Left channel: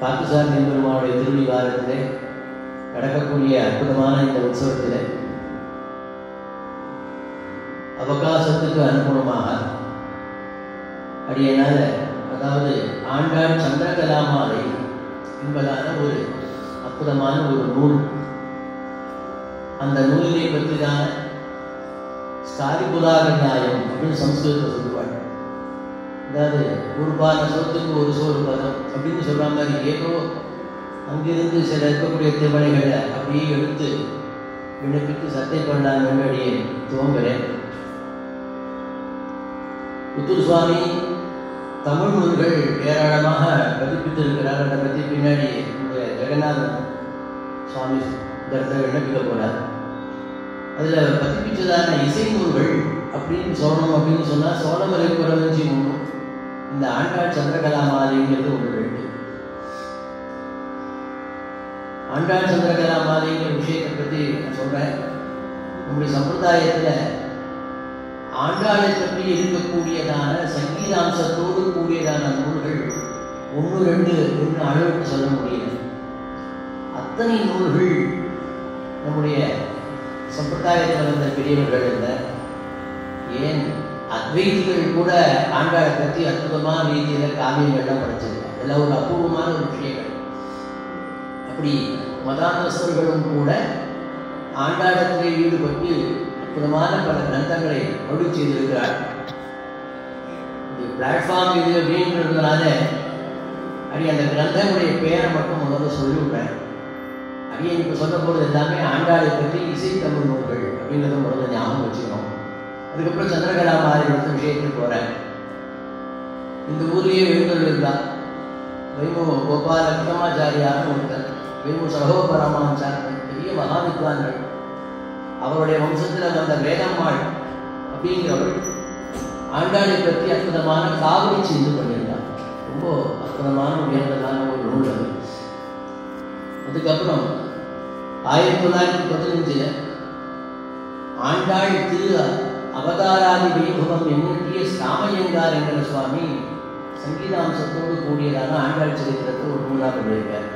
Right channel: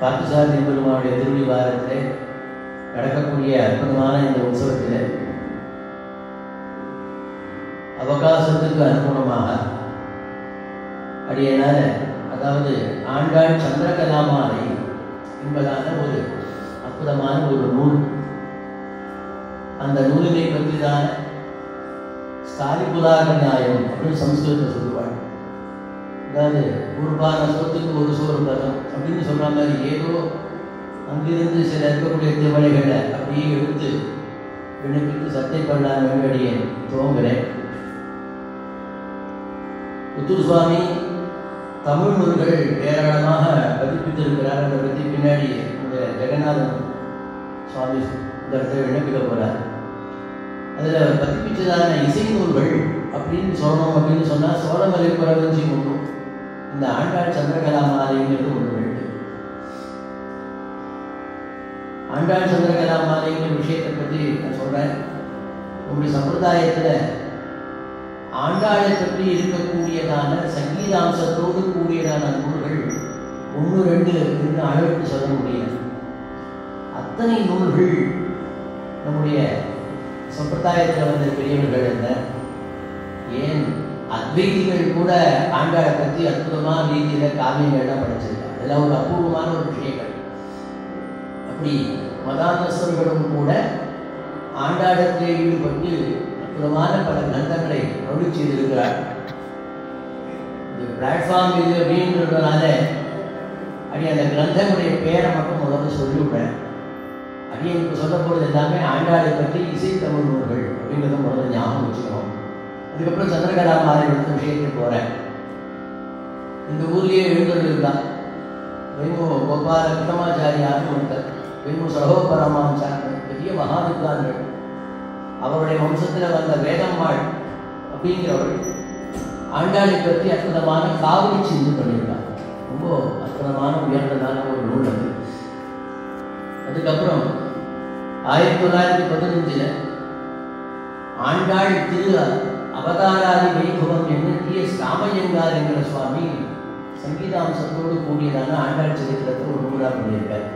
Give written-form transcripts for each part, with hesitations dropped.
பார்த்தசாரதி பெருமானுடைய திருவிழாவிலே நடக்கக்கூடிய அற்புதமான இந்த உற்சவத்தில் அவகாசத்துக்கு அனுகுணமாக அடியனால, அதாவது ஆண்டாள் சந்திரகலாமாலை என்பதான ஒரு அற்புதமான ஒரு நூல். அந்த நூலினை பற்றி தான் ஸ்தாலிபுலாரி நியாயம் அப்படின்னு சம்ஸ்கிருதத்தை சொல்லுவாள். அதாவது ஒரு பான சொத்துக்கு ஒரு சோறு பதம் அப்படின்னு சொல்ற மாதிரி ஏதோ அங்கிருந்து சில இருக்கக்கூடிய திருமணிகளை அப்படியே எடுத்து விண்ணப்பித்து சத்தியம் பண்ண வேண்டிய துவங்குறேன். புத்தூர் சுவாமி தமிழ் நூல்கள் ஏராளமாக பதிப்பித்திருக்கிறார். அதை பற்றி பின்னாடி இந்த ஜெகநாத சுவாமி இந்த இடத்துல விண்ணப்பிக்க போறார். அதில் பதிப்பிச்சதான இசை நூல்கள் அப்படின்னு சொல்லணும் அப்படின்னு சொன்னால் சோழமலை குறவஞ்சி நூல், இந்த ஆண்டாள் சந்திரகலாமாலைங்கிறது ஒன்று இருக்கு. ஆண்டாள் சந்திரகலாமாலைங்கிற விஷயத்தை பற்றி நான் சொல்றேன். நம்முடைய சம்பிரதாயத்தில் ஆண்டாளை பற்றி இருக்கக்கூடியதான சங்கீதாம்சத்தோடு கூடியதான நூல்கள் 1, 2 அளவுக்கு சொல்ல முடியாது. அத்தனை நூல்கள் நம்முடைய சம்பிரதாயத்தில் வந்த பெரியவர்கள் என்ன, ஏன் அத்வைதிகள் கூட ஆண்டாளை பற்றி அற்புதமான ரீதியில் காவியங்கள்லாம் படைச்சிருக்காங்க. அதெல்லாம் ஒரு அபூர்வமான ஒரு விஷயங்கள். அப்படி மதாந்தஸ்தர்களும் கூட ஆண்டாளத்திலே ஈடுபட்டு அற்புதமான பல கிரந்தங்களை அருளி செய்திருக்கிறார். இந்த பிளாட்ஃபார்ம் இது அப்படின்றதுனால அப்படி அந்த கிரந்தங்களுடைய பெயரை மட்டும் முதல்ல சொல்லிவிட்டேன். அப்படி எனக்கு சொல்ல போகிறது எல்லாமே ஆண்டாளை பற்றி இசைத்தமிழ் நூல்கள் அப்படின்றத முதல்ல ஞாபகம் வச்சுக்கணும். அதுக்கப்புறம் சந்திரகலாமாலை எடுத்த விஷயத்துக்கு போகிறேன். இந்த ஊர்லேயே எழுந்தருள்ளார் வேமு கோபால கிருஷ்ணமாச்சாரியார் ஒருத்தர், வேமு சகோபரமாச்சார், பெரிய மகாவித்வான்கள். அவருடைய வம்சத்தில் வந்த வேதம்மாள் அப்படிங்கிறவள் ஆண்டாளை பற்றி அற்புதமான காவிரி செய்து பண்ணியிருந்தார். ரொம்ப அற்புதமான உயர்ந்ததான ஒரு நூல் அது. அதுக்கப்புறம் 1915 ஆண்டாள் திரு அவதாராதி வைபவம் என்னட்டிய ராமையங்கார் என்கிற சுவாமி சங்கீதாம்சத்தோடு கூடியதான ஆண்டாள் சரித்திரத்தில் ஒரு நூலாக பண்ணியிருக்கார்.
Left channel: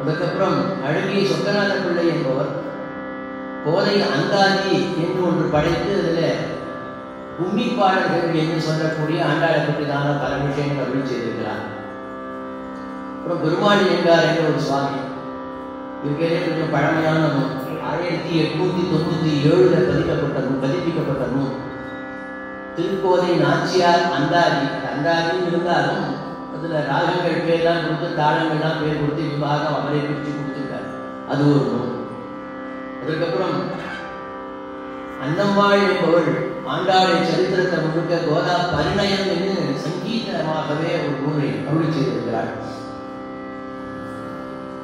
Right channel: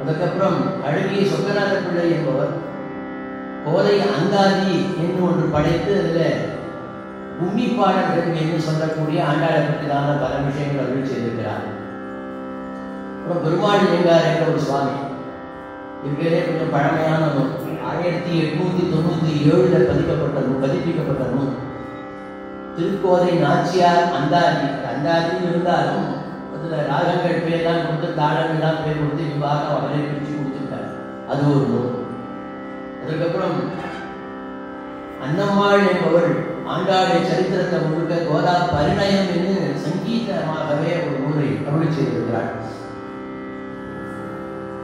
அதுக்கப்புறம் அழகிய சொக்கநாத பிள்ளை என்பவர் கோதை அந்தாதி என்று ஒன்று படைத்து அதில் உம்மிப்பாடல்கள் என்று சொல்லக்கூடிய ஆண்டாளை பற்றிதான பல விஷயங்கள் அருள் செய்திருக்கிறார். அப்புறம் பெருமாள் எங்கார் என்ற ஒரு சுவாமி இருக்கிறதே கொஞ்சம் பழமையான நூல், 1897 பதிப்பிக்கப்பட்ட நூல். திருக்கோதை நாச்சியார் அந்தாதி. அந்தாதின்னு இருந்தாலும் அதில் ராகங்கள் பேர்லாம் கொடுத்து தாளங்கள்லாம் பேர் கொடுத்து விவாகம் அவரே பிரித்து கொடுத்துருக்காரு. அது ஒரு நூல். அதுக்கப்புறம் அன்னம்மாள் என்பவள் ஆண்டாளை சரித்திரத்தை முழுக்க கோதா பரிணயம் என்று சங்கீதமாகவே ஒரு நூலை அருளி செய்திருக்கிறாள்.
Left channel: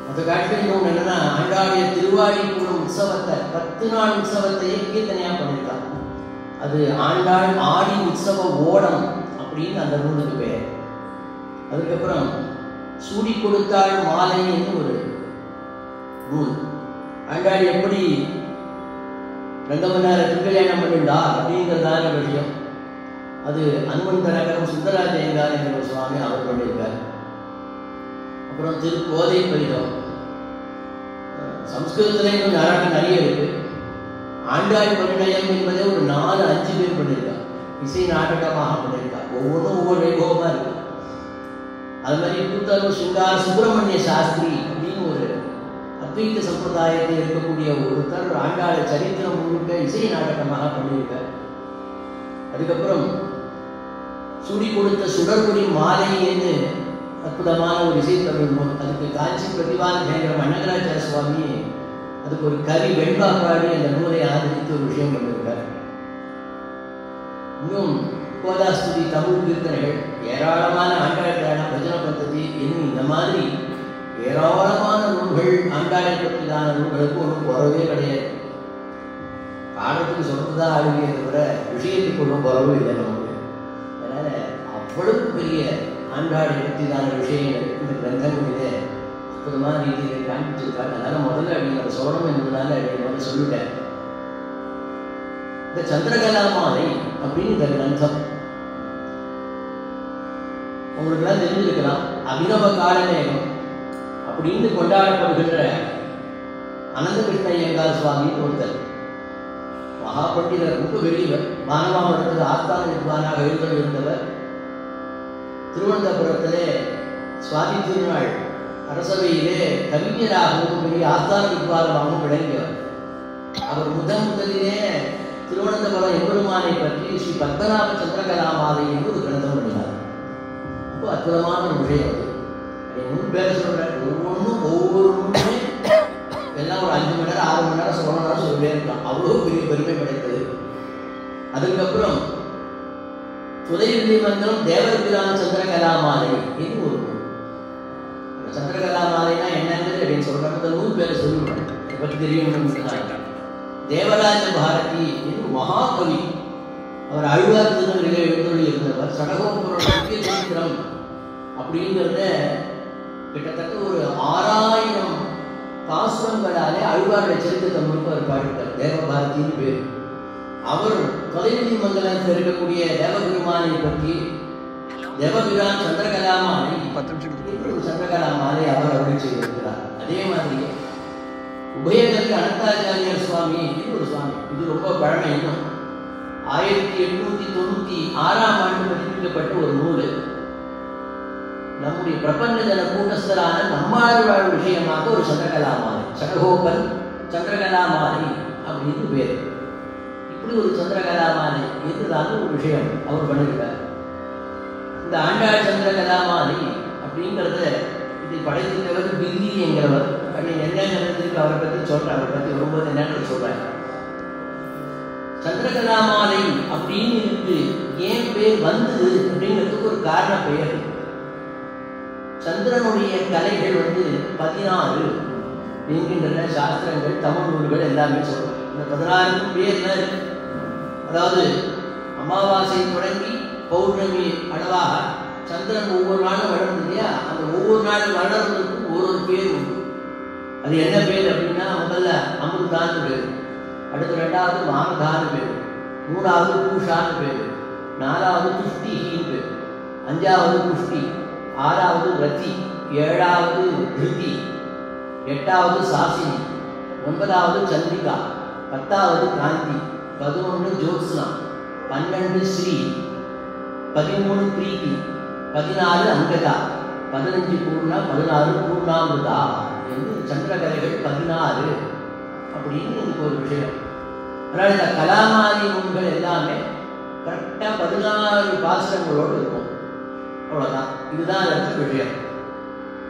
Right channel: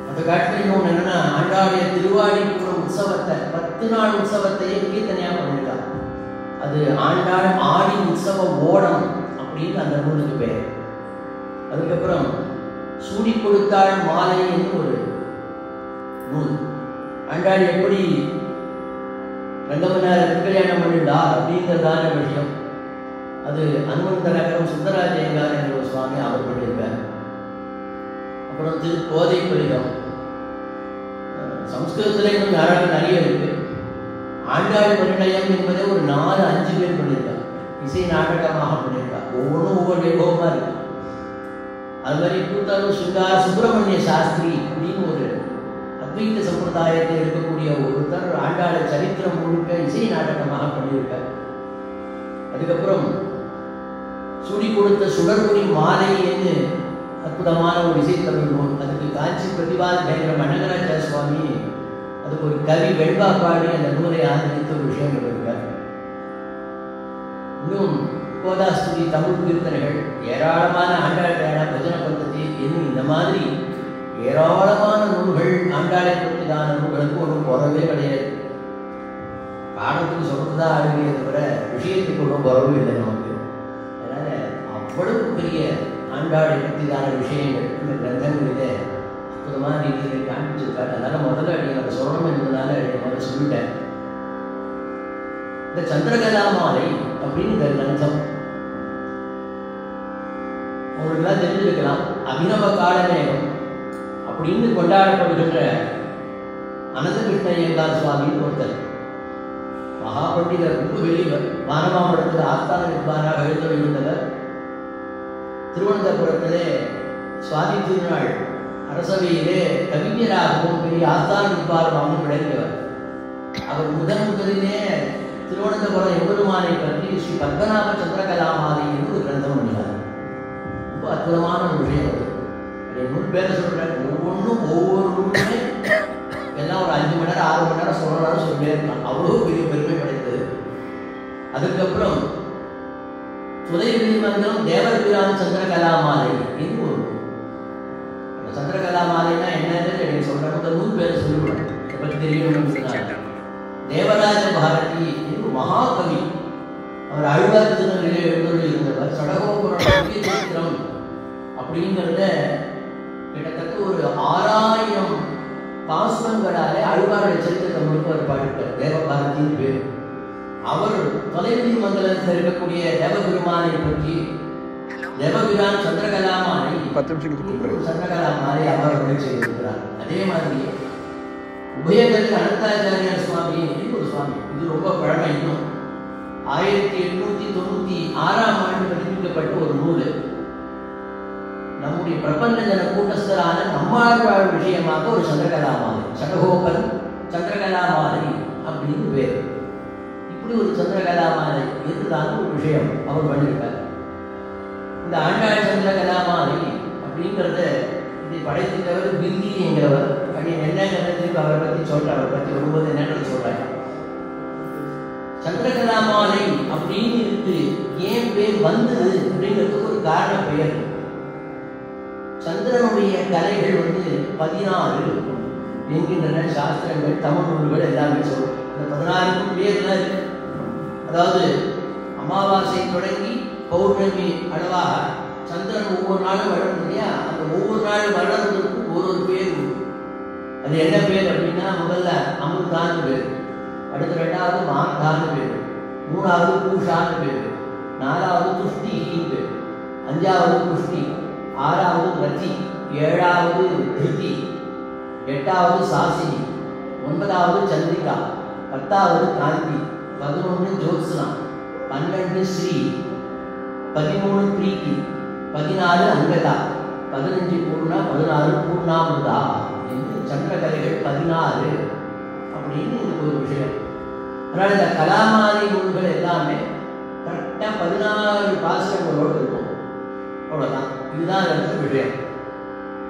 அந்த காலத்தில் இன்னொன்று என்னன்னா, ஆண்டாளுடைய திருவாடிக்குள்ள உற்சவத்தை 10 நாள் உற்சவத்தையே கீர்த்தனையா பண்ணிருக்காங்க. அது ஆண்டாள் ஆடி உற்சவ ஓடம் அப்படின்னு அந்த நூலுக்கு பேர். அதுக்கப்புறம் சூடி கொடுத்தாள் மாலை என்று ஒரு நூல். ஆண்டாள் எப்படி ரங்கமன்னார கல்யாணம் பண்ணிண்டா அப்படிங்கிறதான விஷயம். அது அன்புந்தரகரம் சுந்தராஜயங்கார் என்ற ஒரு சுவாமி அவர் பண்ணியிருக்கார். அப்புறம் திருக்கோதை பதிகம் சம்ஸ்கிருதத்திலே கொஞ்சம் அழகாக நிறைய இருக்கு. ஆண்டாள் பரிணயம் என்பதை ஒரு 4-5 பேர் பண்ணியிருக்காங்க. இசை நாடகமாக பண்ணியிருக்காங்க. ஒவ்வொன்றும் ஒவ்வொரு வைபவமாக இருக்கு. அது மாதிரி கூத்தூர் சுங்கார் சுப்பிரமணிய சாஸ்திரி அப்படின்னு ஒரு அத்வைத சம்பிரதாயத்தில் இருக்கக்கூடிய ஒருத்தர் ஆண்டாளை சரித்திரம் முழுக்க இசை நாடகமாக பண்ணியிருக்கார். அதுக்கப்புறம் சுடி கொடுத்த சுடர்பொடி மாலையேன்னு அற்புதமான ஒரு இசைத்தமிழ் நூல். தனக்கு காட்சி பிரதிபாத கேந்திர மன்னகராஜ சுவாமி அதுக்கு ஒரு கவி வெண்பாப்பாடி அந்த நூலை ஆதரித்து ஒரு விஷயம் பண்ணியிருக்கார். இன்னும் கோதாஸ்துதி, தமிழ் கீர்த்தனைகள், ஏராளமான ஆண்டாள் பஜன பద్ధதி இன்னும் இந்த மாதிரி ஏராளமான நூல்கள் ஆண்டாளை பற்றிதான நூல்களுக்கு ஒன்றும் குறவே கிடையாது. காலத்துக்கு சொல்றதுதான் ஆளுமே தவிர விஷயத்துக்கு ஒன்றும் குறவும் இல்லை நமக்கு. அதனால அவ்வளவு பெரிய ஆண்டாளை பற்றிதான விஷயங்கள் இந்த கிரந்தங்களிலே அற்புதமான ரீதியில் காண்பிச்சிருக்காங்க. அதனால முதல்ல நீங்கள் சொல்லணும் என்பதனால முதல்ல சொல்லிட்டேன். இந்த சந்திரகலாமாலை அப்படின்னு இந்த கிரந்தம் அவங்களுக்கெல்லாம் தெரிஞ்சிருக்கலாம். அபிநவ காலமேகம் அப்படின்னு கொண்டாடப்படுகின்ற அனந்தகிருஷ்ண ஐயங்கார் சுவாமி ஒருத்தர் மகாபண்டிதர், ரொம்ப வெளியவர். மானவாபுரத்தில் ஆஸ்தான வித்வானாக இருந்தவர். திருவனந்தபுரத்திலே சுவாமி திருநாள் அரசவையிலே கவிஞராகவும் பெரிய ஆஸ்தான வித்வானாகவும் விளங்கியவர். அவர் முதலிலே திருவனந்தபுரம் எம்பெருமானை பற்றி ஸ்ரீ பத்மநாப சந்திரகலாமாதை என்று ஒரு கிரந்தம் பண்ணினார். ரொம்ப அற்புதமான ஒரு விஷயம். நூறு பேரை சொல்றேன், ஒவ்வொரு நூலுமே எல்லாம் ஒரு 5 மணி நேரம் 6 மணி நேரம் சொல்லணும் சொல்லியே இருக்கலாம். அவ்வளோ பெரிய பெருமை கிடைத்தது. அதுக்கப்புறம் சுதைவெளி மந்திரம் தேவபிரான் சந்திரகலாமாலை இது ஒரு நூல். சந்திரகலாமாலைன்னா என்னன்னு சொல்றேன். அந்த நூல் பேரை சொல்லுவேன், பற்றி தெரியும். தேவராஜ பாரதி இது மகாகவி. அவர் அழுவார் திருநெல்வேலியில் எழுந்தருளி இருந்தவர். சடகோபுரம் சரித்திரம் அப்படிங்கிறத கிட்டத்தட்ட ஒரு 6000 பாசுரங்களாலே அழுவாருடைய சரித்திரத்தை முழுக்க அவர் பாடிட்டார். தேவபாரதியின் பேர். அவர் தொலைவெளி மங்கலத்தில் இருக்கக்கூடிய தேவபெருமானை பற்றி தேவபிரான் சந்திரகலாமாலை சந்திரகலாமாலை அவர் அருள் செய்திருக்கிறார். அதே மாதிரி உபயகருக்கு அனந்தாச்சாரியார் சுவாமி ஒரு சுவாமி, இது ரொம்ப பழமை. இன்னும் 1896ஆம் ஆண்டு பதிப்பிக்கப்பட்ட ஒரு நூல். நம்முடைய பிரபஞ்ச ஜன கூட்டஸ்தரான நம்மாழ்வாழ் விஷயமாக ஒரு சந்திரகலாமாலை, சடகோபன் சந்திரகலாமாலை அப்படின்னு பேர். இப்படி ஒரு சந்திரகலாமாலை இதுதான் ஒரு விஷயம் அவர் பண்ணியிருக்கார். இந்த ஆண்டாள் சந்திரகலாமாலை அப்படிங்கிறத இதை படைத்திருந்தவர் பில்லி என்கிறவர். அப்படின்னு என்ன ஜனத்துக்கு அவரை பற்றி சொல்ற, அவரை பற்றி வரும்போது என்னன்னு சொல்றாங்க. சந்திரகலாமாலை அப்படின்னு இருக்கு ஏன் பேர் வந்தது அப்படிங்கிறதுக்கு ஒரு காரண பெயர். சந்திரனுடைய கலைகள் 16 என்கின்றன சாஸ்திரங்கள், தமிழ் நூல்கள் எல்லாமே சொல்றோம். அந்த 16 பேர் தான் இருக்கு. அதாவது அமாவாசை தொடங்கி பௌர்ணமி அளவாக சந்திரன் ஒவ்வொரு நாளும் வளரும் இல்லையா, அந்த ஒவ்வொரு நாளும் வளர்றதுக்கும் ஒரு பேர் உண்டு. அது என்ன பேர் அப்படின்னா, முதல்ல அமுதான்னு பேர், அடுத்து 2வது மார்கான்னு பேர், 3வது பூஷான்னு பேர், 4வது துஷ்டின்னு பேர், 5வது புஷ்டி, 6வது ரத்தி, 7வது திருத்தி, 8வது சாசினி, 9வது சந்திரிகா, 10வது காந்தி, 11 ஜோத்ஸ்னா, 12 ஸ்ரீ, 13 பிரீத்தி, 14 அங்கதா, 15 பூர்ணா, 16 பூர்ணாமுதா என்று சந்திரகலைகள் 16 அப்படின்னு எனக்கு ஒரு விஷயம். அதனால இந்த கலாமாதி நூல்கள் எல்லாமே கரெக்டாக 16 பாசுரங்களோடு இருக்கும். அவ்வளோதான். இதுதான் எனக்கு விஷயம்.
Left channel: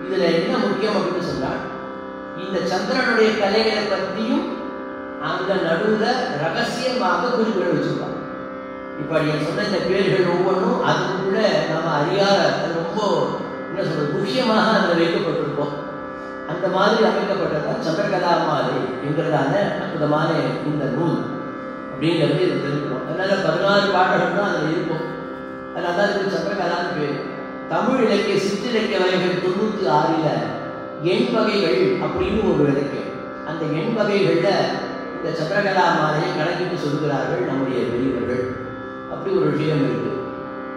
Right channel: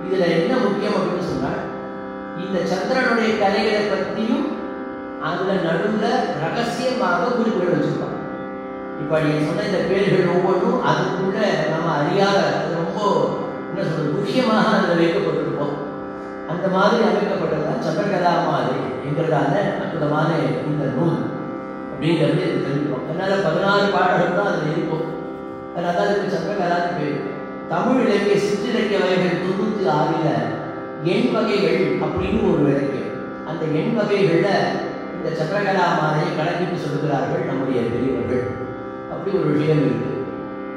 இதுல என்ன முக்கியம் அப்படின்னு சொன்னால், இந்த சந்திரனுடைய கலைகளை பற்றியும் அந்த நடுவுல ரகசியமாக குறிப்புகள் வச்சிருப்பாங்க. இப்ப நீங்க சொன்ன இந்த பேர்கள் ஒவ்வொன்றும் அதுக்குள்ள நம்ம அறியாத, அது ரொம்ப என்ன சொல்றது, விஷயமாக அதில் வைக்கப்பட்டிருக்கோம். அந்த மாதிரி அமைக்கப்பட்டதான் சந்திரகலாமாலை என்கிறதான அற்புதமான இந்த நூல் அப்படிங்கிறது தெரிஞ்சுக்கிறோம். அதனால 16 பாடல்கள் தான் அதில் இருக்கும். அதனால தான் இதுக்கு சந்திரகலான்னு பேர். தமிழ் இலக்கிய சிற்றிலக்கிய வகைகள் 96ல் எண் வகைகள் அப்படின்னு ஒரு இருக்கு. அந்த எண் வகைகள்ல இந்த சந்திரகலாமாலையை கணக்கிட்டு சொல்கிறார்கள் நம்முடைய பெரியவர்கள். அப்படி ஒரு விஷயம் இருக்கு.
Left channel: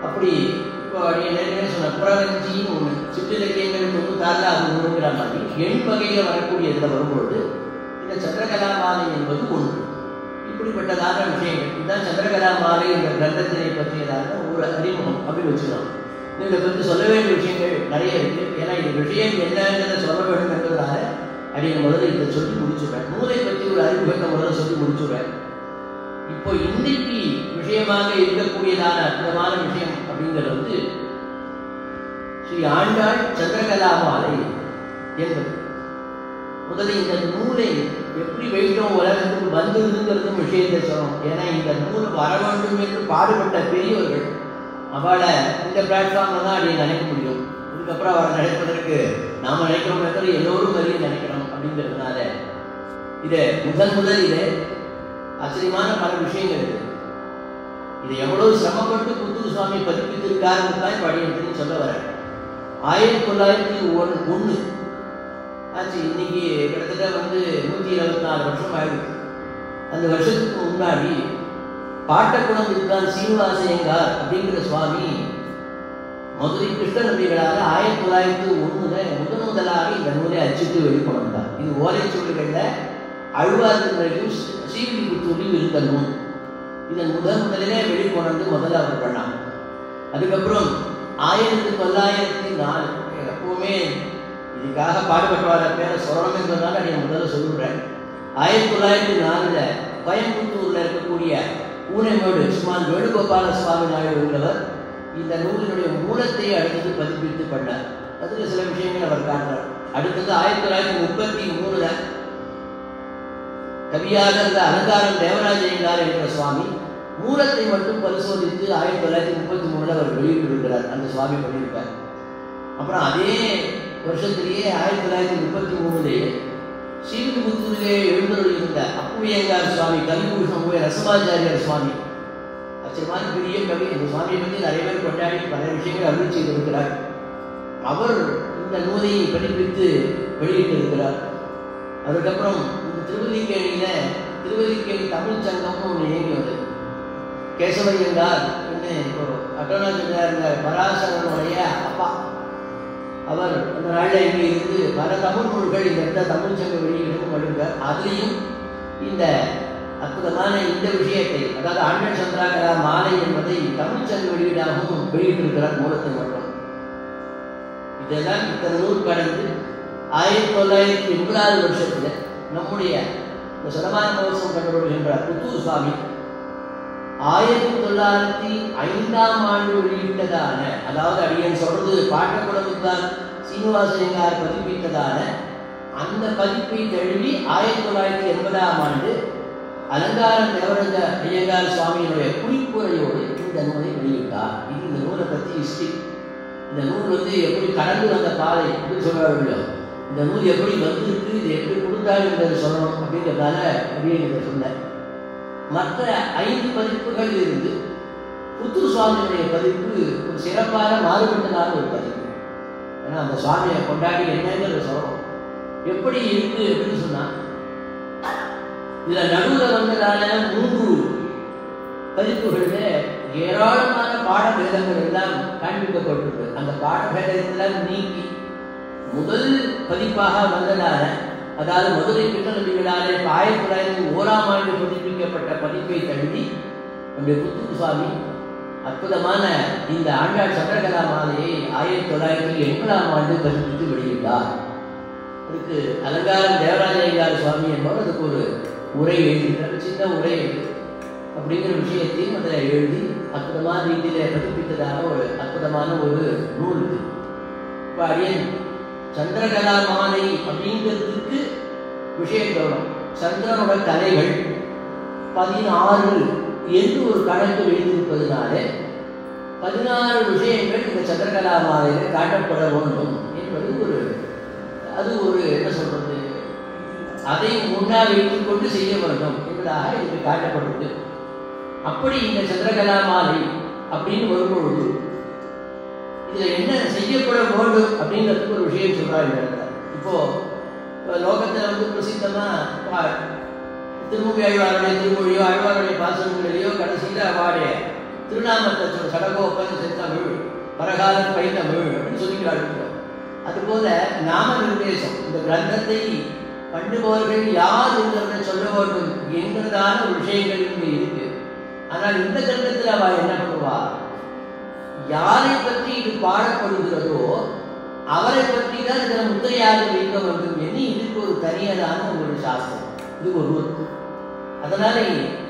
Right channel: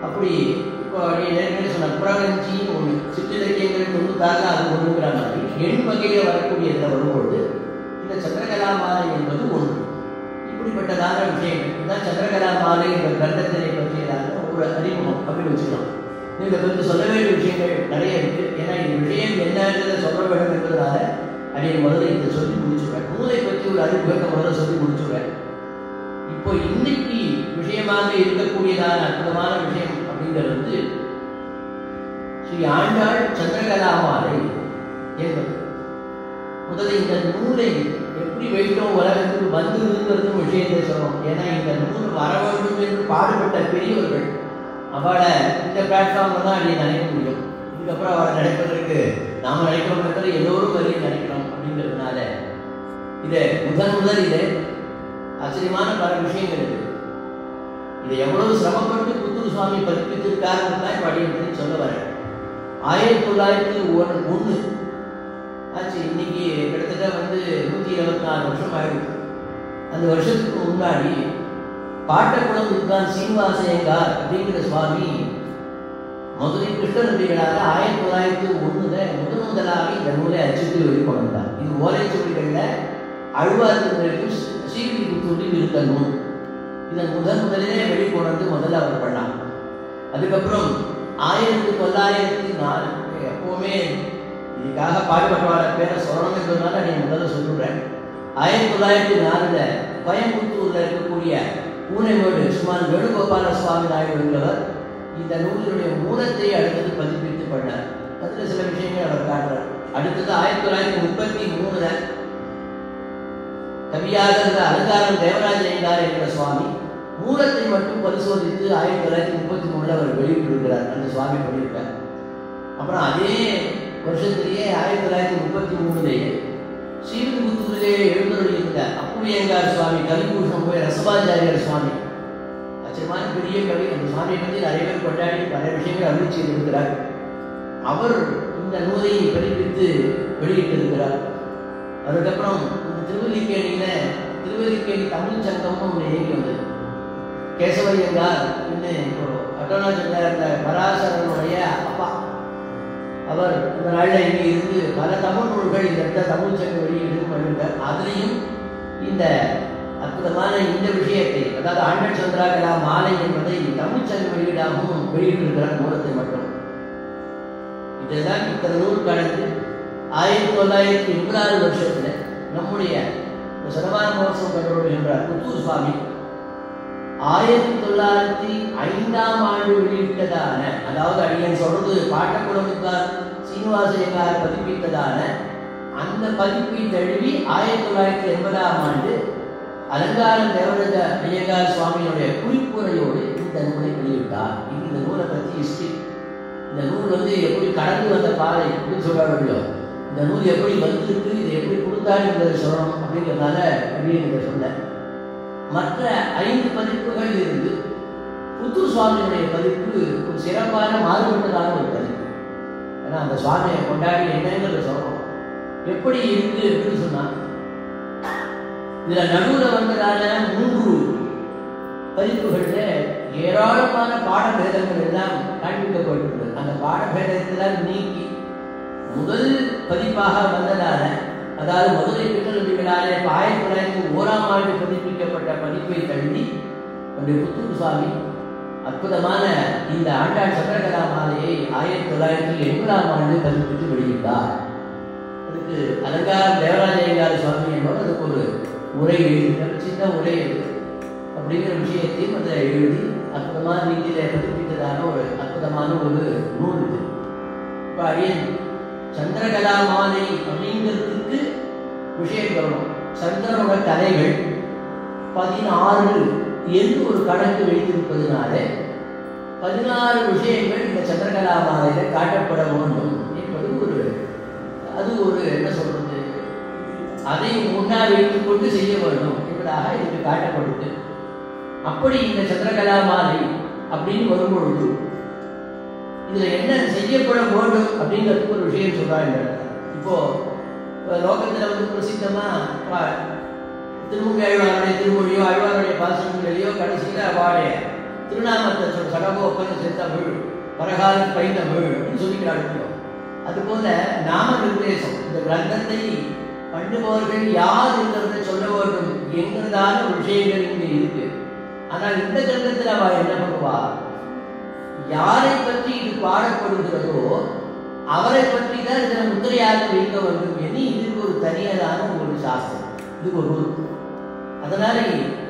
அப்படி இப்போ நீங்க சொன்ன புறவஞ்சின்னு ஒன்று, சிற்றிலக்கியங்கள் 96 அது ஒன்றுங்கிறாங்க. எண் வகையில் வரக்கூடிய இதில் வரும்பொழுது இந்த சந்திரகலாமாலை என்பது ஒன்று. இப்படிப்பட்டதான விஷயங்கள் இதுதான் சந்திரகலாமாலை என்ற கிரந்தத்தினை பற்றியதான ஒரு அறிமுகம் அப்படின்னு வச்சுக்கலாம். இதை பற்றி சொல்ல வேண்டிய விஷயங்கள் நிறைய இருக்கு. ஏன்னா இந்த விஷயம் என்னங்கிறத சொல்ல வேண்டும் என்பதனால அடிய முதல்ல இதை சொல்லி முடிச்சுடுவேன். நூலை பற்றி ஒரு அறிமுகத்தை முதல்ல சொல்லி முடிச்சுடுவேன். இப்போ இன்னைக்கு விஷயமாக இருக்கக்கூடியதான அற்புதமான விஷயம் அப்படிங்கிறது ஸ்ரீ ஆண்டாள் சந்திரகலாமாலை என்பது. முதல்ல இந்த நூலை எப்படி வைத்தோம் உலகத்துக்கு வந்ததுங்கிறது விஷயத்தை சொல்லணும். ஏன்னா இந்த நூல் வர வேண்டும் என்று பாடுபட்ட பெரியவர்கள் அவளை இந்த பிளாட்ஃபார்ம்ல தான் அடியை நினைக்க முடியும். இதுக்கப்புறம் அவளை நினைப்பதற்கு நாம் நினைக்கிறோம், எல்லோரும் வரையும் நினைக்கணும் அப்படிங்கிறதுனால இதை முதல் இது ஆச்சரியமான பல விஷயங்கள் இருக்கு. இதை எவ்வளவு சிரமப்பட்டு புத்தூர் சுவாமி பதிப்பித்திருக்காருன்னு தான் படின்னு சொல்ல வரேன். 1901 ஆச்சு. இன்னைக்கு கிட்டத்தட்ட 124 வருஷம் ஆயிடுது. அந்த வருஷத்துக்கு முன்னாடி பாட்டக்குளம் இருக்கான் சீனிவாச ஐயங்கார் அப்படிங்கிற சுவாமி மதுரை கிருஷ்ணநம்பிகளாக 1901 முதலாக இந்த நூலை அச்சிட்டு வெளிக்கொண்டார். இது ஓலைச்சுவடிகளில் அழ்வார்களின் ஸ்ரீவில்லிபுத்தூரில் இருந்த நூல். இதன் முதலிலே வெளிக்கொண்டு முதல்ல அவர் பண்ணார். அதுக்கப்புறம் 1904 எப்பவுமே இதுக்காக பாடுபட்டவார பேரை சொல்லணும்னு சொன்னாலும் அதை முதல்ல சொல்லுறேன். 1904 கோயம்புத்தூர்ல இருக்கக்கூடிய பூனைமேடு சுமார் வேணுகோபால சுவாமி நாயுடு உள்ளவர் இந்த நூலினுடைய மூலத்தை அடுத்தது பதிப்பித்து பண்ணார். அதில் சில விஷயங்கள் அவர் காட்டுறார். அடுத்தது 1933 கவியாக இருந்த அலங்காரம் தேவராஜ ஐயங்கார் என்ற சுவாமி மூலத்தை மட்டும் பரிசோதித்து 1933 அவர் வெளியிட்டிருக்கிறார். அந்த சுவாமி பண்ணியிருக்கார். அப்புறம் அதே வருஷத்திலேயே 1933 ஸ்ரீவில்லிபுத்தூரிலே எழுந்தருளியிருந்த அப்புவியங்கார் சுவாமி கலிபூஷணம் போய் ரசமாச்சாரியர் சுவாமி அச்சமான பெரிய கவி. அந்த சுவாமியை பற்றி நிறைய பேர் கொண்டாடி பல விஷயங்கள் அருள் செய்திருக்கிறார். அவர் இந்த நூலை பதிப்பித்து வெளியிட்டிருக்கிறார். அதுக்கப்புறம் திருவல்லிக்கேணி தமிழ் சங்கம்னு ஒன்று இயங்கி வந்தது. கேசவய்யங்கார் ஒரு அட்டோனாஜர் இருந்த பராசரனுடைய அப்பா. அவர் அந்த நாளில் இங்கே இருந்து பல தமிழ் நூல்கள் இந்த இடத்துல தமிழ் சங்கம் வெளியிட்டு பண்ணியிருக்கார். அதுலேயும் இந்த அற்புதமான இந்த விஷயத்தை, அதாவது ஆண்டன் சந்திராகலா மாலை என்பதை தமிழ் சங்க வெளியீடாகவும் வெளியிட்டிருக்கிறார் மூலத்தை மட்டும். இதெல்லாம் இத்தனை நூல் கடந்து 1986 வருஷத்துல நம்முடைய சரவான மோசம் கொண்டு புத்தூர் சுவாமி 1905 வெளியிட்டதான, அதாவது அடியன் சொல்றது பாட்டக்குளமுக்கார் சீனிவாசையங்கார் பதிப்பித்ததான அந்த பதிப்பை தழுவி 1980 அலங்காரம் தேவராஜ ஐயங்கார் சுவாமியினுடைய குறிப்புரையோடு இந்த நூலை வெளியிட்டார். இது இந்த நூலை பற்றி ஹிஸ்டரி. இந்த நூல் எப்படி கடந்து வந்த பாதை அப்படின்னு சொல்றாங்களோ, இந்த நூல் எப்படி வந்திருக்கு, இது எப்படி கொடுத்தாரு என்பதை சொல்லணும் அப்படிங்கிறதுனால வெளியிட சொன்னேன். மற்ற 5 பதிப்புகள் இருந்து புத்தூர் சுவாமியுடைய பதிப்பு ஒரு சிறப்பாக மாறுபட்டதாக ஒரு பதிப்பு. ஏன்னா அந்த சுவாமியை கொண்டாடி என்னங்கிறத சொல்லணும். எப்படி இருக்கு அப்படின்னு சொன்னா, இதுல நடுவில் வந்ததான 3 பதிப்புகள்ல ஏராளமான பாடபேதங்கள் எல்லாம் காண்பிக்கப்பட்டிருக்கு. அந்த பாடபேதத்தெல்லாம் நீக்கி முதல் பதிப்பாக வந்ததான, அதாவது மதுரை கிருஷ்ணநம்பிகளாலே 1901 பதிப்பிக்கப்பட்ட பதிப்பை தழுவி நம்முடைய புத்தூர் சுவாமி அற்புதமான இந்த ஆண்டாள் சந்திரகலா மாலையை 1980 பதிப்பித்து வெளியிட்டார். அதுக்கு அலங்காரம் தேவராஜ ஐயங்கார் சுவாமி என்பவர் அதுக்கு ஒரு உரை எழுதினார். சின்ன உரை அப்படிங்கிற விஷயத்தையும் அதை எழுதி அற்புதமான ரீதியில பதிப்பித்ததாக ஒரு அற்புதமான ஒரு நூல் இருக்கு. இப்போ அடியன் சந்திரகலா மாலை அப்படிங்கிறதுக்கு விஷயம் கவனம். சந்திரனோட தலைகள் 16 என்று ஒரு கணக்கு வைத்திருப்பதனால 16 விஷயங்கள் இந்த சந்திரகலா மாலையில காட்டப்பட வேண்டும் என்பது அது ஒரு என்ன சொல்றது, அதை முன்னாடி வைத்துக் கொண்டு செய்ய வேண்டும் என்பதாக இதுக்கு காட்டப்படுது. அப்படி இந்த சந்திரகலா மாலை அப்படின்னு வரும்பொழுது இதுல என்ன செய்யப்பட வேண்டும் அப்படிங்கிறதுக்கு ஒரு விஷயம் சொல்றாங்க. இப்போ லோகத்துல பிரசித்தமா திருமூழ்வாருடைய திருமொழியோ ஆழ்வாருடைய பாசனங்களையோ கடைசியில அவருடைய திருநாமத்தை சடகோப்பன் செத்தமிழ் பரகால பைந்தமிழ் அப்படின்னு சொல்லிட்டு அனுப்புறோம். அதுபோல நாம நிர்தேசம் இந்த கிரந்தத்தை பண்ணுபவர்கள் யார் என்பதை சொல்ல வேண்டும் என்கிறதான விஷயங்கள் இங்கே இருக்கு. ஆனால் இந்த கிரந்தத்தில் அவ என்ன பண்ணுவா, யாரை பற்றி இது பாடப்படுகிறதோ அவரை பற்றி தான் இதனை முத்திரையாக வைக்க வேண்டும் என்று இதுக்கு ஒரு தனியதான ஒரு சாஸ்திரம், இது ஒரு ரூல். அதனால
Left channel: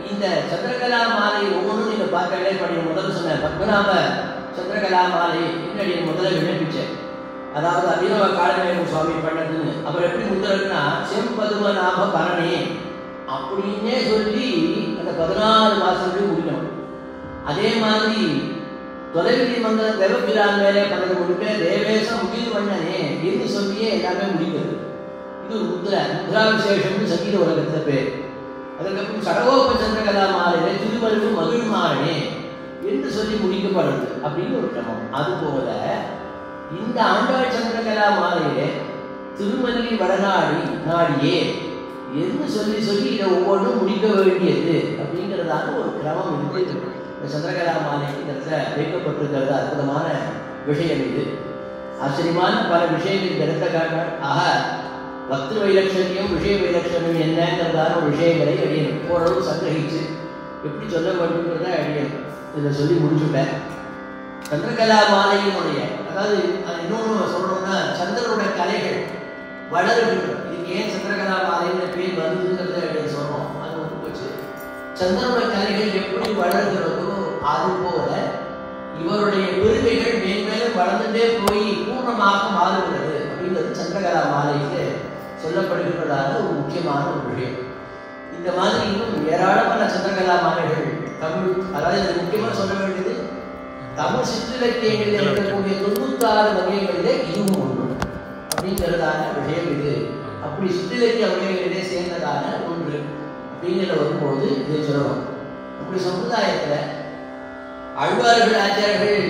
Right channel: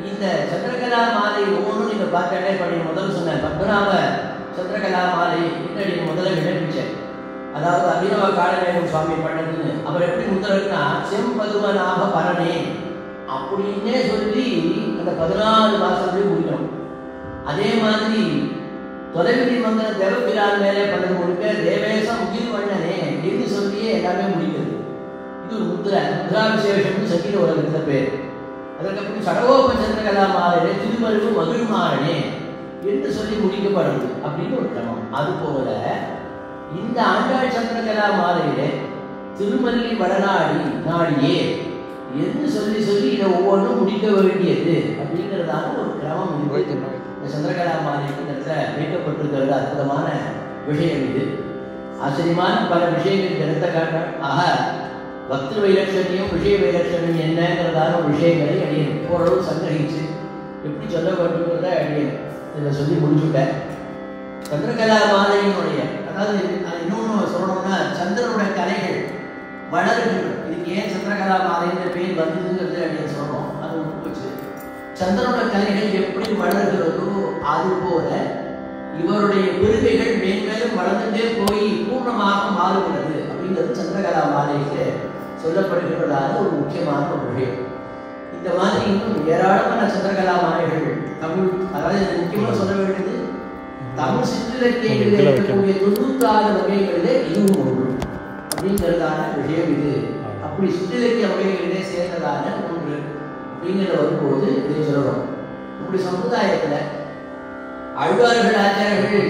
இந்த சந்திரகலா மாலை ஒவ்வொன்றும் நீங்க பார்க்கவே பண்ணி முதல்ல சொன்ன பத்மநாப சந்திரகலா மாலை என்னுடைய முதல்ல விண்ணப்பிச்சேன். அதாவது அபிநவ காலமேகம் சுவாமி பண்ணதுன்னு அவர் எப்படி முதல்னா செம்பதுவநாப பரணே அப்படின்னே சொல்லி அந்த 14 மாசத்துலேயே முடிக்கணும். அதே மாதிரி தொலைவிதி மந்திர தேவபிரான் மேலே பலது முடிக்க தேவேசம் முகில் வண்ணனே என்று சொல்லியே எல்லாமே முடிக்கிறது. இது ஒரு முத்ரா விசேஷம்னு சங்கீத உலகத்தில் பேர். அதற்கப்புறம் சடகோப சந்திரகலா மாலையில திருமருவு மகிழ்மாறனே என்று சொல்லி முடிக்கப்படுது அப்படின்னு ஒரு கிரமம். அதுபோல இந்த ஆண்டாள் சந்திரகலா மாலையில திருமல்லி வடநாடி நாடியே என்று சொல்லி சொல்லி இதை ஒவ்வொன்றும் முடிக்க வேண்டியது அப்படிங்கிறதான ஒரு கிரமம் இந்த சந்திரகலா மாலைக்கு வைக்கப்பட்டிருக்கிறது. அற்புதமான விஷயம் இது. ஆச்சரியமான பல விஷயங்கள் எடுத்த காரணம். ஆக பக்தி வைலட்சணியம் விஷய வைலட்சணியம் என்னங்கிறதான விஷயங்களை அடியேன் ஓரளவு சங்கிரகிச்சு எப்படி சொல்ல வேண்டும்ன்றத அடியேன் இதை சொல்லி முடிச்சுட்டேன். சந்திரகலா மாலையினுடைய, அதாவது இன்னொன்று சொல்லணும்னா சந்திரனுடைய கலைகள் வளர்கின்றன. இதுக்கு ஏன் சந்திரகலா மாலைன்ற பேர் வந்ததுங்கிறத அடியேன் சொன்னோம். அது போச்சு. சந்திரனுடைய கலைகள் எப்படி வளர்கிறதோ அது போல இவருடைய பெருமைகள் மேன்மேலும் வளர்ந்துட்டே போய் பூர்ணமாக மாறுகிறது அப்படிங்கிறது சந்திரகலா மாலையிலே சொல்லப்படுகிறதான ஒரு முக்கியமான ஒரு விஷயம். இந்த மாதிரி இன்னும் ஏராளமான சந்திரகலா மாலைகள் தமிழ், அதாவது முக்கியமாக சொல்ல வேண்டியது தமிழ் சிற்றிலக்கியங்களில் இருக்கக்கூடிய 96 வகைகளிலே இதுவும் ஒன்று அப்படிங்கிறதான விஷயம் இது. அப்படி சிற்றிலக்கிய வகைகளிலே சேர்ந்ததான ஒன்று அப்படிங்கிற வரும்போது இதை சொல்லணும். இப்படி சமுதாயத்தில் அழ்வார்கள் ஆச்சாரர்கள்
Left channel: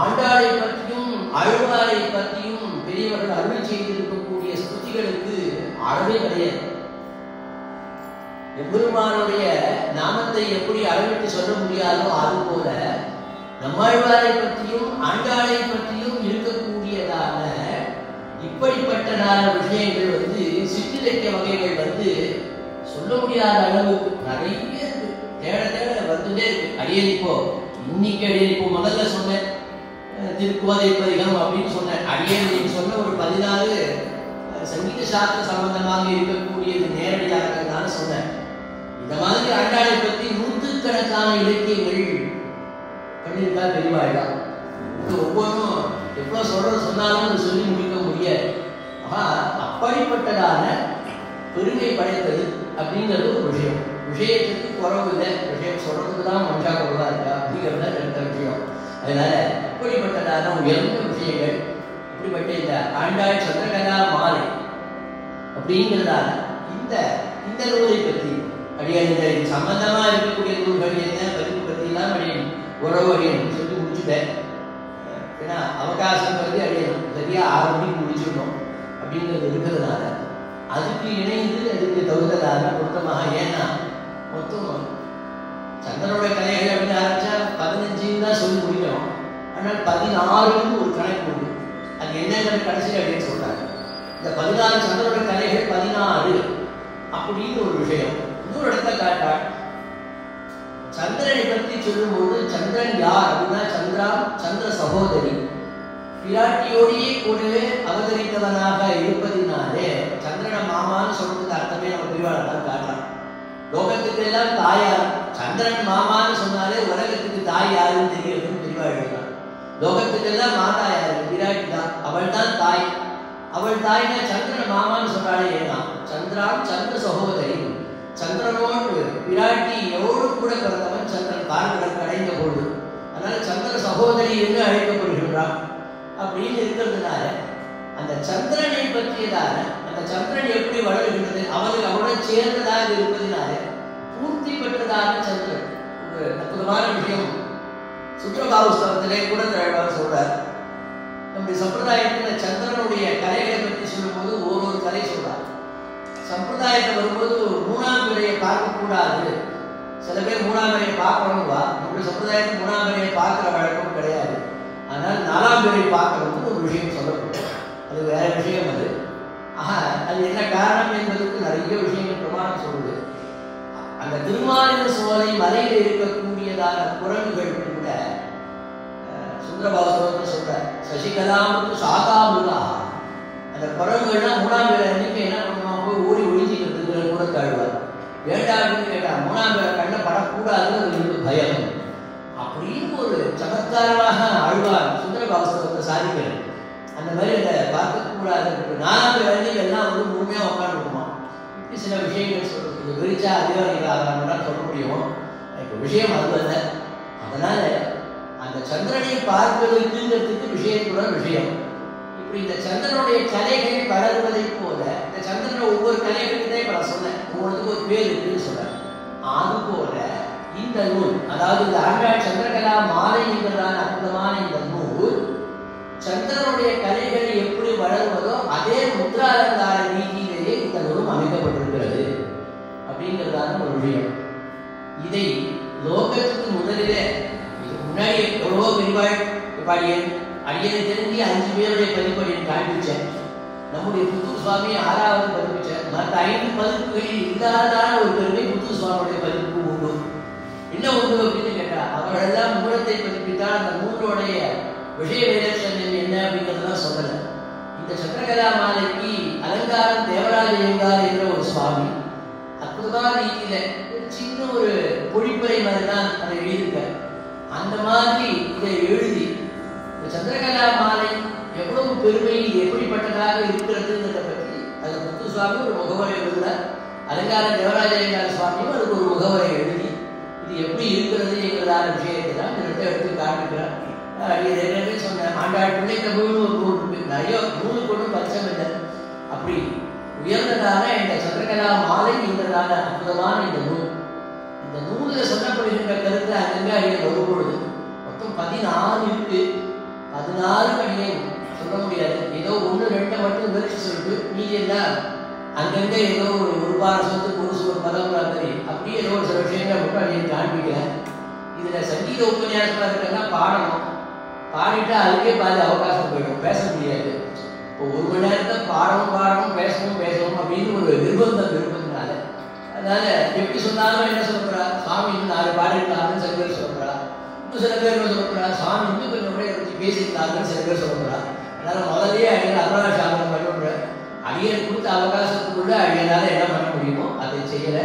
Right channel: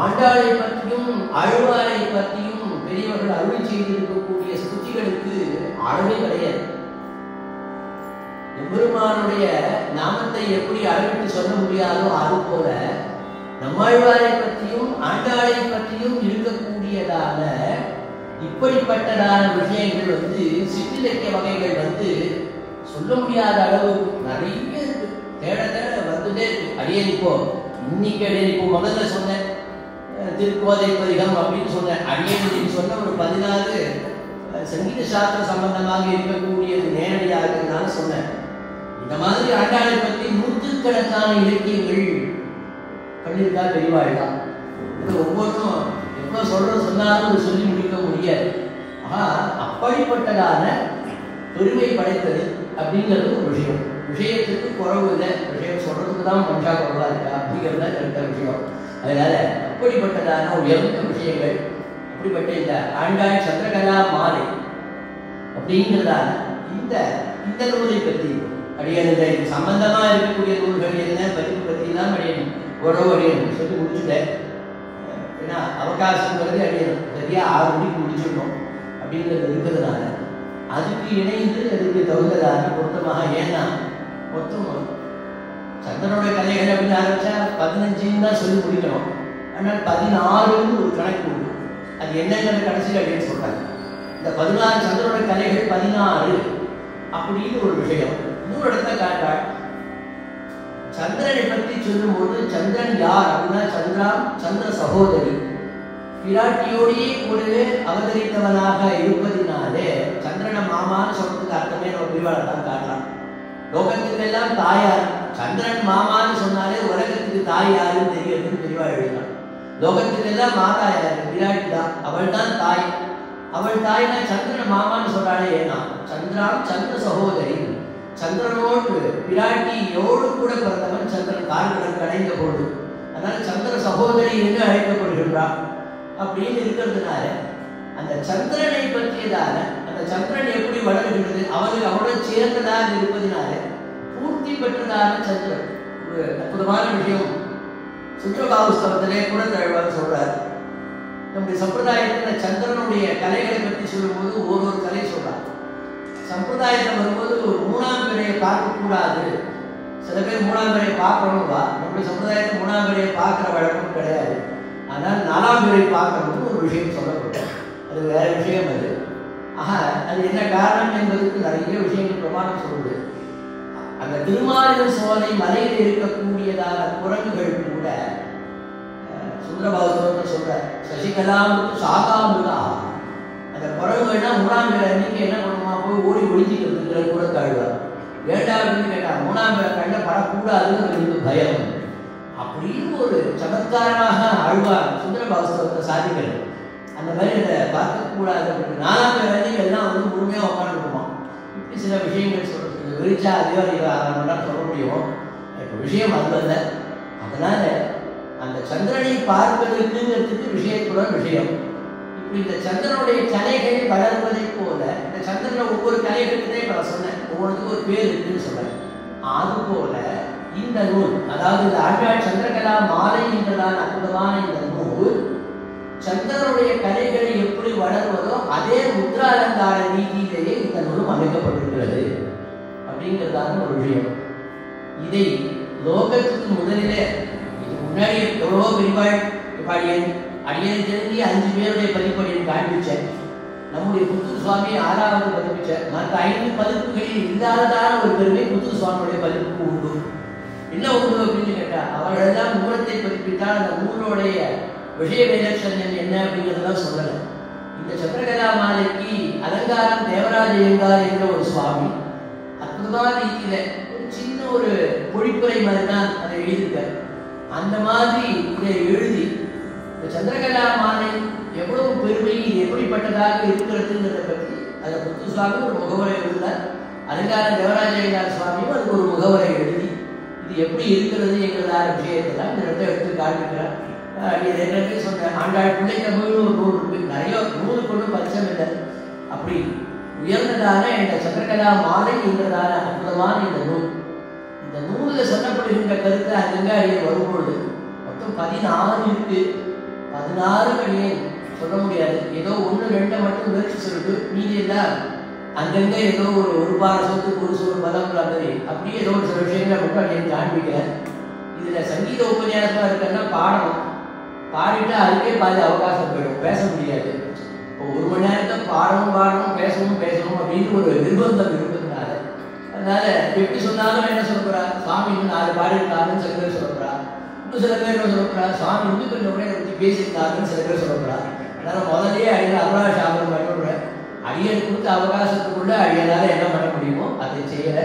ஆண்டாளை பற்றியும் அழ்வாரை பற்றியும் பெரியவர்கள் அருள் செய்திருக்கக்கூடிய ஸ்துதிகளுக்கு அளவே கிடையாது. எம்பெருமானுடைய நாமத்தை எப்படி அளவிட்டு சொல்ல முடியாதோ அது போல நம்மாழ்வாரை பற்றியும் ஆண்டாளை பற்றியும் இருக்கக்கூடியதான இப்படிப்பட்டதான விஷயங்கள் சிற்றிலக்கிய வகைகள் சொல்ல முடியாத அளவு நிறைய தேட தேட வந்துட்டே இருக்கு. அடியனிப்போ இன்னைக்கு அடியனிப்பு முதல்ல சொன்னேன் திருக்கோதை பதிகம் அப்படின்னு சொன்னேன். அடியன் சொன்ன ஒரு 16 சங்கீத சாஸ்திர சம்பந்தமாக இருக்கக்கூடியது நேரடியாக நான் சொன்னேன். இந்த மாதிரி ஆண்டாளை பற்றி நூற்றுக்கணக்கான இலக்கியங்கள் பண்ணியிருக்கால் பெரியவாழ்தான். ஒவ்வொன்றும் எவ்வளவு சொன்னாலும் சொல்லி முடிக்க முடியாது. அப்படிப்பட்டதான பெருமை படைத்தது அப்படிங்கிறது ஒரு விஷயம். விஷயத்துக்கு குறவு இல்லை, விஷயம் சொல்றதுக்கு தான் மனுஷா குறவா இருக்கா அப்படிங்கிறத இருக்கிற விஷயம். அதனால அப்படிப்பட்டதான உயர்ந்த விஷயங்கள் அப்படிப்பட்ட இந்த ஆண்டாள் சந்திரகலா மாலை அப்படிங்கிறதான இந்த நூலை பற்றி அடியன் சம்பந்தமா இருக்கக்கூடிய நூல்கள் என்ன பதிவு பற்றிலாம் அடியன் உறவு அடியன் சொல்லி முடிச்சுட்டேன். ஏன்னா அவகாசம் பற்றி அடியன் சரியா 6 மணிக்கு முடிச்சிடணும் அப்படிங்கிறது இருக்கிறதுனால அதுக்கு இணைந்து அதுக்கு தகுந்ததான பொருத்தமாக. ஏன்னா மொத்தம் சந்திரனுடைய கலைகள் அப்படின்னு ஆரம்பிச்சா 15 தான் சொல்லி முடிக்கணும். ஆனால் 16 ஒரு கணக்கு உண்டு. அது என்னங்கிறது கடைசியில் அப்படின்னு சொல்றாங்க. இந்த 16 சந்திரனுடைய கலைகள் 16 அப்படின்னு ஒரு விஷயம். இன்னொரு இடத்த காட்டாள். சந்திரனை பற்றி சொல்லும்போது சந்திரன் யார் அப்படின்னா சந்திர சகோதரி பிராட்டியோடையே கூடவே அவதரித்தவனாக இருப்பதினாலே சந்திரன மாமான்னு சொல்றதுக்கு அர்த்தமே நம்ம பெரியவாள் தான் காட்டலாம். லோகத்துக்கு எல்லாம் தாயார். சந்திரன் மாமான்னு சொன்னாலே உலகத்துக்கு தாய் யாருன்னு தெரியுதுன்னு பெரியவாள் எழுதலாம். லோகத்துக்கு எல்லாம் மாதா யாரு? பிராட்டி தான். அவள் தான் தாய். அவள் தாய்னா சந்திரன மாமான்னு சொல்றாளே. ஏன்னா சந்திர சகோதரி சந்திரனோடு பிராட்டி எவ்வளவு கூட பிறந்தவன் சந்திரன் கால்களுக்கு அடைந்த கொண்டு, அதனால சந்திர சகோதரி என்று அழைக்கப்படுகின்றான். அப்படின்னு இருக்கிறதுனால அந்த சந்திரனை பற்றியதான அந்த சந்திரன் எப்படி வளர்கிறது அவனுடன் சேர்ந்ததாக இருப்பதனால பூர்த்தி பெற்றதான சந்திரன் ஒரு அற்புதமான விஷயம். சுற்றபாவஸ்தவத்திலே கூட சொல்றார். நம்முடைய சம்பிரதாயத்தில் சந்திரனுடைய கலைகளை பற்றி சொல்லும்போது ஒரு கலை சொல்றார். சம்பிரதாயத்தில் வரும்போது ஒரு 3ஆம் பிறையை பார்க்கக்கூடாது. சில பேர் 3ஆம் பிறையை பார்க்கணும்வா. நம்முடைய சம்பிரதாயத்தில் 3ஆம் பிறையை பார்க்கிற வழக்கம் கிடையாது. ஆனால் 4ஆம் பிறையை பார்க்கறது ஒரு விஷயம் சொல்லப்பட்டது. அது வேற விஷயம். அது என்ன காரணம் என்பதற்கு நிறைய விஷயங்கள் பிரமாணம் சொல்லுது. அந்த திருமாலின் சோலை மலையில் இருக்கக்கூடியதான குரங்குகள் கூட சுந்தரபாவத்தோடு சொல்ற சசிகலாமுக்கு சாகாமுகா. அந்த குரங்குகள்லாம் 3ஆம் பிறை அன்னைக்கு என்ன பண்ணுவாங்க, ஓடி ஒழிஞ்சிக்கிறதுக்கு கூட தாழ்வார். வேண்டாம்னு கேட்டா 3ஆம் பிறை கண்ட படக்கூடாதுன்னு பயம். அப்படின்னு ஒரு சமத்காரமாக ஆழ்வார் சுந்தரபாவத்தை சாதிக்கிறது. அந்த மாதிரி அதை பார்க்கக்கூடாது. 4ஆம் பிறை எல்லாம் முழுமையாக உட்காந்துருக்குமா. இப்படி சில விஷயங்கள் சொல்றது விரிச்சா அதே ஆரம்பம்னா சொல்ல முடியும். விஷயம் அல்ல. அதனால அந்த சந்திரனை பார்ப்பதற்குங்கிறதுக்கு விஷயத்துடன் விஷயம். இப்படி இந்த சந்திரனுடைய கலைகள் வளர்வதை போல இந்த சந்திரனை ஒவ்வொரு கலைகளுக்குனே நான் சொன்னேன், ஒவ்வொருத்துக்கும் ஒரு பேர் இருக்குன்னு சொன்னேன். அது போல இந்த நூல், அதாவது இந்த ஆண்டாள் சந்திரகலா மாலை என்றதான அற்புதமான இந்த நூல் சந்திரனுடைய கலைகளை எப்படி வளர்வதோ அதே முத்ராலங்கார நீதியிலேயே இந்த நூலும் அமைக்கப்பட்டிருக்கிறது அப்படிங்கிறதான ஒரு விஷயம். இதை லோகத்துக்கு முதலிலே முன்னாடி நிறைய எவ்வளோ பெரியவாள் அடியேன் தெரிஞ்சு 5 பேருடைய பதிப்படியை காண்பிச்சேன். நம்முடைய புத்தூர் சுவாமி 6வது பதிப்பிச்சார். மற்ற 5 பதிப்புகளில் இல்லாததான ஒரு பெருமை புத்தூர் சுவாமியுடைய பதிப்புக்கு உண்டு. என்ன உண்டு அப்படின்னு கேட்டா, அவர்களெல்லாம் மூலத்தை பதிப்பித்தால் அந்த நூலுடைய விஷய விலட்சணம் என்ன அப்படிங்கிறதெல்லாம் சொல்லலை. இந்த சந்திரகலா மாலைக்கு அலங்காரம் தேவராஜ யோகார் என்ற ஒரு சுவாமி அற்புதமான ரீதியில ஒரு சின்ன ஒரு பொழிப்புரை மாதிரி தான் அதை எழுதியிருக்கார். அந்த மாதிரி இதை எழுதி இந்த சந்திரகலா மாலை எவ்வளவு பெருமை, எப்படிப்பட்டதாக இருக்கிறதுங்கிறத பற்றி அதை புத்து சுவாமி ஒரு முகவரை எழுதினார். அலங்கார தேவராஜ சுவாமியும் அதுக்கு ஒரு முகவரை எழுதி இது எப்படி இருக்கிறது எங்களதான விஷயத்தை தான் இந்த எடுத்து காண்பிக்கிறார். ஏற்கனவே சொன்னேன், ஆண்டாள் பிள்ளை தமிழ் ஒரு நூல் இருக்கு. நிறைய நூலுக்கு ஒன்றும் பட்சம் இல்லை. அப்படி உயர்ந்ததான இந்த சந்திரகலா மாலை என்றதான அற்புதமான இந்த நூலில் சொல்லப்படுகின்ற கருத்து அங்கங்கே அடியை வரும்பொழுது மொத்தம் 16 இருக்கு. 16 அடியை சொல்ல முடியாது. ஏதோ 1-2 மட்டும் முயற்சி சொல்லிட்டு மீதி எல்லாம் அங்கங்கே ஏதோ ஒரு பார சொத்துக்கு ஒரு சோறு பலங்கிற மாதிரி அப்படியே ஏதோ ஒரு சில விஷயங்களை மட்டும் அடியை காண்பிக்கிறேன். இதுல சங்கீத உபன்யாசமா இருக்கிறதா பாடணும். பாடிட்டு அதுக்கே பாதி அவகாசம் போயிடும், பேச முடியாது. 1 மணி நேரத்தை பாடணும் பேசணும் அப்படின்னு ஒரு நிர்பந்தம் இருப்பதுனால, அதனால எப்படி சொன்னாலும் என்ன சொல்றா, சாமி 4 பாடிருக்காருன்னு சில பேர் சொல்றா. இன்னும் சில பேர் என்ன சொல்றா, சாமி வந்து கொஞ்சம் கூட வச்சு பேசியிருக்காருன்னு சில பேர் சொல்றா. அதனால முதலே அடியில் அருணாசாமி பண்ணுறேன். அடியல் கொடுத்த அவகாசத்துக்குள்ள அடியலால் என்ன பண்ண முடியுமோ அதை செய்யலை.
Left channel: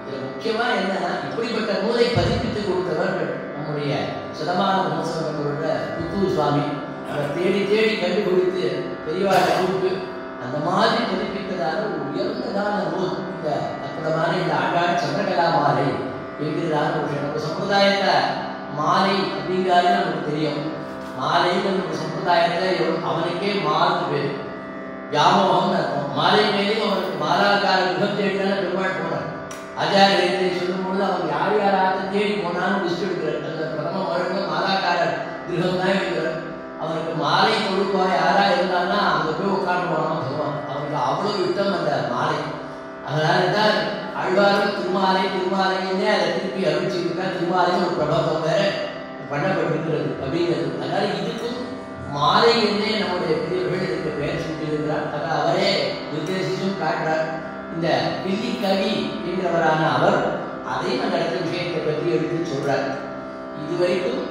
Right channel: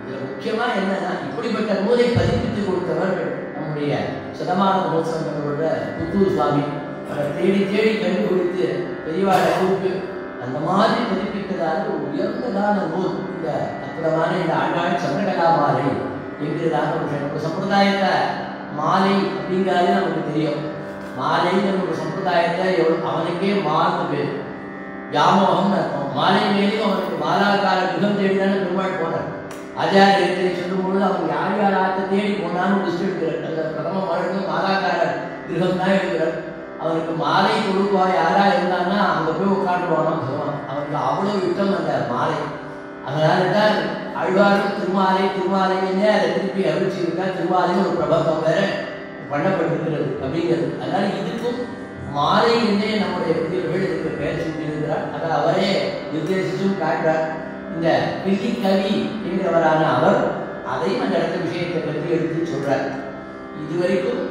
இதுல முக்கியமா என்னன்னா, இப்படிப்பட்ட நூலை பதிப்பித்து கொடுத்தவர் நம்முடைய சதமான மகோத்சவங்களோட புத்தூர் சுவாமி. அவரை தேடி கண்டுபிடித்து பெரியவாழ் கூட்டு அந்த மாதிரி பதிப்பித்ததான ஒரு உயர்ந்ததான நூல் இந்த அற்புதமான இந்த ஆண்டாள் சந்திரகலா மாலை என்கிறதான ஒரு சமுதாயத்தை மாலை அப்படிங்கிறது நமக்கு தெரியும். மாலைன்னு ஒரு சமுதாயத்தை அவனுக்கே மாறுது பேர் வியாமோகம்னு இருக்கும். மாலை மேலேயும் அவனுக்கு மாலாக்கார கிரகம் தேடினாலும் பெருமாள் போனார். ஆச்சாரியத்தை சொல்லும்போது அவன் யார் யாராத்த தேடி போனான்னு லிஸ்ட் எடுக்கிறார். அந்த பிரதம மழுங்க மாலாக்கார கிரகம் தான் எடுக்கிறார். அவனுக்கு மாலை தொழுவா யாரா இருந்தான்னா அங்க போய் உட்காந்து போனோம்னு சொல்லுவான். அவனுக்கு அவ்வளவு யுத்தம் அந்த மாலை. அதனாலதான் ஆழ்வாரும் திருமாலையிலே அதை திருப்பி அறிவிச்சிருக்கா. திருமாலையும் ஒரு பிரபந்தம் வேற பண்ணப்பட்டிருக்கிறது அப்படிங்கிறது. அதனால இதுக்கும் மாலை என்றே நம்முடைய புதியவர்கள் இதுக்கு பெயர் சூட்டியிருக்கிறார். அதனால் அவரே நிர்தேசிச்சும் காட்டுறார். இந்த பில்லி கவி என்கிறவரான அவர் அதையும் அந்த இடத்த விஷயத்தை பற்றி எடுத்து சொல்றார். இதுவரைக்கும்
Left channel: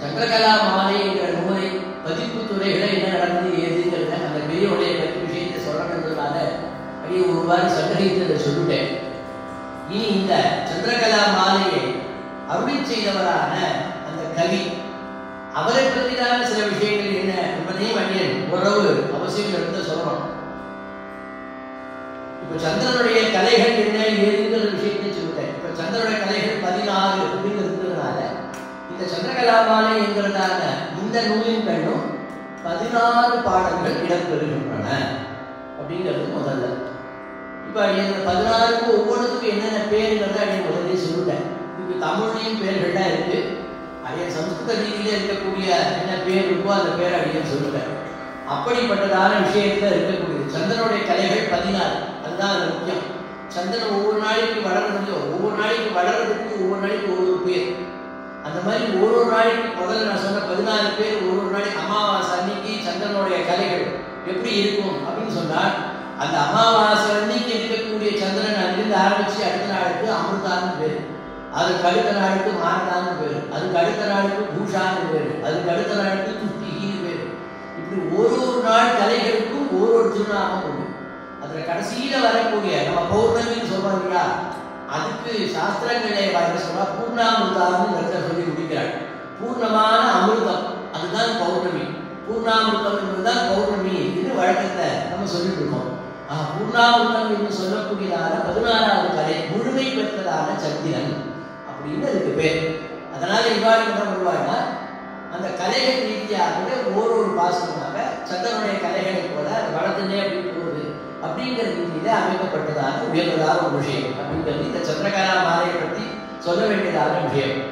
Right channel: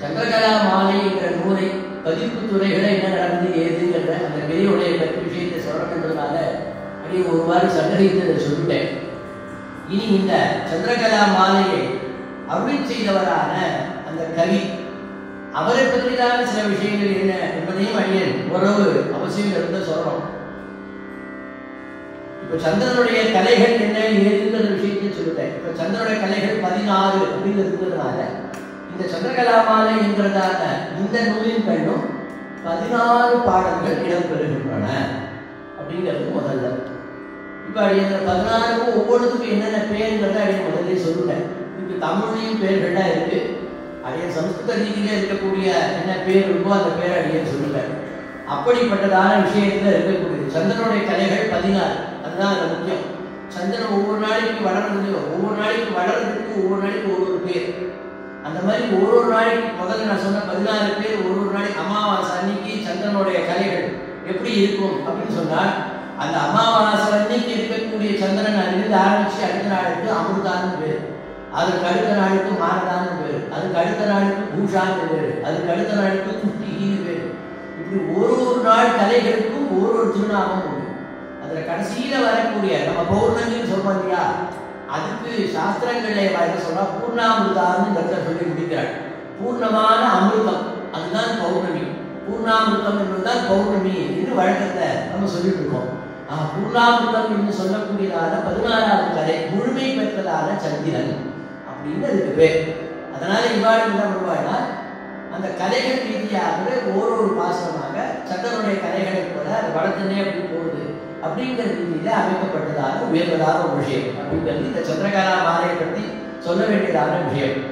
சந்திரகலா மாலை என்ற நூலை பதிப்பு துறைகளை என்ன நடந்தது ஏதுங்கிறத அந்த பெரியவுடைய பற்றி விஷயத்தை சொல்லப்படுறதுனால அப்படி ஒருவாறு சந்தேகத்தை சொல்லிட்டேன். இனி இந்த சந்திரகலா மாலையை அருளி செய்தவரான அந்த கவி அவரை பற்றிதான சில விஷயங்கள் என்ன என்பதையும் அடியேன் ஓரளவு அவசியம் இருந்து சொல்றோம். இப்ப சந்திரனுடைய கலைகள் என்ன ஏதுங்கிற விஷயத்தை சொல்லிட்டேன். இப்ப சந்திரனுடைய கலைகள் 16 அப்படின்னு இருக்கிறதுனால இந்த சந்திரகலா மாலை என்கிறதான இந்த நூலின் பெயரும் 16 பாடல்கள் இடம்பெறுகின்றன அப்படிங்கிறது முதல்ல. இப்ப இந்த 16க்கு ஒவ்வொன்றுக்கும் என்னென்ன பேருங்கிறத அடிய முதலே சொல்லிட்டேன். இதுக்கு தமிழ்லையும் பேர்கள்லாம் இருக்கு. அடிய சமஸ்கிருத ரீதியிலே இருக்கக்கூடிய என்ன பேர் இருக்கோ அந்த பேரை அடிய சொல்லுவேன். அப்படிப்பட்டதான விஷயத்துல இருக்கக்கூடிய சந்திரனுடைய கலைகள் 16. அதுதான் அது முக்கியம். சந்திரன் ஒவ்வொரு நாளைக்கு வளர்றது, ஒவ்வொரு நாளைக்கு வளர்றதுக்கு ஒவ்வொரு நாளைக்கு ஒவ்வொரு பேர். அந்த மாதிரி ஒவ்வொரு நாளைக்கு முதல்ல நான் சொன்ன 16 பேர் ஒவ்வொரு நாளைக்கு அமாவாசை அன்னைக்கு சந்திரனுடைய கலைகள் எப்படி இருக்கும் அப்படின்னு சொன்னால், அந்த அமாவாசை அன்னைக்கு இருக்கக்கூடிய சந்திரன் அங்கிருந்து ஆரம்பிச்சு அடுத்த நாளுக்கு அமிர்தான்னு பேர், அதுக்கு அடுத்த நாளுக்கு மானதான்னு பேரு, அதுக்கு அடுத்த நாளுக்கு பூஷான்னு பேரு, அதுக்கு அடுத்த நாளுக்கு துஷ்டிகின்னு பேரு. இப்படி ஒரு நாள் கலைகளுக்கும் ஒரு திருநாமம் உண்டு. அதுல கடைசியில வரக்கூடிய நம்ம பௌர்ணமின்னு சொல்றோம் இல்லையா, அதுக்கு சாஸ்திரங்களே பார்த்து சொன்னா பூர்ணாமிருதான்னு சொல்லி முடிக்கிறாள். பூர்ணமான அமிர்தம் அதுதான் பௌர்ணமி. பூர்ணாமிருதம் என்பதுதான் பௌர்ணமி என்று வழக்கத்தை நம்ம சொல்லிட்டு இருக்கோம். பூர்ணாமிருதம் என்று சொல்லக்கூடியதான 16வது கலை முழுமை பெற்றதான சந்திரன் அப்படின்னு அதுக்கு பேர். அதனால இவ்வாறு என்ன பண்ணுவாங்கன்னா, அந்த கலைகள் ரீதியாக ஒரு பாசனமாக சந்திரனுடைய கலைகளை கூட அது வளர்த்தனே அப்படி போகுது அப்படிங்கிற ரீதியில அமைக்கப்பட்டதாக உயர்ந்ததான ஒரு விஷயம் அப்படிங்கிறது இந்த சந்திரகலா மாலையை பற்றி சொல்ல வேண்டியதான விஷயம்.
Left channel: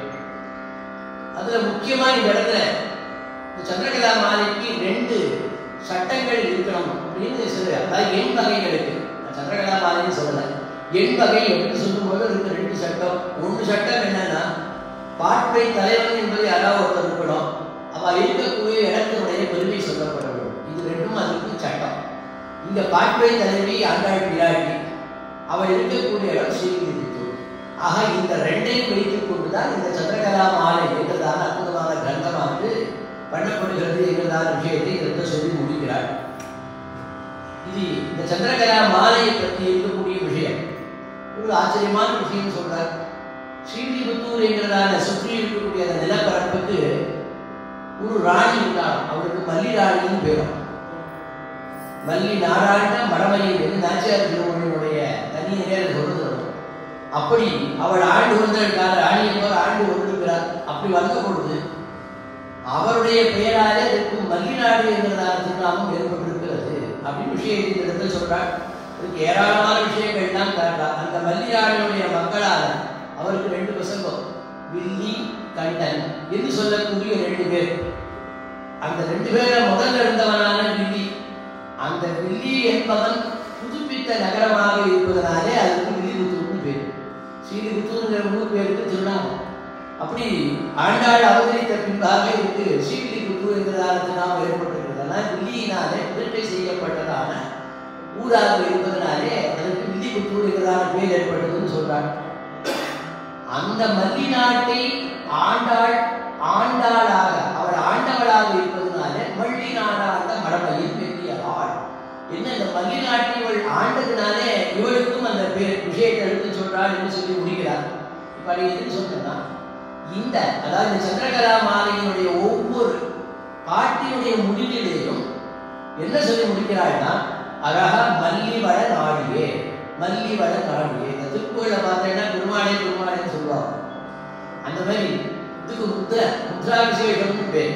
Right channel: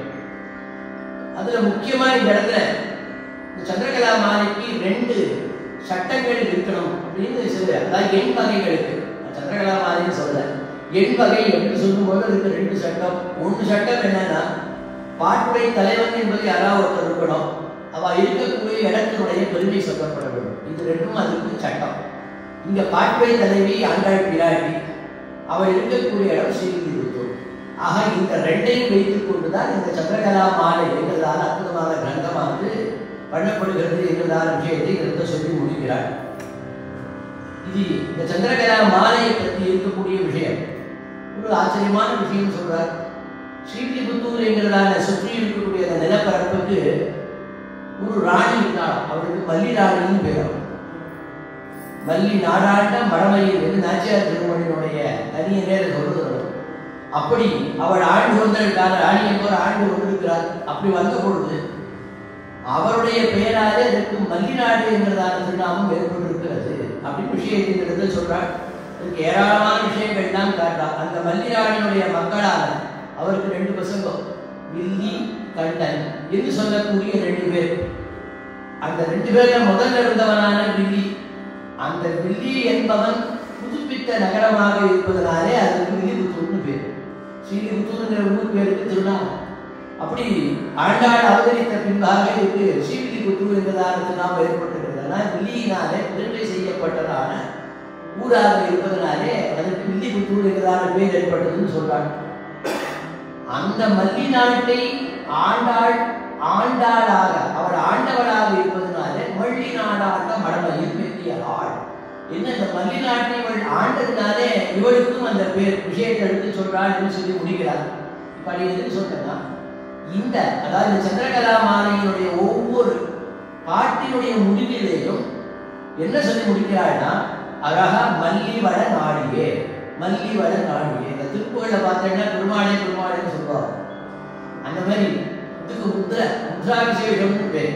அதுல முக்கியமா இந்த இடத்துல இந்த சந்திரகலா மாலைக்கு 2 சட்டங்கள் இருக்கணும் அப்படின்னு சில, அதாவது எண் வகைகளுக்கு சந்திரகலா மாலைன்னு சொல்லல, எண் வகை எப்படி சொல்லும்போது அதுக்கு 2 சட்டம். 1 சட்டம் என்னன்னா, பாட்டுடை தலைவன் என்பது யாராவது ஒருத்தர் இருக்கணும். அவள் இருக்கக்கூடிய இடத்தினுடைய பெருமை சொல்லப்பட வேண்டும். இது ரெண்டும் அதுக்கு சட்டம். இங்க பாட்டுடை தலைவி ஆண்டாள் பிராட்டி, அவள் இருக்கக்கூடிய இடம் ஸ்ரீவில்லிபுத்தூர். ஆக இந்த ரெண்டையும் வைத்துக் கொண்டுதான் இந்த சந்திரகலா மாலை என்றதான அற்புதமான கிரந்தமானது பண்ணப்படுகிறது என்றதான விஷயத்தை கிரந்த சொல்லி முடிக்கிறார். இது இந்த சந்திரகலா மாலையை பற்றி இருக்கக்கூடிய விஷயம் ஒரு ஆச்சரியமான விஷயம் சொல்றார். ஸ்ரீவில்லிபுத்தூர் என்கிறதான சுற்றி இருக்கக்கூடிய அந்த நிலப்பரப்புக்கு ஒரு ராணி இருந்தாள். அவளுக்கு மல்லி ராணின்னு பேரும். மல்லி நாடாட்ட மடமையில் என்று நாச்சியார் திருமணியினுடைய தனிய நேரம் சொல்றது. அப்படி அவள் ஆண்டு கொண்டிருக்கிறார். ராணி என்பவர் ஆண்டு கொண்டிருக்கிறார். அப்படி வந்த பொழுது அவருடைய பெயராலே அதற்கு மல்லிநாடு என்கிறதான திருநாமம் ஏற்பட்டிருக்கிறது அப்படின்னு விஷயத்தை சொல்றாள். அதுக்கு ஏராளமான விஷயங்கள் தான் காட்டார். அந்த மல்லிநாடினுடைய மக்களான அவருக்கு 2 பசங்க, வில்லி கண்ணன் என்று சொல்லக்கூடிய 2 பேர். அந்த 2 பேரை முதல்ல இருந்தவனான வில்லி, அந்த வில்லி என்பவன் புதுப்பித்த நகரமாக இருப்பதனாலே அதற்கு வில்லிபுத்தூர்னு பேர். ஸ்ரீவில்லிபுத்தூர்ங்கிற ஊருக்கு பேருக்கு திருநாமம். அப்படி ஆண்டாள் அவதரித்த பின்பாக இருக்கு ஸ்ரீவில்லிபுத்தூர் என்பதான திருநாமம் ஏற்பட்டிருக்கிறது. ஆனால் வில்லியினாலே பெருமை செய்யப்பட்டதான ஊராக இருப்பதனாலே அதற்கு வில்லிபுத்தூர் என்பதான பேர் ஏற்பட்டதுன்னு சொல்றாங்க. அந்த மல்லி நாட்டை ஆண்டாளாக அவள் ஆண்டவளாக இருப்பதனால மல்லி நாடாட்ட மடமையில் வெற்றியவாள் என்ன. இந்த மல்லி நாட்டை இவள் ஆண்டதுனாலே இவளுக்கும் அந்த பேர் விஷயத்தை எடுத்து சொல்றாள் என்று சொல்லி முடிக்கிறார். இப்ப அது எதுன்னு சொன்னா, இந்த அதாவது இந்த சந்திரகலா மாலையினுடைய ஒவ்வொரு பாட்டினுடைய முடிவிலேயும் என்ன சொல்லி முடிக்கிறாள்னா, அழகா மல்லி வள நாடியே, மல்லி வள மரமியே. இந்த திருக்கோயில பார்த்தீங்கன்னா பெருமாளேன்னு சொல்லுவாங்க. அந்த மாதிரி இதுக்கு முத்ரா விசேஷம்னு பேர்.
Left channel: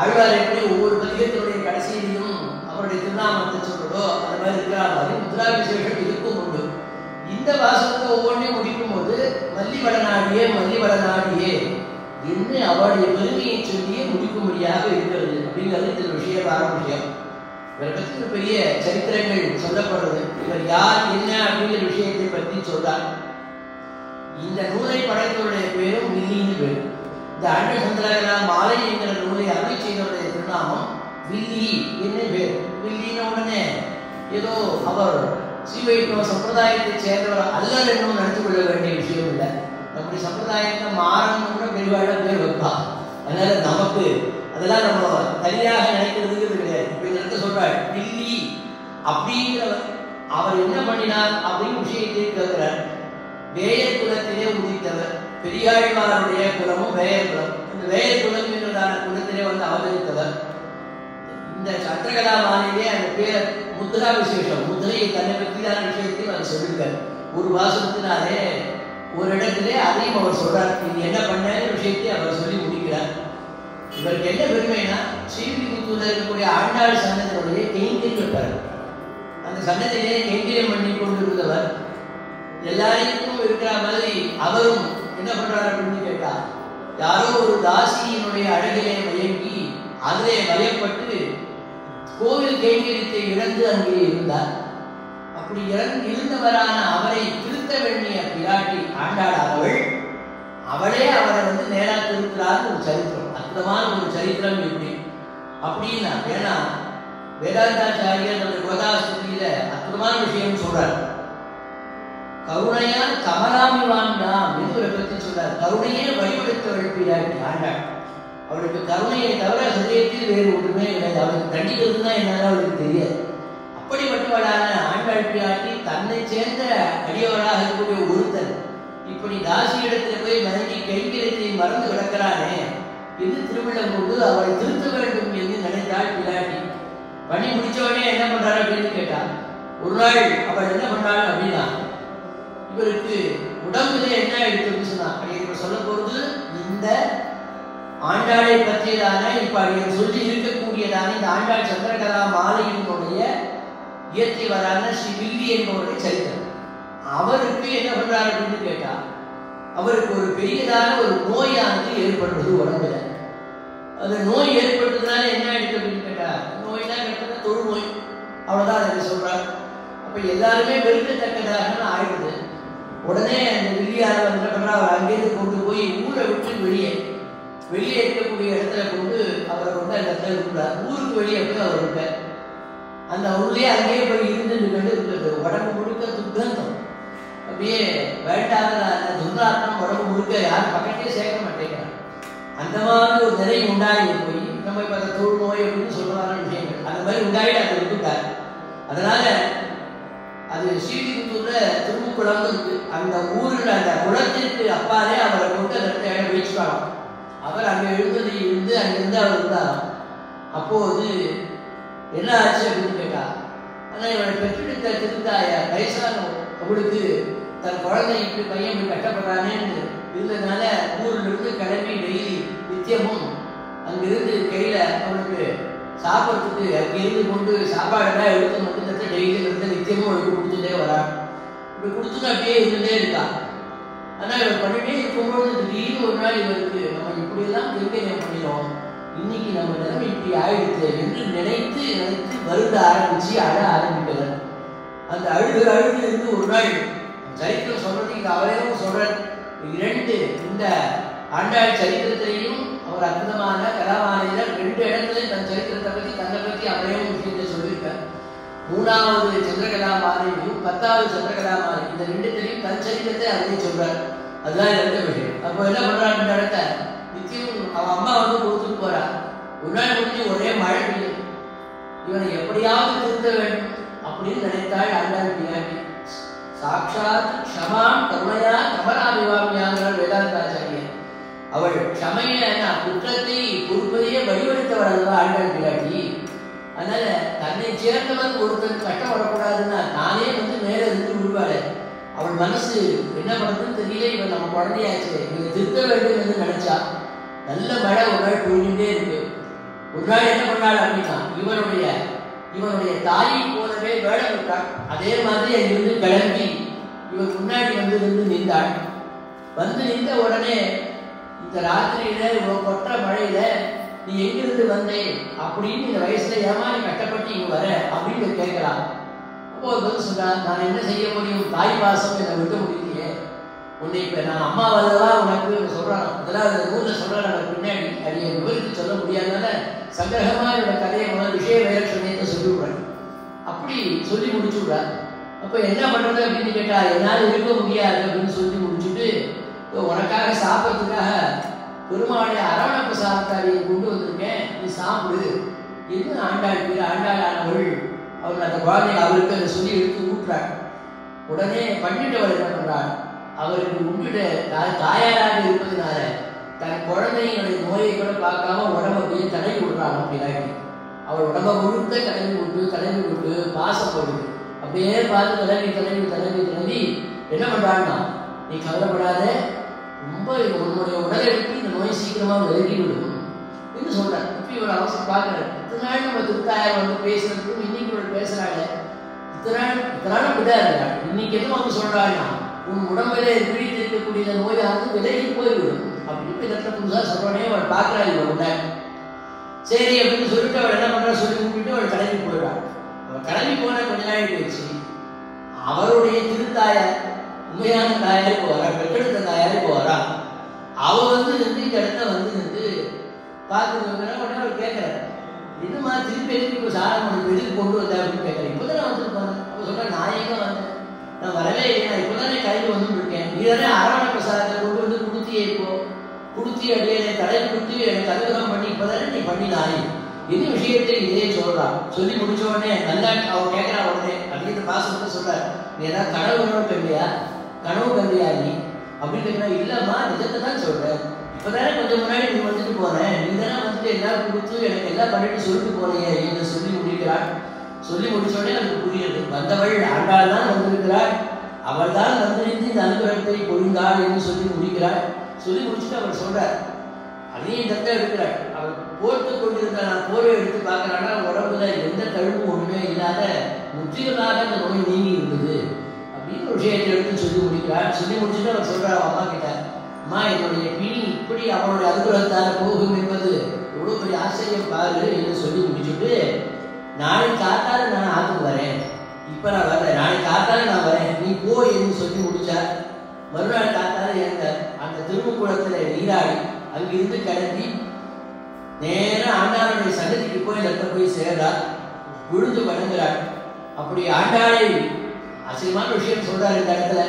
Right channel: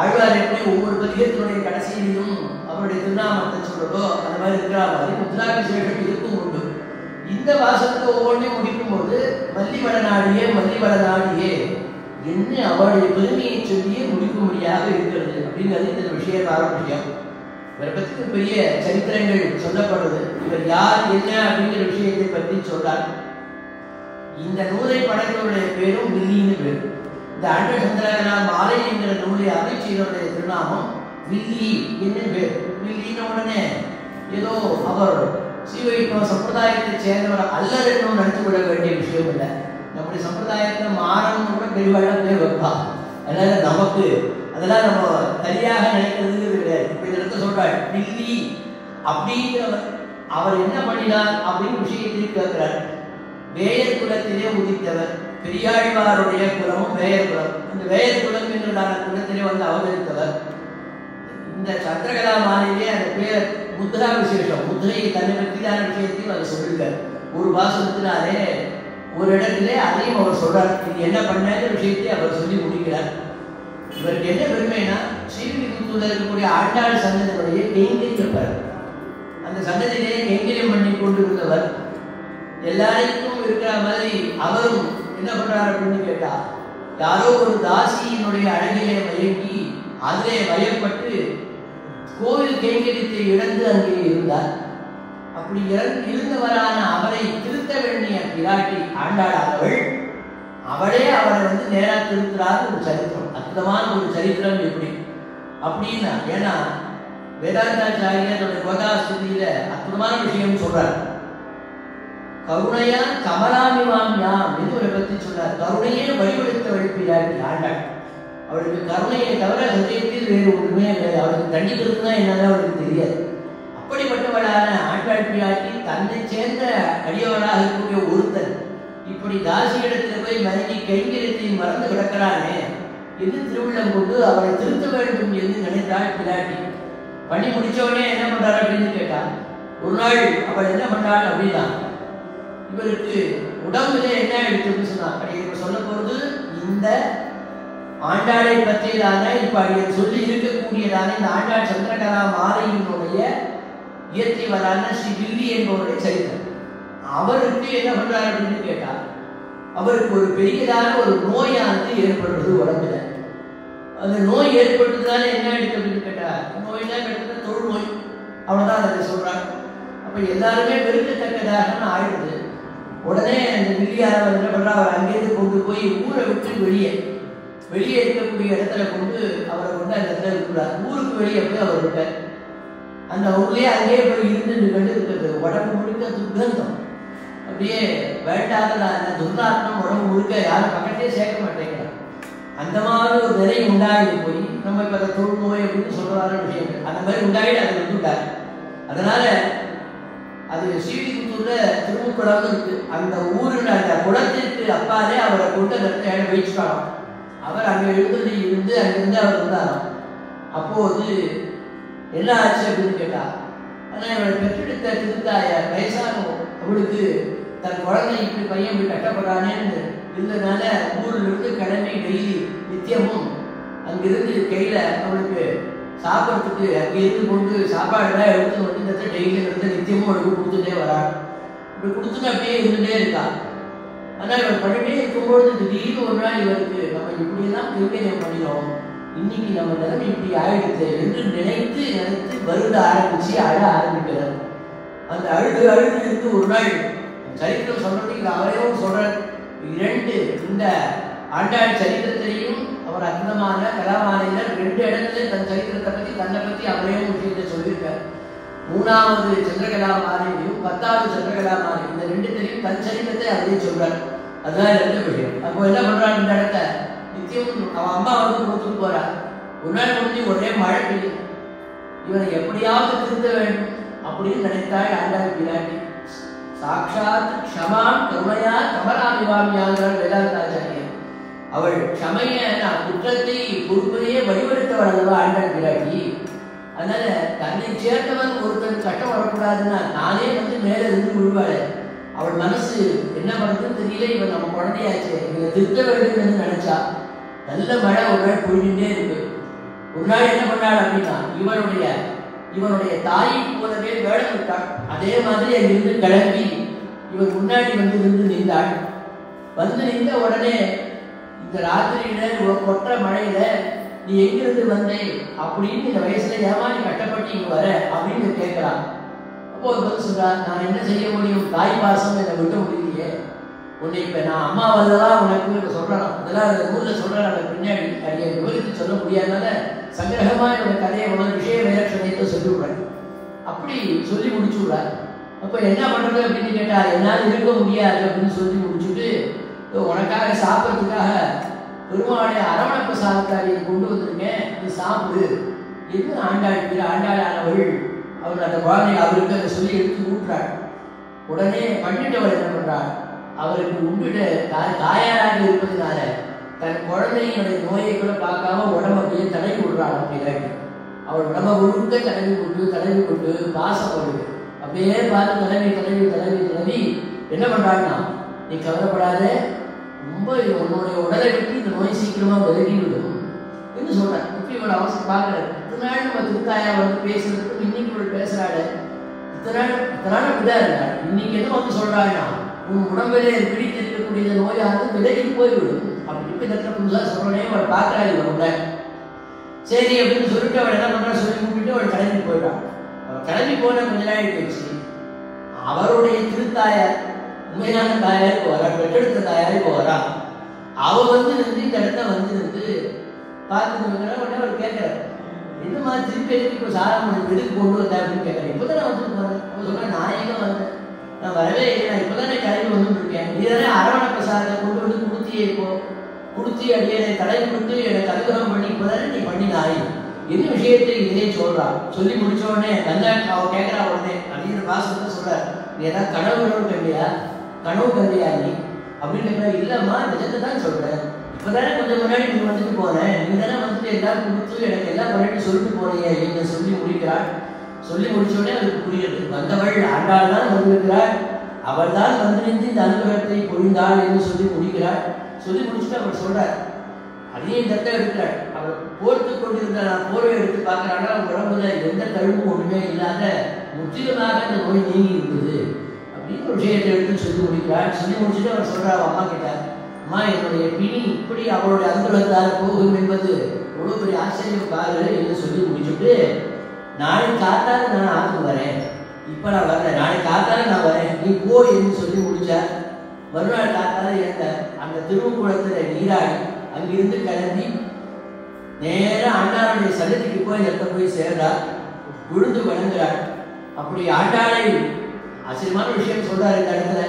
ஆழ்வார் எப்படி ஒவ்வொரு பதிகத்தினுடைய கடைசியிலும் அவருடைய திருநாமத்தை சொல்றதோ அந்த மாதிரி இருக்கிறாங்க. முத்ரா விசேஷம் இதுக்கும் உண்டு. இந்த வாசகத்தை ஒவ்வொன்றையும் முடிக்கும் போது மல்லிவள நாடியே என்று அவருடைய பெருமையை சொல்லியே முடிக்கும்படியாக இருக்கிறது அப்படிங்கிறது இந்த விஷயமான விஷயம். இவரை பற்றி பெரிய சரித்திரங்கள் சொல்லப்படுறது. இவர் யார் என்ன அப்படிங்கிற விஷயத்தை பற்றி சொல்றார். இந்த நூலை படைத்தவருடைய பேரும் வில்லின்னு பேர். இந்த அண்ட சந்திரகலா மாலை என்கிற நூலை அமைச்சருடைய திருநாமம் வில்லி என்று பேர். வில்லின உடனே ஏதோ அவர் ஸ்ரீவைஷ்ணவ சம்பிரதாயத்தை சேர்ந்தவர் அல்லர் என்னும் நடத்தி கொள்ள வேண்டிய விஷயம் இல்லை. நம்முடைய சம்பிரதாயத்தை மாறணும் கூட தெளிவாக பேர் வைக்கலாம். அதனால நமக்கு அதெல்லாம் நம்ம சரியாக நினைக்கிறது கிடையாது. இப்படி நடத்த சொல்றாள் வில்லி அப்படிங்கிறவர் அவர் என்ன பண்ணினார் அப்படின்னு விஷயத்தை கேட்கிறார். வேயர் குலத்திலே உதித்தவர். பெரியாழ்வாருடைய குலமும் வேயர் குலம். இந்த வேயர் குலம் என்றதான குலத்திலே வந்து அவதரித்தவர். இந்த சந்திரகலா மாலையிலே அந்த பேர் முத்ரா விசேஷம், முத்திரையை தன்னை பற்றியான விஷயத்தையும் அவர் சொல்லுகிறார். ஒரு வாசகத்தினாலே ஒரு இடத்திலே அதையும் அவர் சொல்றார். இது என்ன பண்ணாத விஷயத்தை அவர் சொல்லி முடிக்கிறார். இவருக்கு என்ன பெருமைனா, ஸ்ரீவில்லிபுத்தூர்ல இருக்கக்கூடிய ஆண்டாள் சன்னதியுடைய கைங்கரியம். அந்த சன்னதியிலே கைங்கரியம் பண்ணி கொண்டிருந்தவர். எல்லாருக்கும் இருக்கிற மாதிரி அவரும் என்ன பண்றாரு அப்படின்னு கேட்டா, யாரோ ஒரு தாசியினுடைய அழகிலே மயங்கி அதிலே மயப்பட்டு கோவில் கைங்கரியத்தை இழந்து அங்கே இருந்தார். அப்படி இருந்தவரான அவரை திருத்த வேண்டிய பிராட்டி ஆண்டாள் அவளே அவரை வந்து நேரா திருக்கிறார். ஒரு சரித்திரம், அற்புதமான ஒரு சரித்திரம். எப்படி அப்படின்னா, ஏன்னா வேதாந்தாச்சாரியர் நம்ம கோதாஸ்திரியில அற்புதமான விஷயம் சொல்றார். கருணையா கமலாமிவான்லாம் என்று ஒரு பற்றி சொல்றார். கருணையே வழிபடுத்தவள் பிராட்டி ஆண்டாள். அவளுக்கு கருணையை தவிர ஹிருதயத்தில் வேறு ஒன்றுமே இல்லை. அவளுக்கு தண்டிக்கிறதுனா என்னன்னு அவளுக்கு தெரியாது. அப்படிப்பட்டவளான ஆண்டாள் பிராட்டி தன்னை சேர்ந்த அடியவளாக இருக்கக்கூடிய ஒருத்தர் இப்படி தாசி இடத்துல போய் மனைவி கைங்கரியத்தை மறந்து கிடக்கிறானே என்று திருவிழம் கொண்டு அவளை திருத்த வேண்டும் என்று நினைத்தாள் பிராட்டி. பணி முடிச்சோடனே என்ன பண்றாரு அப்படின்னு கேட்டா, ஒரு நாள் அவள் என்ன பண்றாள் அப்படின்னா, இவருக்கு உடம்புல என்ன எடுத்துன்னு சொன்னா. இப்ப சொல்ல போறது இந்த ஆண்டாளை பற்றியதான இப்ப சொல்லி இருக்கக்கூடியதான இந்த ஆண்டாள் சந்திரகலா மாலையினுடைய இயற்றியவரான ஸ்ரீ வில்லி என்பவருடைய சரித்திரம். அவருக்கு என்ன பண்றாரு அப்படின்னு கேட்டா, அவருக்கு ஒரு பெரியதான ஒரு நோயானது ஏற்படுறது உடம்புல. அந்த நோய் ஏற்பட்டதுனால என்ன ஆயிடுச்சு அப்படின்னு கேட்டா, நோய் தான் கேட்டா தொழு நோய், அவ்வளவுதான் அதை சொல்றாங்க. அப்ப எல்லாருமே வெறுக்கத்தக்கதாக ஆயிடுது. உடனே அந்த வில்லியாரவர் என்ன பண்றா, அவர் அங்கேயிருந்து கொண்டு போய் ஊரை விட்டு வெளியே இருக்கக்கூடிய இடத்துல கொண்டு அவரை கொண்டு அந்த இடத்துல இருக்கிறார். ஊருக்கு வெளியே போய் அவர் இருக்கார். அந்த ஊர்லயே அங்கேயே போய் இருந்து இருக்கிறது. உடம்பு முழுக்க துர்கந்தம், அப்படியே வேண்டாத அந்த துர்நாற்றம் உடம்பு முழுக்க யாரும் பக்கத்தையே சேர்க்க மாட்டேங்கிறார். அந்த மாதிரி ஒரு நிலை உண்டாகி போய் நம்ம இப்ப அந்த தொழு நோய் அப்படின்னு சொல்றாரு விஷயங்கள் அந்த மாதிரி உண்டாகி அதை விட்டுட்டார். அதனால அது ஸ்ரீவில்லிபுத்தூர்ல திருமுக்குளம் இருக்கு. அந்த ஊரில் அந்த குளத்திற்கு அப்பாலே அவரை கொண்டு அந்த இடத்துல வச்சுக்கலாம். அவர் அங்கே இருந்து அங்கிருந்து அவர் இருந்தார். அப்போது என்ன ஆச்சு அப்படின்னு கேட்டா, ஆனா இவரை பெற்றெடுத்த திருத்தாய வயசானவங்க அவளுக்கு தன் குழந்தை இப்படி பையன் இப்படி கட்டப்படுறானேன்னு இருந்ததுனால ஊரில் இருந்து கிளம்பி டெய்லி நித்தியமும் அங்கிருந்து கையில அவளுக்கு சாப்பிட்றதுக்கு அங்கே இருந்து கொண்டு சாப்பாடுலாம் எடுத்து மட்டும் டெய்லி இருந்து நித்தியமும் அவளுக்கு கொடுத்துட்டே வரான். இப்படி கொடுத்துட்டு அப்படியே இருந்துட்டே இருக்கா. ஆனா இவர் பண்ணிட்டே இருக்கும்போது திடீர்னு ஒரு நாள் இவருக்கு நம்ம இப்படியெல்லாம் கைங்கரியம் பண்ணினோம், இன்னைக்கு நம்ம நிலைமை இப்படி ஆயிடுச்சு என்று நினைத்து வருட ஆரம்பிச்சு அழ ஆரம்பிக்கிறார். அந்த அழுது இருந்து ஒரு நாள் சரித்திரம் சொல்றதுக்கு அவரையும் சொல்றார். இரண்டு இந்த ஆண்டாள் சரித்திரத்திலையும் அவர் அற்புதமான கலாமாலையில 2 இடத்துல தன் சரித்திரத்தை பத்தி தன்னை பத்தி அவரையும் விஷயத்தை சொல்லியிருக்கார். 3வது சந்திரகலாமாலையும் 10வது சந்திரகலாமாலை இந்த 2த்திலையும் தன் சரித்திரத்தை அவரே சொல்றார். அதுதான் 2 விஷயம். அப்ப என்ன பண்றாரு, இந்த இடத்த நித்தியம் அவன் அம்மா வந்து கொடுத்துட்டு போறா. ஒரு நாள் முடிஞ்சு ஒரே மழை பெய்யும். இவனை எப்படியாவது திருத்த வேண்டும் அப்படின்னு நினைத்தாள் ஆண்டாள் பிராட்டி. சாட்சாத் க்ஷமாம் கருணையா கமலாமிவாமியாங்கிறார் வேதாந்தாச்சாரியர். அவள் க்ஷமைய குற்றத்தை பொறுப்பதையே வழிபடுத்தவள் ஆண்டாள் பிராட்டி. அதனால தன்னை சேர்ந்தவன் ஒருத்தன் கஷ்டம் வரக்கூடாதுன்னா நானே வந்து மேல இருந்து விடுவாள். அவள் மனசு என்ன பண்றதுன்னு தெரியல. இவன் நம்ம குழந்தையாச்சு, இவங்க திருத்த வேண்டும் என்று நினைச்சா நல்ல மழை ஒரு நாள் பொழிஞ்சுட்டே இருக்கு. ஒரு நாள் என்ன பண்ணாள் அப்படின்னா, இவனுடைய தாயை போலவே வேலை விட்டான். அதே மாதிரி அங்கிருந்து கிளம்பி இவன் முன்னாடி வந்து நின்றாள். வந்து நின்ற உடனே இந்த ராத்திரியில கொற்ற மழையில நீ எங்கிருந்து வந்தே அப்படின்னு இந்த வயசுல ஏமா நீ கட்டப்பட்டு இங்க வர அப்படின்னு கேட்கிறான். அப்போ ஒரு பதில் சொல்றான், நான் என்ன செய்ய முடியும், தாய் பாசம் என்னை விட முடியலையே, உன்னை இப்ப நான் அம்மாவாதவா உனக்கு சொல்றான். அதெல்லாம் அந்த ஊர்ல சொல்றான். பின்னாடி அடியை விவரித்து சொல்ல முடியாதனால சங்கிரகமா என்னோட கதையை விஷய வேட்சணையத்தை சொல்லிவிடுறாங்க. அப்படி சொல்லி முடிச்சு விடுறாங்க. அப்ப என்ன பண்றது அப்படின்னு கேட்டா, என்னால இருக்க முடியாது அப்படின்னு சொல்லி முடிச்சுட்டு உனக்காக சாப்பிட்றதுக்காக பெருமாளை அரவணப்பு சாப்பிட்டாரியை கொண்டு வந்திருக்கேன், அது சாப்பிடு என்று ஆண்டாள் அவள் அந்த குழந்தைய அவருக்கு அதை சொல்லி எடுத்து ஊட்டுறாள். உடனே பண்ணிட்டவள் என்ன பண்றாள், அவருக்கு உண்டுட தாயாராக இருப்பதனால தன் குழந்தையினுடைய நோயை கூட பார்க்காம உடம்பு அப்படியே தடவி விடுறாள். அப்படின்னாடி அவள் உடம்ப முழுக்க தடவி கொண்டு பாசப்படுது. அப்படியே பார்த்து தடவி என்ன பண்றான்னா, நீ கவலைப்படாத, ரொம்ப உன்னுடைய உடலை விட்டு இந்த நோய் சீக்கிரமா விலகி விடும் என்று சொல்றேன். இப்ப இவன் அவசரம் பார்க்கற இத்தனை நாள் நம்ம திருத்தாயார் வந்து பேசுறதுக்கும் இன்னைக்கு இவள் பேசுறாள். இத்தனை நாள் விடாது. இன்னைக்கு என்ன வந்து சொல்றாங்கன்னா, உன் உடம்பிலே பிடித்திருக்கக்கூடிய நோயானது விலகி போய்விடும். அப்படி இப்ப இடத்துல புதுசா சொல்றனே அவள் பார்க்கறாள். இவங்க சரி அப்படின்னு சொல்லிட்டு அவள் என்ன பண்றா, சொல்லி கூப்பிட்டு அவள் கிளம்பி போயிட்டாள். அவள் கிளம்பி போன கொஞ்ச நாள் போயிடுச்சு. அவருடைய திருத்தாயார் உண்மையான தாயாருக்கு வரா, பெற்றெடுத்த தாயாருக்கு வரா. அவ வந்து நின்று இந்த இடத்துல வந்து நின்று பார்த்துட்டு அவர் கேட்கிறார், இது மாதிரி திருப்பி எதுக்கு சாரம் எதுக்கு கொண்டு வந்தேன் அப்படின்னு கேட்கிறேன். இப்பதானே வந்துருக்கேன். அவ சொல்ற, நான் எங்க வந்து நான் வரவே இல்லை, இப்பதானே கிளம்பி வந்து இருக்கேன். நீதானே அரவண பிரசாதத்தை கொண்டு வந்து கொடுத்தியே, இப்போ கொடுத்தி அடியை தடை கொடுத்து எனக்கு அனுகிரகம் பண்ணி இப்பதானே நீ பண்ணினாய். எந்த விஷயத்தை இதே சொல்றான். சொல்லி முடிச்ச உடனே நல்லா அவ கேட்கிறா. உடனே அப்படின்னு பாசம் வந்து சொல்ற, நீ ஏதாவது கனவு கண்டியா நீ அப்படின்னு கேட்கிறா. இல்லம்மா, நிஜத்தை தான் சொல்றேன். இப்பதானே கொஞ்சம் முன்னாடி நீ வந்துட்டு போனேன், நீ தானே வந்துட்டு எல்லாம் கொடுத்து எனக்கு எல்லாம் பண்ணிட்டு சொல்லிட்டு போனையே என்ன சொல்லி முடிக்கிறாள். சொல்லி முடிச்ச உடனே அதுக்கு புரியுது, வந்தவள் ஆண்டாள் தான் வந்திருக்கிறாள், அவள் தான் வந்து நின்று இந்த அனுகிரகத்தை பொழிந்தாள் என்று சொல்லி முடிக்கிறாள். சொல்லி முடிச்சுட்டு அவள் சொல்றார், அதே தத்தை இருக்கிறாள். அவள் போர்த்து கொண்டிருந்த போரை எடுத்து பார்க்கிறாள். உடம்புல எந்த தழுப்பு ஒன்றுமே இல்லாத முற்றிலுமாக அந்த நோய் நீங்கி இருந்தது அப்படின்னு ஒரு விஷயத்தை எடுத்து சொல்லி முடிக்கிறாள். சொல்லி முடிச்சுட்டு அவள் சொல்றா அம்மா கிட்ட, அம்மா என்னுடைய பிணி இப்படி அவளுடைய அனுகிரகத்தால் போகும் என்பது எவ்வளவு பெரிய ஆச்சரியம் பாரு என்று சொல்லி முடிச்சுட்டு, நாளை காத்தால நான் ஆத்துக்கு வரேன், இப்ப நான் வரேன், நாளை காத்தால நான் வரேன், நீ போ என்று சொல்லி முடிச்சார். மறுநாள் காத்தால அந்த திருமுக்குளத்தில் நீராடி அங்கிருந்து கிளம்பி நேரம் ஆண்டாளுடைய சன்னதிக்கு போய் சேர்றா, விழுந்து வணங்குறாள். அப்படி ஆண்டாளை ஆச்சரியமான விஷயம் சொல்றாரு இந்த இடத்துல.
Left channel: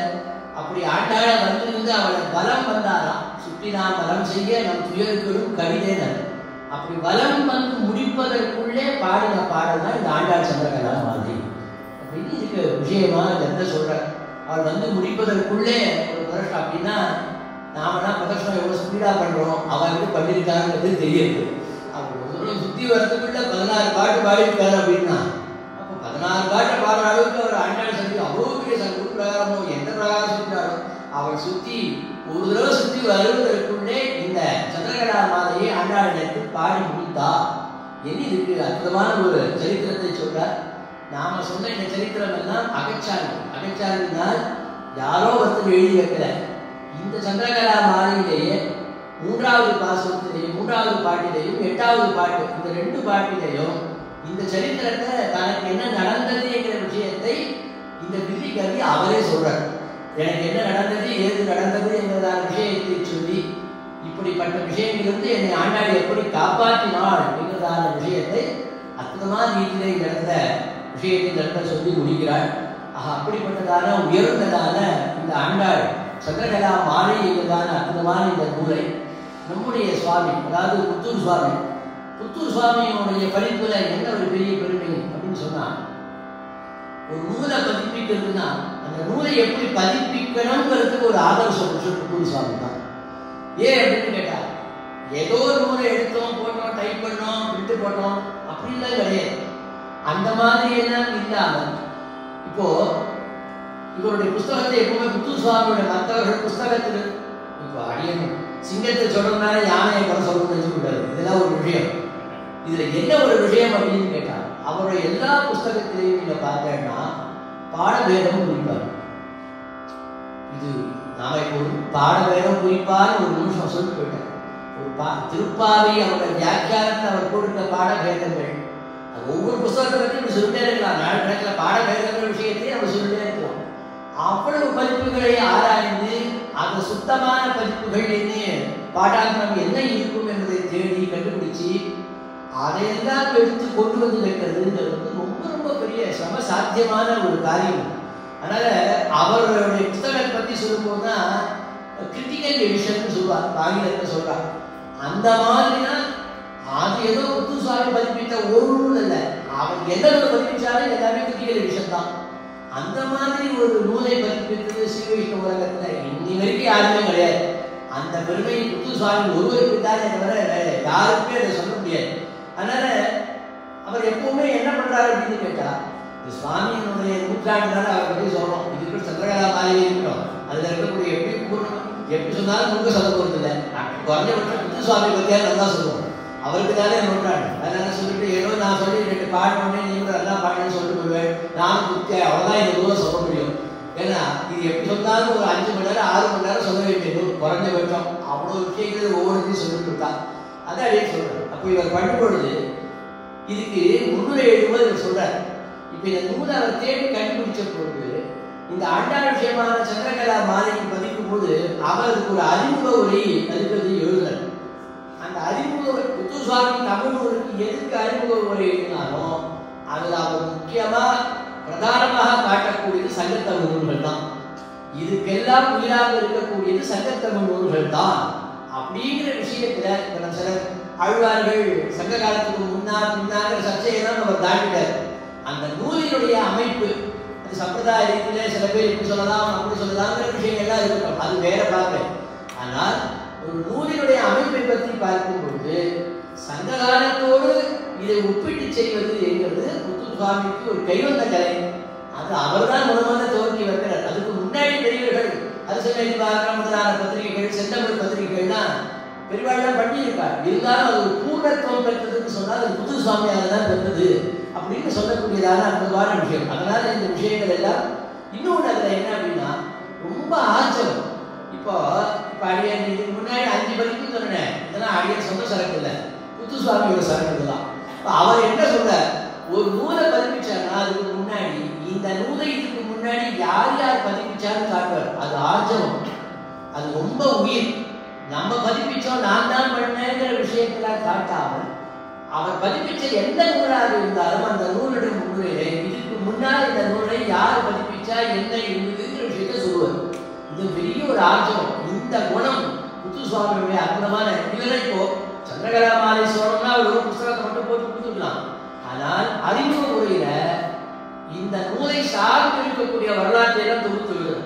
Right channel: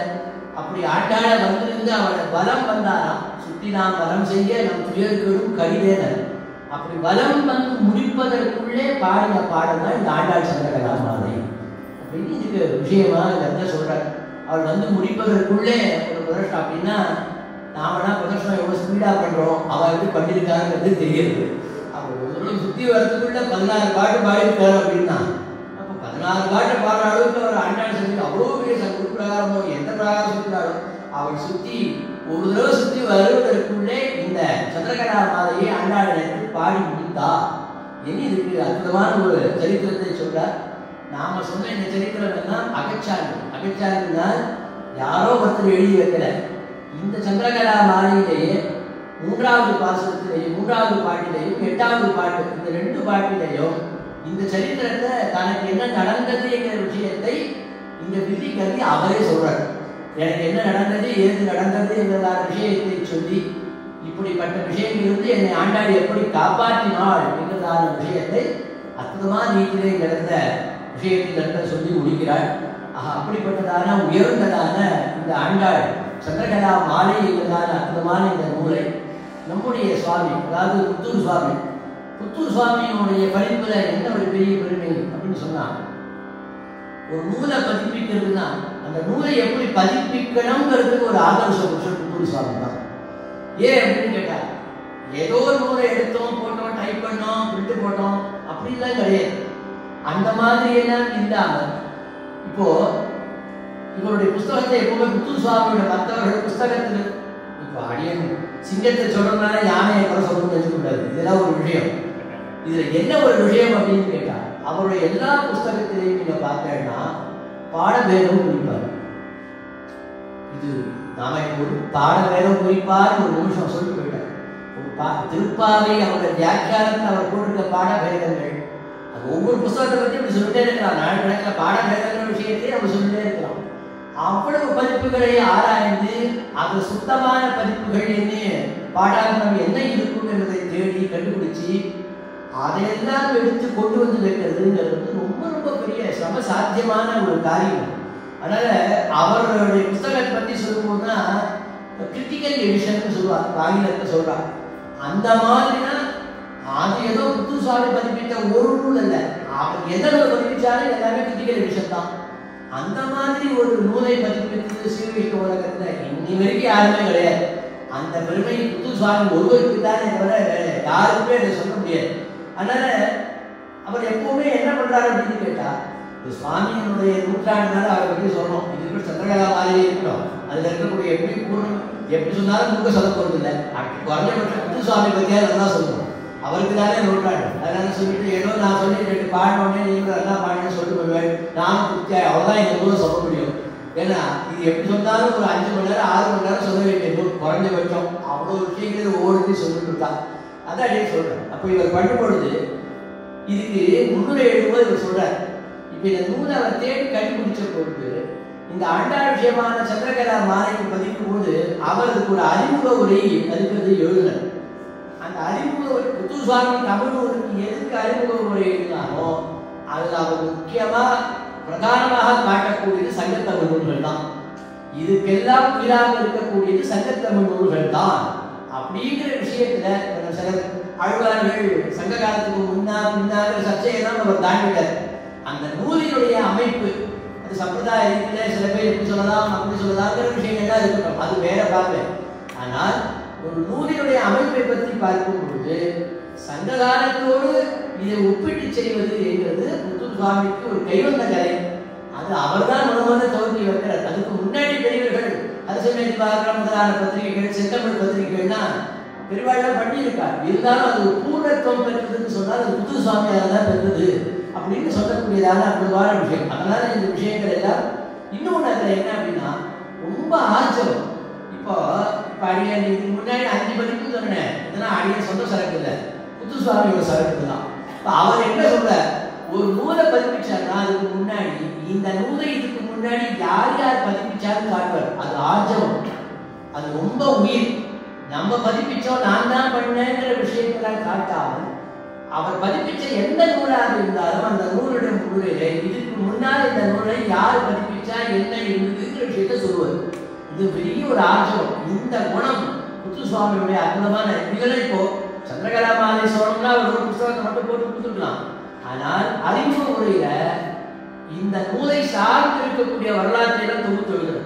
அப்படி ஆண்டாளை வந்திருந்து அவளை பலம் வந்தாராம். சுற்றி நாம் பலம் செய்ய நம் துயர்களும் கடிதேனர். அப்படி பலம் வந்து முடிப்பதற்குள்ளே பாடின பாடுதான் இந்த ஆண்டாள் சந்திரகலா மாலை அப்படின்னு இதுக்கு விஷயமா என்ன சொல்றார். அவள் வந்து முடிப்பதற்குள்ளே ஒரு பிரதர்ஷனம் அப்படின்னா நாம பிரதர்ஷனம் எவ்வளவு ஸ்பீடா பண்றோம், அவன் எப்படி பண்ணிருக்காங்கிறது தெரியுது. அப்போ சுத்தி வரத்துக்குள்ள 16 பாட்டு பாடிருக்காரு அப்படின்னா அப்போ 16 பாட்டு பாடுற அளவுக்கு அவர் ஆண்டாள் சொல்லி அவ்வளோ பெரிய பிரகாரமோ எந்த பிரகாரம் சொல்றாரோ அவள் சுத்தி ஒரு தடவை சுத்தி வருவதற்குள்ளே இந்த சந்திரகலா மாலையை ஆண்டாள் எடுத்து பாடி முடித்தா. இனி இதுக்கு அற்புதமான ஒரு சரித்திரத்தை சொல்றார். நாம சொன்ன இந்த சரித்திரம் எல்லாம் அகச்சாரினால் யாரோ ஒருத்தர் எழுதி வைக்கல. இந்த சந்திரகலா மாலையிலேயே 3வது பாசுரத்திலேயும் 3வது பாட்டிலேயும் 8வது பாட்டு இந்த 2 பாட்டிலேயும் இந்த சரித்திரத்தை தனக்கு என்ன நடந்தது என்கிற விஷயத்தை இந்த வில்லிக்கவி அவரே சொல்றார். எனக்கு என்ன நடந்தது, ஏது நடந்தது என்பதான விஷயத்தை சொல்லி இப்படிப்பட்ட விஷயங்களிலிருந்து என்னை ஆண்டாள் எப்படி காப்பாற்றினாள் என்பதான விஷயத்தை அற்புதமான ரீதியிலே நடந்த விஷயத்தை நடத்த சொல்லி முடிக்கிறாள். அப்படிப்பட்டதான உயர்ந்ததான இந்த ஆண்டாள் சந்திரகலா மாலை என்பதான அற்புதமான இந்த நூலை நம்முடைய சுவாமி, அதாவது புத்தூர் சுவாமியினுடைய படிப்புல என்ன ஒரு பெரிய பெருமை அப்படின்னு சொன்னா, ஒரு நூலை பதிப்பிக்கிறதுனா அந்த நூலை எப்படி பதிப்பிக்கணுங்கிறதுக்கு ஒரு ஆதர்சம் புத்தூர் சுவாமி தான். ஏன் அப்படின்னு கேட்டா, ஏதோ ஒரு நூலை எடுத்தோம், போட்டோம், டைப் பண்ணோம், பிரிண்ட் போட்டோம் அப்படின்லாம் கிடையாது. அந்த மாதிரி எல்லாம் இல்லாம இப்போ இவருடைய புஸ்தகத்தை எப்பவுமே புத்தூர் சுவாமியோட மற்றவர்கள் புஸ்தகத்தில் இப்போ அடியன் சிங்கத்தை சொல்லணும்னா யானையை கூட சொல்லணும்னு வச்சுக்கூடாது. இதெல்லாம் ஒரு விஷயம். இதுல என்ன ஒரு விஷயம் அப்படின்னு கேட்டா, அவருடைய எல்லா புஸ்தகத்திலையும் நீங்க பார்த்தேன்னா பாடபேதம் குறிப்பார். இது நாம இப்போ பாடபேதம் குறிப்பார் ஒரு நிமிஷம் சொல்லி போயிட்டார். திருப்பாவை அவருடைய வியாக்கியானத்தில் அவர் போட்டிருக்க பாடபேதங்கள் அது ஒவ்வொரு புஸ்தகத்தை பற்றி நம்ம சொல்லிட்டே இருக்கலாம். நாட்டில் பாடபேதங்கள் விஷயத்தையே நம்ம சொல்லிட்டே இருக்கலாம். அவ்வளவு பதிப்புகளை ஆராய்ந்து அந்த சுத்தமான பதிப்புகள் என்ன பாடாந்தம் என்ன இருக்கும் என்பதை தேடி கண்டுபிடிச்சு அதையெல்லாம் எடுத்து கொண்டு வந்து வைக்கிறதுங்கிறது ரொம்ப ரொம்ப பெரிய சம சாத்தியமான ஒரு காரியம். அதனால அவர்களுடைய புத்தகத்தை பற்றி சொல்லும்போதுனா கிரிட்டிக்கல் எடிஷன் சொல்லுவாங்க, ஆங்கிலத்தில் சொல்றாங்க. அந்த மாதிரினா அது ஏதோ புத்தூர் சுவாமி பதிப்பித்த ஒரு நூல் இல்லை, அவர் எந்த பதிப்பிச்சாலும் எல்லாமே கிரிட்டிக்கல் எடிஷன் தான். அந்த மாதிரி ஒரு நூலை பதிப்பித்து ஸ்ரீவிஷ்ணு உலகத்துல இன்னி வரைக்கும் யாருமே கிடையாது. அந்த பெருமை புத்தூர் சுவாமி ஒருவருக்கு தானே தவிர யாருக்குமே அதை சொல்ல முடியாது. அதனால அவர் எப்பவுமே என்ன பண்றாரு அப்படின்னு கேட்டா, இந்த சுவாமியினுடைய நூற்றாண்டு அவரை பற்றி சொல்லணும். இதுக்கு சந்திரகலா மாலையே இருக்கணும், அதுல இருக்கக்கூடிய எப்படி பூர்ணம் எப்படி சொன்னாலும் முக சொல்ல போறது இல்லை. குறைஞ்சபட்சம் புத்தூர் சுவாமி பத்தியா நல்லா சொல்லணும், அவருக்கு தானே நூற்றாண்டு. அதனால சொல்லிட்டு ஏதோ நான் சொல்லிட்டு பாடினோடனே நீங்க எல்லாம் பாடினு சொல்லிட்டு போயிடுவேன், நான் கொடுக்க அவ்வளோதான் இந்த ஊரை சொல்ல முடியும். ஏன்னா இது எப்படி சொன்னாலும் ஒரு 5 மணி நேரம் 6 மணி நேரம் சொல்ல வேண்டியது குறைஞ்சபட்சம். அவ்வளோ விஷயங்கள் ஒவ்வொருத்தையும் சொல்லிட்டு இருக்கான். அதான் அப்படியே சொல்றேன். அப்போ இவர் பண்ணும் பொழுது இதுக்கு முன்னுரை எழுதும்போது இவர் சொல்றாரு. இப்போ இந்த நூலை அவர் தேடி கண்டுபிடிச்ச பொழுது இந்த ஆண்டாள் விஷயமான சந்திரகலா மாலைக்கு பதிக்கும் போது அவருக்கு ஒரு அறிமுக உரை பதிப்பது எழுதினார். அந்த அறிமுக புத்தூர் சுவாமி தமிழ் நூலுக்கு எதுக்கு அறிமுக உரை எழுதினாலும் அதில் அவர் முக்கியமா பிரதானமாக காட்டக்கூடியது சங்கத்தமிழ் நூல்கள் தான். இதுக்கெல்லாம் உயிராக இருக்கக்கூடியது சங்கத்தமிழ் நூல்கள் தான் அப்படிங்கிற விஷயத்துல சில ஆழ்வார்கள் சங்க காலத்துக்கு முன்னாங்கிற சர்ச்சையெல்லாம் நம்ம தாண்டிட்டார். அந்த நூலினுடைய அமைப்பு அது சம்பிரதாய ரீதியில சில பேர் இப்படி சொல்லலாம் அப்படி சொல்லலாங்கிற விஷயங்கள்லாம் இருக்கணும், அது வேற பார்வை. ஆனால் ஒரு நூலினுடைய அமைப்பை பற்றி பார்க்கும் பொழுது சங்க காலத்தோடு இதை ஒப்பிட்டு செய்வது என்கிறது புத்தூர் சுவாமிக்கு ஒரு கைவந்த கலை. அது அவர் தான் முதல்ல துவக்கி வைக்கிறார். அதுக்கு முன்னாடி பெரியவர்கள் அரசியல் முதலான பத்திரிகைகள் செந்தமிழ் பத்திரிகைகள்லாம் பெரும்பாலும் பண்ணியிருக்கார். இருந்தாலும் அது ஒரு பூர்ணத்துவம் பெற்றதுன்னு சொன்னால் அது புத்தூர் சுவாமியால் தான் பெற்றது அப்படின்னு சொல்லக்கூடியதான அற்புதமான விஷயம். அதனால இந்த விஷயங்கள் எல்லாம் இன்னொன்று அதில் என்ன அப்படின்னா ரொம்ப ஆச்சரியம். இப்போ அடியான் இதுக்கு முன்னாடி 5 பதிப்பு சொன்னேன், இதெல்லாம் அடியான் சொந்த சரக்கு இல்லை, புத்தூர் சுவாமியோட சரக்கு தான். அவர் என்ன சொல்ற, ஒரு நூலை பதிப்பிச்சாருன்னா அதுக்கு முன்னாடி இந்த நூலை இதுக்கு முன்னாடி யார் யார் பதிப்பிச்சாருன்னு காட்டுவார். அது ஆர்ஜவம், அது ரொம்ப உயிர். நம்ம பதிப்பிச்சோம் நான் தான் பண்ணேங்கிற விஷயத்துல காட்டாமல் அவர் பதிப்பிச்ச எந்த நூலாக இருந்தாலும் அந்த நூலுடைய முன்னுரையில இதுக்கு முன்னால் இந்த நூலை யார் பதிப்பிச்சா என்ன இருந்ததுங்கிற விஷயத்த சொல்லுவார். இது பெரிய ஒரு ஆர்ஜவம். இந்த குணம் முத்துசுவாமியுடைய அற்புதமான இதெல்லாம். இப்போ சந்திரகலா மாலை சோழம்னா ஒரு புத்தகத்தை மட்டும் போட்டு கொடுத்துக்கலாம். ஆனால் அறிமுக முறையில இந்த நூலை சார்ந்து இருக்கக்கூடிய வரலாற்றை எல்லாம் தொகுத்து விடுறது.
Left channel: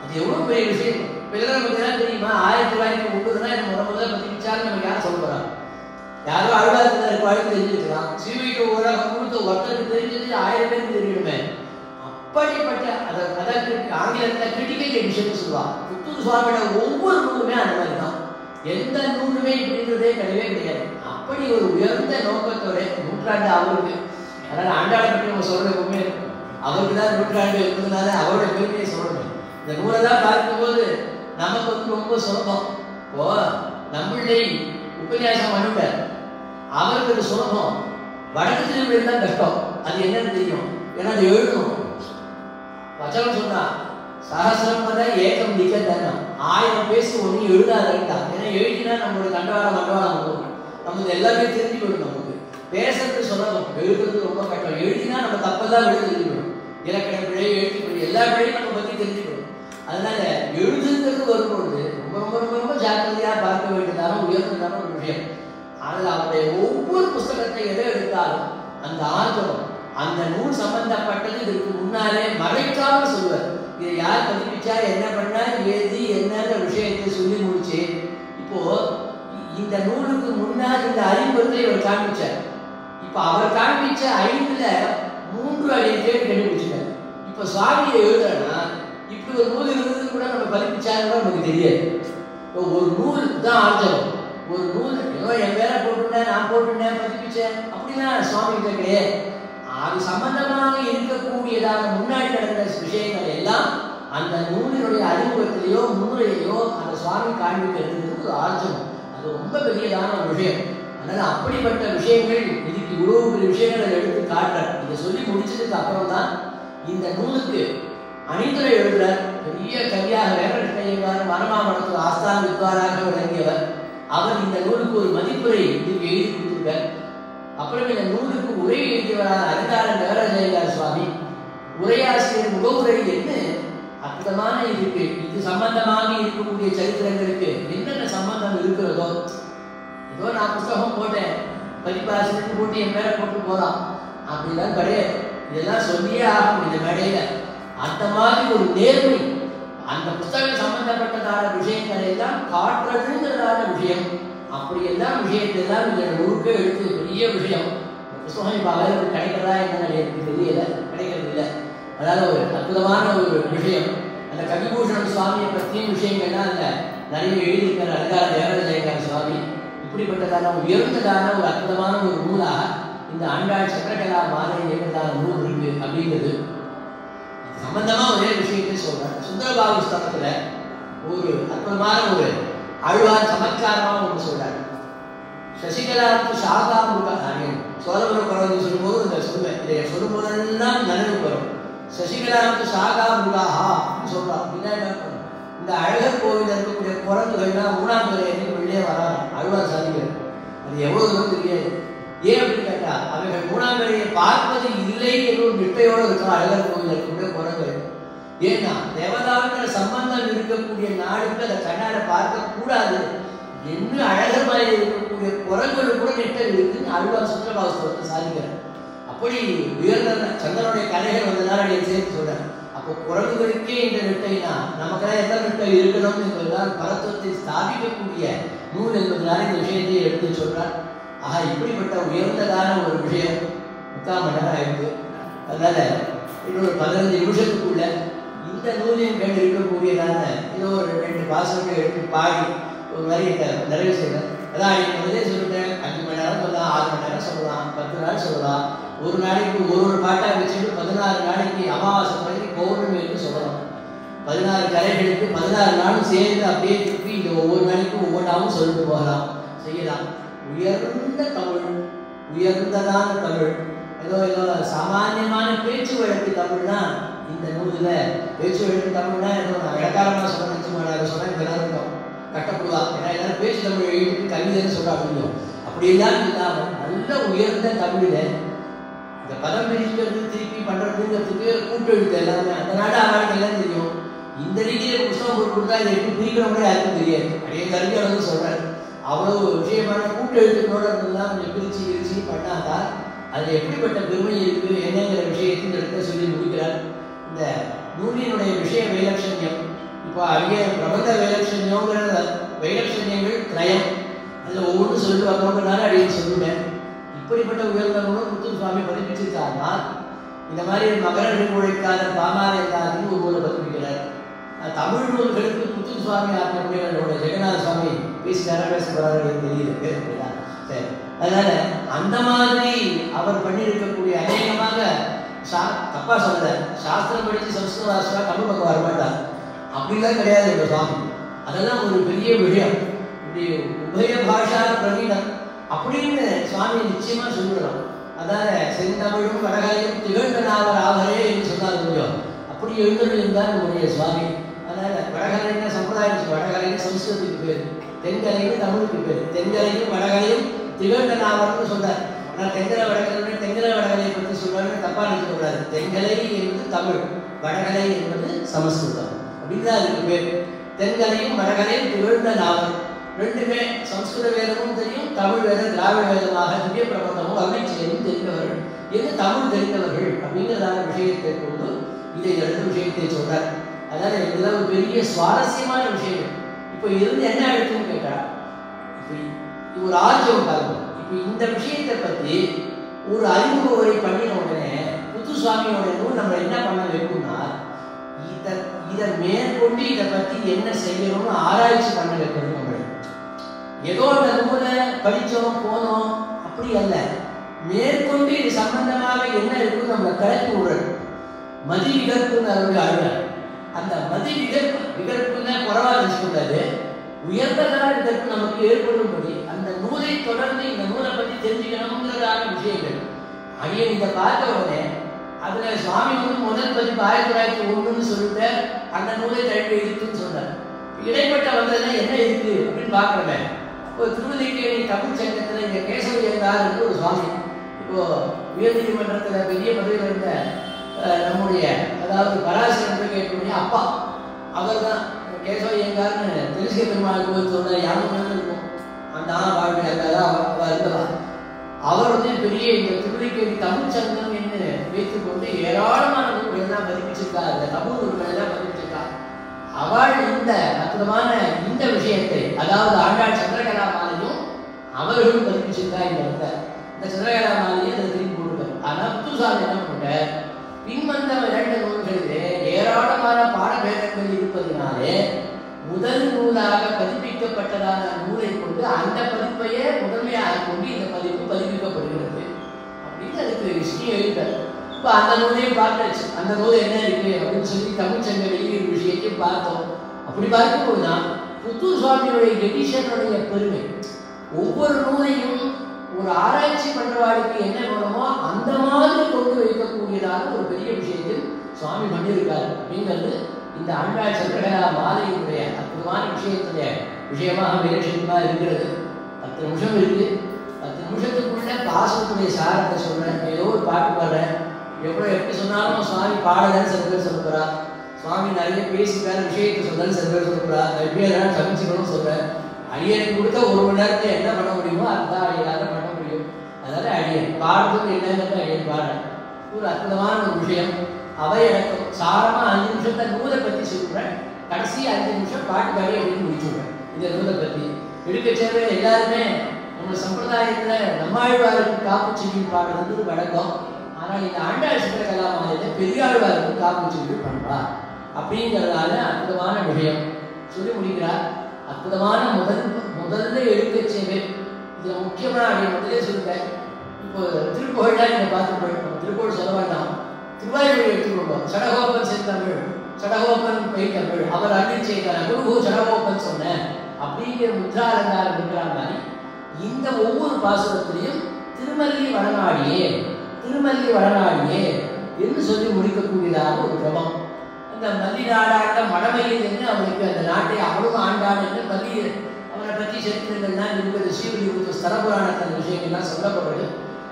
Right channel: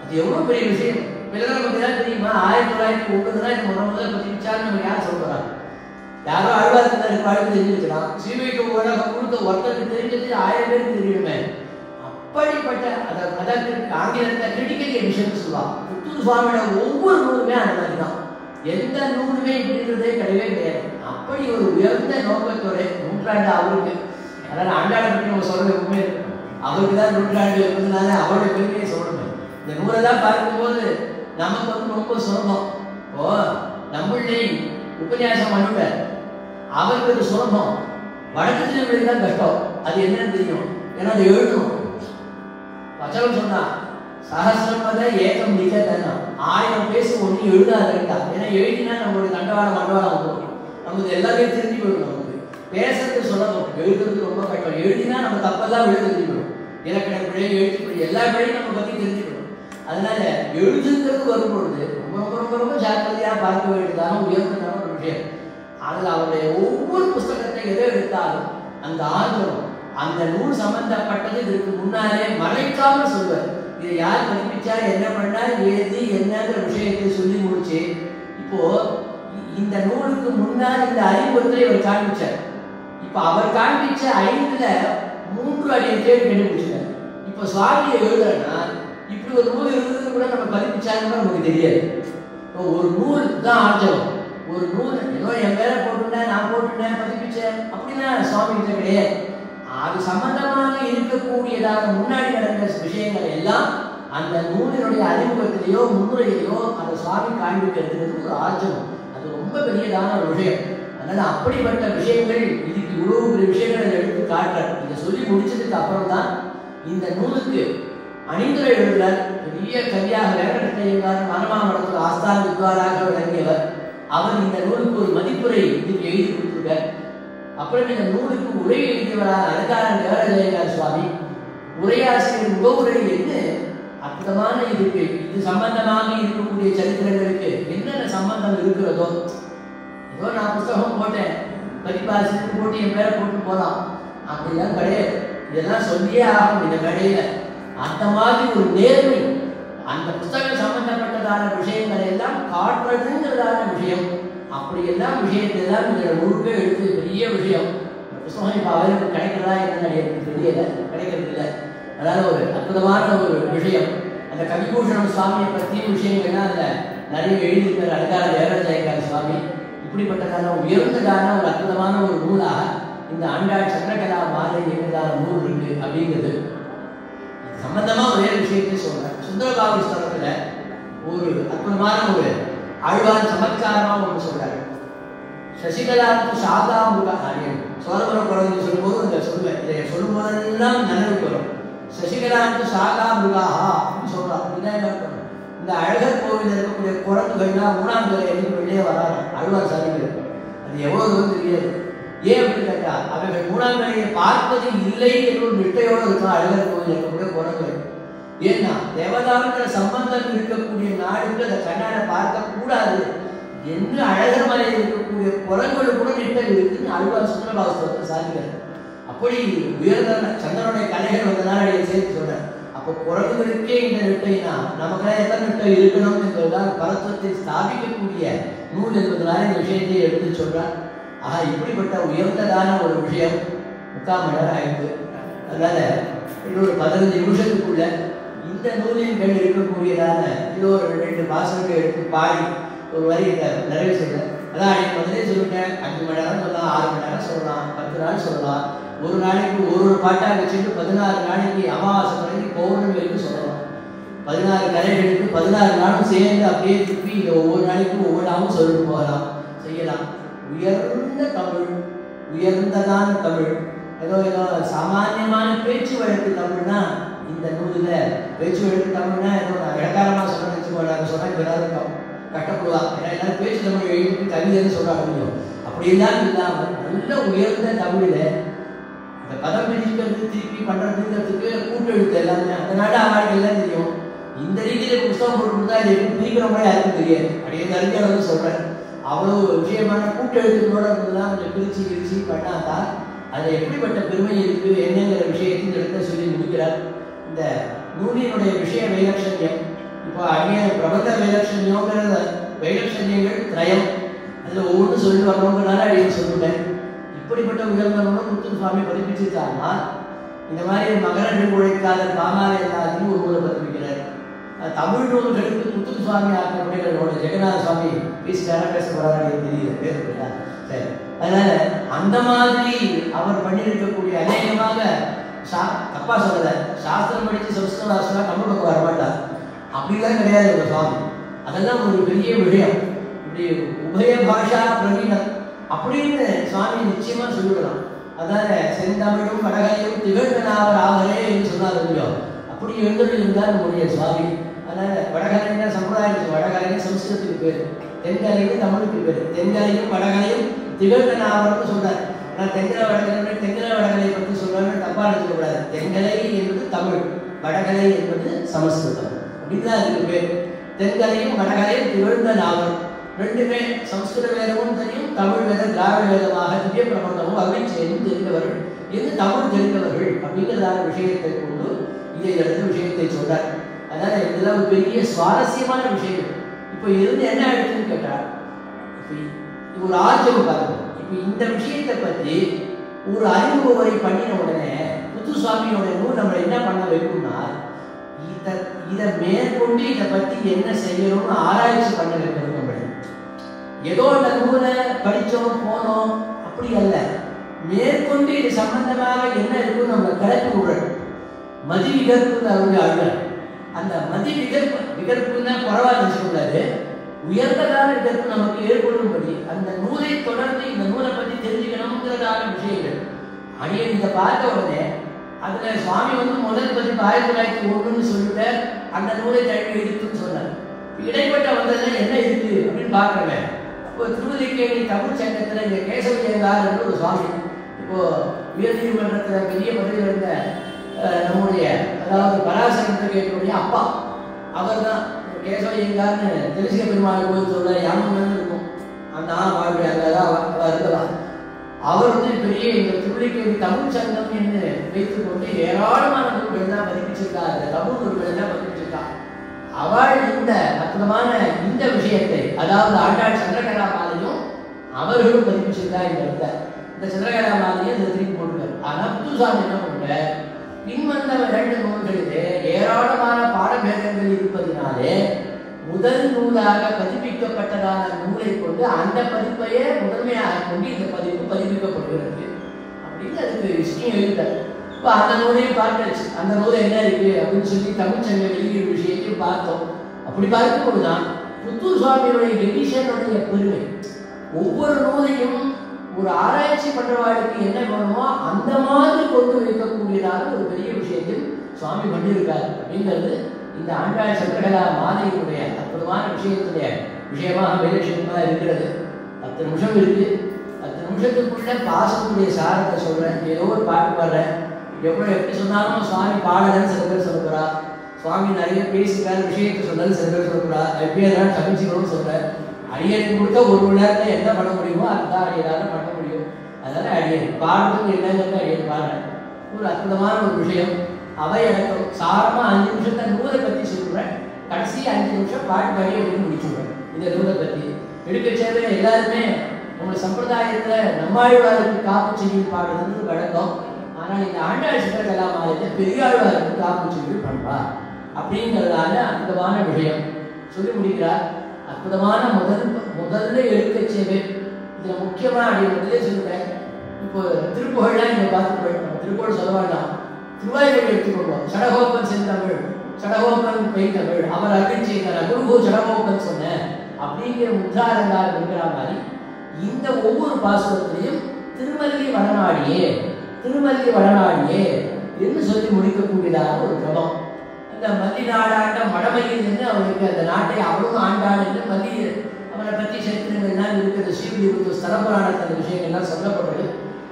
அது எவ்வளவு பெரிய விஷயம். பிறகு தெரியுமா 1909 இந்த முதல்ல பதிப்பிச்சாலும் நம்ம யார் சொல்றாங்க? யாரோ ஆழ்வார்த்தினர் வாழ்க்கை தெரிஞ்சிருக்கலாம். சீவைக்கு கொடுத்த ஒருத்தருக்கு தெரிஞ்சது 1000 பேருக்கு தெரியுமே. அப்படிப்பட்ட அதற்கு ஆங்கிலத்தில் கிரிட்டிக்கல் எடிஷன் சொல்லலாம். புத்தூர் சுவாமியோட ஒவ்வொரு நூலுமே அந்த மாதிரி தான். எந்த நூலுமே இப்படின்றதே கிடையவே கிடையாது. அப்படி ஒரு உயர்ந்த நோக்கத்தோட நூற்றாண்டு அவருக்கு. அதனால ஆண்டாளை பற்றி நம்ம சொல்றது எப்பவுமே அவருக்கு தான் நூற்றாண்டு இருந்ததுனால அவரோட பெருமையை சொல்லணும். இந்த நூலை தான் பார்க்கும்போது நமக்கு வந்து ரொம்ப சுலபம். ஓ நம்மளே உபன்யாசம் பண்ணுவார், அவருக்கு ஒரு சுலபம். வடக்கு திருமொழி தான் கஷ்டம். அது என்னன்னு தெரியும், ஏன்னா அது எழுதணும். வச்சவன் சொன்னா சகசிரம் பார்த்தா ஏக்கம் நிக்க தானே 1000 பேசி ஒண்ணு எழுதாதா. ஏன்னா எழுதினா நம்மளுடைய தண்டவாளம் மண்டவாளம் போகும். நமக்கு எல்லாமே தெரிஞ்சுக்கணும். நமக்கு பேசுறது சுலபம், எழுதுறது ரொம்ப கஷ்டம். எழுதினா நம்ம தப்பெல்லாம் எழுதிக்கணும். இலக்கண பிழை, எழுத்து பிழை, எல்லா பிழையும் நம்ம பத்தி தெரிஞ்சுக்கணும். அதனால எழுதுங்கிறது வரும்பொழுது ரொம்ப ரொம்ப ரொம்ப ரொம்ப ஜாக்கிரதையா பார்க்க வேண்டியதான உயர்ந்ததான ஒரு விஷயம். அதில் அவருடைய ஒவ்வொரு புத்தகத்தை எதை எடுத்தாலும் அந்த ஆர்வம் அந்த நூல் சம்பந்தப்பட்டது இதற்கு முன்னாலே மறைக்காம சொல்வார். இதை யார் பதிப்பிச்சா, என்ன பண்ணா, ஏது என்னங்கிற விஷயத்தை சொல்லி முடிச்சு இப்போ இந்த நூலுக்கு முன்னால் இந்த அறிமுகத்தை அவர் காண்பிச்சார். இப்ப அவர் காண்பிச்ச 5ல் 3 அடைய தேடி கண்டுபிடிச்சார். இப்ப சுவாமியை எழுதுறேன்னா இப்படி ஒரு நூல் இருந்தது கூட நம்ம பதிப்பிச்சாருன்னு நமக்கு தெரியாது. இப்போ ஒரு நூல் தான் ஆர்ஜவம். ஒரு நூல் ஏதோ என் பேரை போட்டுட்டேன், நான் போட்டுட்டேன், பதிப்பிச்சேன் அப்படின்னா சுவாமி கிட்ட கிடையாது. அது சம்பந்தமாக இருக்கக்கூடியதான முன்னாடி நடந்த விஷயங்கள் எல்லாம் அந்த நூலினுடைய அறிமுகத்திலேயோ முன்னுரையிலேயோ அந்த சுவாமி காண்பிக்கிறது ஒரு ஆர்ஜவம். அது ரொம்ப பெரியதான ஒரு விஷயம். அதனால அப்படிப்பட்ட விஷயங்கள் இதுக்கு இவ்வளவு பெரிய விஷயங்களை எடுத்து காட்டுறார். இதை சொல்லி முடிச்சதுக்கு அப்புறம் தான் இந்த நூலுக்கு அணிந்துரை எழுதுறார். பெரிய கவியாக வேங்கடக்கையர் மனமாமணத்தில் ஆஸ்தான வித்வாராக விளங்கியவர். அவர் இந்த நூலுக்கு ஒரு மதிப்புரை இதுக்கு எழுதி கொடுத்துருக்கார். அப்புறம் இந்த நூலுக்கு உரை எழுதியவரான அலங்காரம் தேவராஜ சுவாமி உரையாசிரியர் முகவுரை என்ன அற்புதமான இதுக்கு இது சம்பந்தமாக இருக்கக்கூடிய சரித்திரங்களுக்கு என்னென்ன சம்பந்தம் இருக்கிறதோ. ஏதோ நான் புத்தகம் போட்டேன், பதிப்பாசிரியர் போட்டு என் பேரை போட்டு போகலாம் அப்படிலாம் கிடையாது. இதெல்லாம் சொல்லியே ஆகும் இந்த மேடையில. அந்த மாதிரி ஒரு நேர்மை, அந்த புத்தகம் சம்பந்தப்பட்டதான விஷயங்களை எல்லாம் காட்டுறதுங்கிறதான விஷயம். அப்படி எல்லாம் விஷயத்தை தான் உங்களோட முழுக்க எடுத்து பெரிய விஷயம். புத்தகம் இப்போ அவருக்கு கிடைக்கிறதா என்னன்னு எனக்கு தெரியல, கிடைக்கிறது இல்லை. அதனால ஒரு அற்புதமான ஒரு விஷயம். அந்த கவிபூஷண சுவாமியை பற்றிய விஷயங்கள்லாம் அதில் நிறைய எழுதியிருக்கிற அலங்கார தேவராஜ சுவாமி. இப்படிப்பட்டதான உயர்ந்ததான ஒரு அற்புதமான ஒரு நூலாக இந்த ஆண்டாள் சந்திரகலா மாலை என்பதான நூல் இருக்கு அப்படிங்கிறது சம்பந்தமா ஒரே விஷயத்தை சொல்றேன். சுந்தரபாபு ஸ்தலத்துல ஒரு அற்புதமான ஒரு ஆழ்வார் சமத்காரமா ஒன்று சொல்றாரு. சசிகலாவுக்கு சாகாமுக காரியம் சோழபுரம் குழந்தை சொல்லும்போது இந்த சொல்லுவேன், இதை சொல்லும் போதெல்லாம் நினைவு வரும். சசிகலாவுக்கு சாகாமுகாஹா அப்படின்னு சொல்றான். இந்த அழகர் கோவில் இருக்கக்கூடிய குரங்குகள்லாம் 3ஆம் தலைவருக்கு வெளியே வராங்க அழ்வார் சாதிகள். அது எவ்வளவு தூரம் தெரியாது. ஏன் அப்படின்னு கேட்டா அவர்கள் 3ஆம் தலையை பார்ப்பது இல்லை என்ற ஒரு நிட்டையோடு இருக்கும் அழகர் கோவில் இருக்கக்கூடிய குரங்குகள். ஏன்னா தேவதாங்கிற சம்பந்தம் இருக்கக்கூடிய நாடுகள் அதை கண்ணால பார்க்க கூடாது. என்ன அழகர் மலையில் இருக்கக்கூடிய குரங்குகள் கூட நிட்டை இருக்குன்னு அழ்வார் சுந்தரபாபு சாதிக்கிறார். அப்படி உயர்ந்த சந்திரனுடைய கலைகள் வந்தனால சேர்த்து சொல்றேன். அப்போ குரங்குகளுக்கே இந்த நிட்டைனா நமக்கெல்லாம் எத்தனை நிட்டை இருக்கணும் என்பதுதான் பலத்துவத்தை ஸ்தாபிக்கக்கூடிய நூல் என்பதனால இந்த விஷயத்தை எடுத்து சொல்றார். ஆஹா, இப்படிப்பட்ட உயர்ந்ததான ஒரு விஷயம் 3ஆம் இடம் ஆயிடுது. அதனால இன்னொரு 15 நிமிஷத்துக்குள்ள இந்த நூலின் மேல் இருக்கக்கூடியதான இது ஒரு 2 வாசகங்கள் எடுத்து பாடி ஒரு வரி நிறைவு செய்யறேன். அதான் முதலே சொல்லிட்டேன், 5 மணி நேரம் சொல்லலாம், 6 மணி நேரம் சொல்லலாம், 10 நாள் சொல்லலாம். ஒரு நாளைக்கு ஒரு பாட்டாக வச்சுட்டு 16 நாளைக்கு அமாவாசை நாளைக்கு பௌர்ணமிக்கு சொல்லலாம். 16 கலைகளுக்கு 16 நாளும் சேர்ந்து அப்படியே திருப்பி இந்த ஒவ்வொரு நாளைக்கும் ஒவ்வொன்றாவும் சொல்லிட்டு போகலாம், செய்யலாம். உயர்ந்த தமிழ், உயர்ந்ததான தமிழ், ஏதோ சாமானியமான பேச்சு வழக்கு தமிழ்னா இந்த நூலில் பேச்சு வழக்கு தமிழ்னா ஏதோ இலக்காரமாக சொன்ன எல்லாருக்கும் கட்டப்படுவாங்க. ஏன்னா எல்லாரும் பேச்சு தமிழ் எழுதி கவிதைன்னு சொல்ல முடியும். அப்படிலாம் இல்லாமல் நல்ல உயர்ந்த தமிழில் இந்த பதம் பிரிக்கிறது திருப்பி பண்ணுறதுங்கிறதுக்கு கூட்டெழுத்து எல்லாமே அந்த நாடு ஆளாட்கள் எல்லாம் தெரியும். இந்த ரீதியில் புத்தகம் போட்டு கொடுத்தா இது எப்படி பிரிக்கிற மாதிரி யாருக்கும் தெரியாது. அப்படியே கருவியாளர் சொல்கிறேன். அவ்வளோ விஷயமான கூட்டெழுத்துக்களோட இருந்ததுலாம் கொஞ்சம் பிரித்து பண்ணாதான் அதில் எப்படிப்பட்ட பெருமை இருக்குது என்னங்கிற விஷயத்தின் இடத்துல சொல்லி முடிக்கிறார். இந்த நூலினுடைய விஷய வைலட்சண்யம் இப்போ அங்கே பிரபந்த வைலட்சண்யங்கிற வைலட்சண்யங்கள் திரயம் அதில் ஒவ்வொன்றும் சொல்லி வரணுங்கிறனால அப்படின்னு சொல்லிட்டேன். இப்படிப்பட்ட உயர்ந்தவங்களும் முத்து சுவாமி பதிப்பிச்சிருக்காருன்னா இந்த மாதிரி மகர நெடுங்குழைக்காத பாமாலயத்தாதின்னு ஒரு நூலை பதிப்பிக்கிறார். தமிழ் நூல்களுக்கு முத்து சுவாமி ஆக்கப்பட்டவர்களோட ஜெகநாத சுவாமி பேச போறாரு தெரியுது. சரி, அதனால அந்த மாதிரி அவர் பண்ணியிருக்கக்கூடிய அநேகமாக தப்பா சொல்ல சாஸ்திரம் படித்து சம்ஸ்கிருதாசனா தமிழ் பக்கம் வரமாட்டார். அப்படிலாம் கிடையாது ஒரு சுவாமி. அதெல்லாம் ஒரு பெரிய விஷயம். இப்படி உபய பாஷா பிரவீனம் அப்படின்னு சுவாமி நிச்சயமா சொல்லிடலாம். அதனால செந்தமிழும் வடகலையும் திகழ்ந்தனாவர் ஆகலே என்று சொன்னார் முடியும். அப்படி எழுந்திருந்தார் நம்முடைய சுவாமி. அதனால வடகலைன்னா சம்பிரதாயம், வடகலைன்னு சம்ஸ்கிருதத்துக்கு பேர், தென்கலையும் தமிழுக்கு பேர். தென்கலையும் வடகலையும் திகழ்ந்தனாவர்னு சொல்றாரு. ஆனால் தென்கலை வடகலையை பற்றி சொல்றாங்க, தப்பா நினைக்கக்கூடாது. தென்கலை என்பது தமிழ், வடகலை என்பது சமஸ்கிருதம். அப்படின்தான் அதுக்கு பேர். தென்கலையும் வடகலையும் திகழ்ந்த நாவல் ரெண்டுமே சமஸ்கிருத வேதமும் தெரியும், தமிழ் வேதம் திராவிட வேதமாக திவ்ய பிரபந்தமும் அருளை செய்தும் தெரிந்தவர்கள், எது தமிழ் தெரிந்தவர்கள் அப்படிங்கிறதான விஷயத்தை கொண்டு இதை எடுத்து விஷயத்தை சொல்றார். அதனால இதெல்லாம் ஒரு பெரிய சுவாரஸ்யமான விஷயம். இப்போ இருந்து என்ன எடுத்துன்னு கேட்டா, இப்போ ஒரு ஆச்சரியம் பாருங்க. இப்போ இந்த விஷயத்தை பற்றி ஒரு அறிமுக உரை பண்ணின உடனே புத்து சுவாமியோட நூல் நம்ம என்ன பண்ண வைக்கணும்னா, இதை மேற்கொண்டு இதை பற்றி என்ன செய்யணும்னு ஆராய்ச்சி பண்ண வைக்கணும். ஏதோ அந்த நூலை படித்தோம் போனோம் அப்படி அல்ல, மேற்கொண்டு இது சம்பந்தமாக என்ன இருக்குன்னு நம்ம கிளப்பி விடணும். மதி விகற்புன்னு அவங்க அழுவார். அந்த மதி விகற்புன்னா குறவா நினைச்சுக்கூடாது, உயர்ந்த கால விகற்பு நமக்கு ஏற்படும்படி அந்த நூலை தொடர்ந்து இந்த நூலை பற்றி தெரிஞ்சுக்கணுங்கிறதான விஷயங்கள் அடியே இந்த பார்த்த உடனே அதுல சுவாமி முதல் பதிப்பு 1901 சொல்லிட்டு அந்த நூலை தழுவி இருக்குன்னு சொன்னார். இடைப்பட்ட வந்ததுல என்ன இருக்கு அப்படின்னு பார்க்கறேன். இப்போ திருவதிக்கேணி தமிழ் சங்கத்துல இங்க கேசவய்யங்கார் ஒரு சுவாமி, இப்போ உயர்நீதிமன்றத்தில் பெரிய பதவியில் இருந்த நம்முடைய அதாவது பராசரனுடைய அப்பா அவர் தான் கேசவய்யங்கார்னு திருச்சிய பெருமாள் கோவிலோட யாமம் இருக்கும். அந்த வாழ்க்கை அங்கதான் இருக்கலாம். அவர் வந்து பெரிய இந்த திருவதிக்கேணி தமிழ் சங்கம் என்று வைத்துக் கொண்டு ஏராளமான நூல்கள் தான் பதிப்பிச்சிருக்காங்க, தமிழ் நூல்கள் தான் பதிப்பிச்சிருக்காங்க. அவள் இந்த அற்புதமான இந்த விஷயத்தை, அதாவது ஆண்டாள் சந்திரகலா மாலையும் அவர்களும் பதிப்பிச்சிருக்கா என்று இந்த சந்திரகலா மாலையை இந்த திருப்பி போட்டுவார். ஆனால் புத்துசாமி என்ன பண்ண பின்வந்த 2 நூல்களிலே ஏராளமான பாடபேதங்கள் இருப்பதனாலே முதல் நூலாக பதிப்பிக்கப்பட்டதான நூலை கொண்டு அந்த பதிப்பையே முதன்மையாக கொண்டு இந்த பதிப்பு பதிப்பிக்கப்படுகிறது அப்படின்னு அதுக்கு விஷயம் எழுதார். இப்போ அந்த நூலையும் பார்த்தாச்சு. அந்த நூல் என்ன இருக்கு அப்படின்னு சொல்லி தமிழ் சங்க எழுதிய விஷயத்தையும் பார்த்தோம். அப்படி பார்க்கும்போதுதான் புத்தூர் சுவாமியுடைய எடிஷனுடைய பெருமை. ஒவ்வொரு நூலையும் ஒரு ஆராய்ச்சி பண்றவாளுக்கு என்ன வேணுமோ அந்த மாதிரி கொண்டு வைக்கக்கூடியதான ஒரு பெரிய விஷயத்தில் சுவாமி பண்ணியிருக்காரு அப்படிங்கிறது இந்த ஆண்டாள் சந்திரகலா மாலையினுடைய அற்புதமான விஷயத்துடைய விஷயமாக விலட்சணமாக இருக்கிறது. 10 நிமிஷம் இருக்கு. 10 நிமிஷத்துக்குள்ள பாசத்துடைய சாரத்தை சொல்றேன். ஏதோ ஒரு பாட்டு பாடுறேன். எப்படி சொன்னாலும் சுவாமி பாடலன்னு சில பேர் சொல்ல போறா, சுவாமி நிறைய பேசிக்கான விஷயத்தை சொன்னாலும் சில பேர் சொல்ல போறா, எப்படி எல்லாம் சமைச்சுக்கணும்னு சொல்றேன். அடியனுக்கு கொடுத்த 1 மணி நேரத்துல என்ன பண்ண முடியுமோ அதுதான் அடியனால பண்ண முடியும். அதனால அடியன் பாடுறதுக்கு என்னங்கிறது அடியன் பாடுறேன். ஒரு அற்புதமான ஒரு விஷயம். அவை எனக்கு சாரமா 5 நிமிஷத்தை நூலை பத்தி சொல்றேன். கடைசி 5 நிமிஷம் பாட்டு பாடி அப்படின்னு முடிச்சுடுறேன். இந்த நூலை பத்தி எடுக்க சின்னவே எல்லாருமே நம்ம சம்பிரதாயத்துல நம்மாழ்வாருக்கு காப்பு செய்தி பாடுறதுன்னு வழக்கம். ஆனால் இந்த ஆண்டாள் சந்திரகலா மாலையில பெரியாழ்வாருக்கு காப்பு செய்தி பண்ணுவா அப்படிங்கிறதால அற்புதமான விஷயம் சொல்லி முடிக்கிறார். அற்புதமான முதல்ல எடுக்க செய்வேன். இதுல முக்கியமா அப்படி முதலே சொல்றேன். இப்போ திருப்புகழ்லாம் நீங்க பார்த்து திருப்புகழ் சொல்ல வேண்டாம், திருவாய்மொழி எடுத்துக்கொள்வோம். சடகோபன் செந்தமிழ், சடகோபன் பேய்தமிழ், அவர் அருள் செய்தார், குருகோ சடகோபன் சொன்ன அப்படிங்கிற முத்ராலங்காரம் இருக்கிற மாதிரி இந்த ஒவ்வொரு பாசுரத்திலையும் திருமலை வடமாடியே திருமல்லி வடநாடியே என்று சொல்லி முடிக்கக்கூடியதாக ஒரு கிரமம். அந்த மல்லி நாடாண்ட மடமையில் இருந்து அவனுக்கு அந்த நாட்டை அவளும் ஆண்டாண்டு மல்லி அவனை பற்றி சரித்திரங்கள்லாம் இருக்கிற ஸ்ரீவில்லிபுத்தூர் ஸ்தல புராணத்தில் அந்த விஷயங்கள்லாம் சொல்லப்படுறது.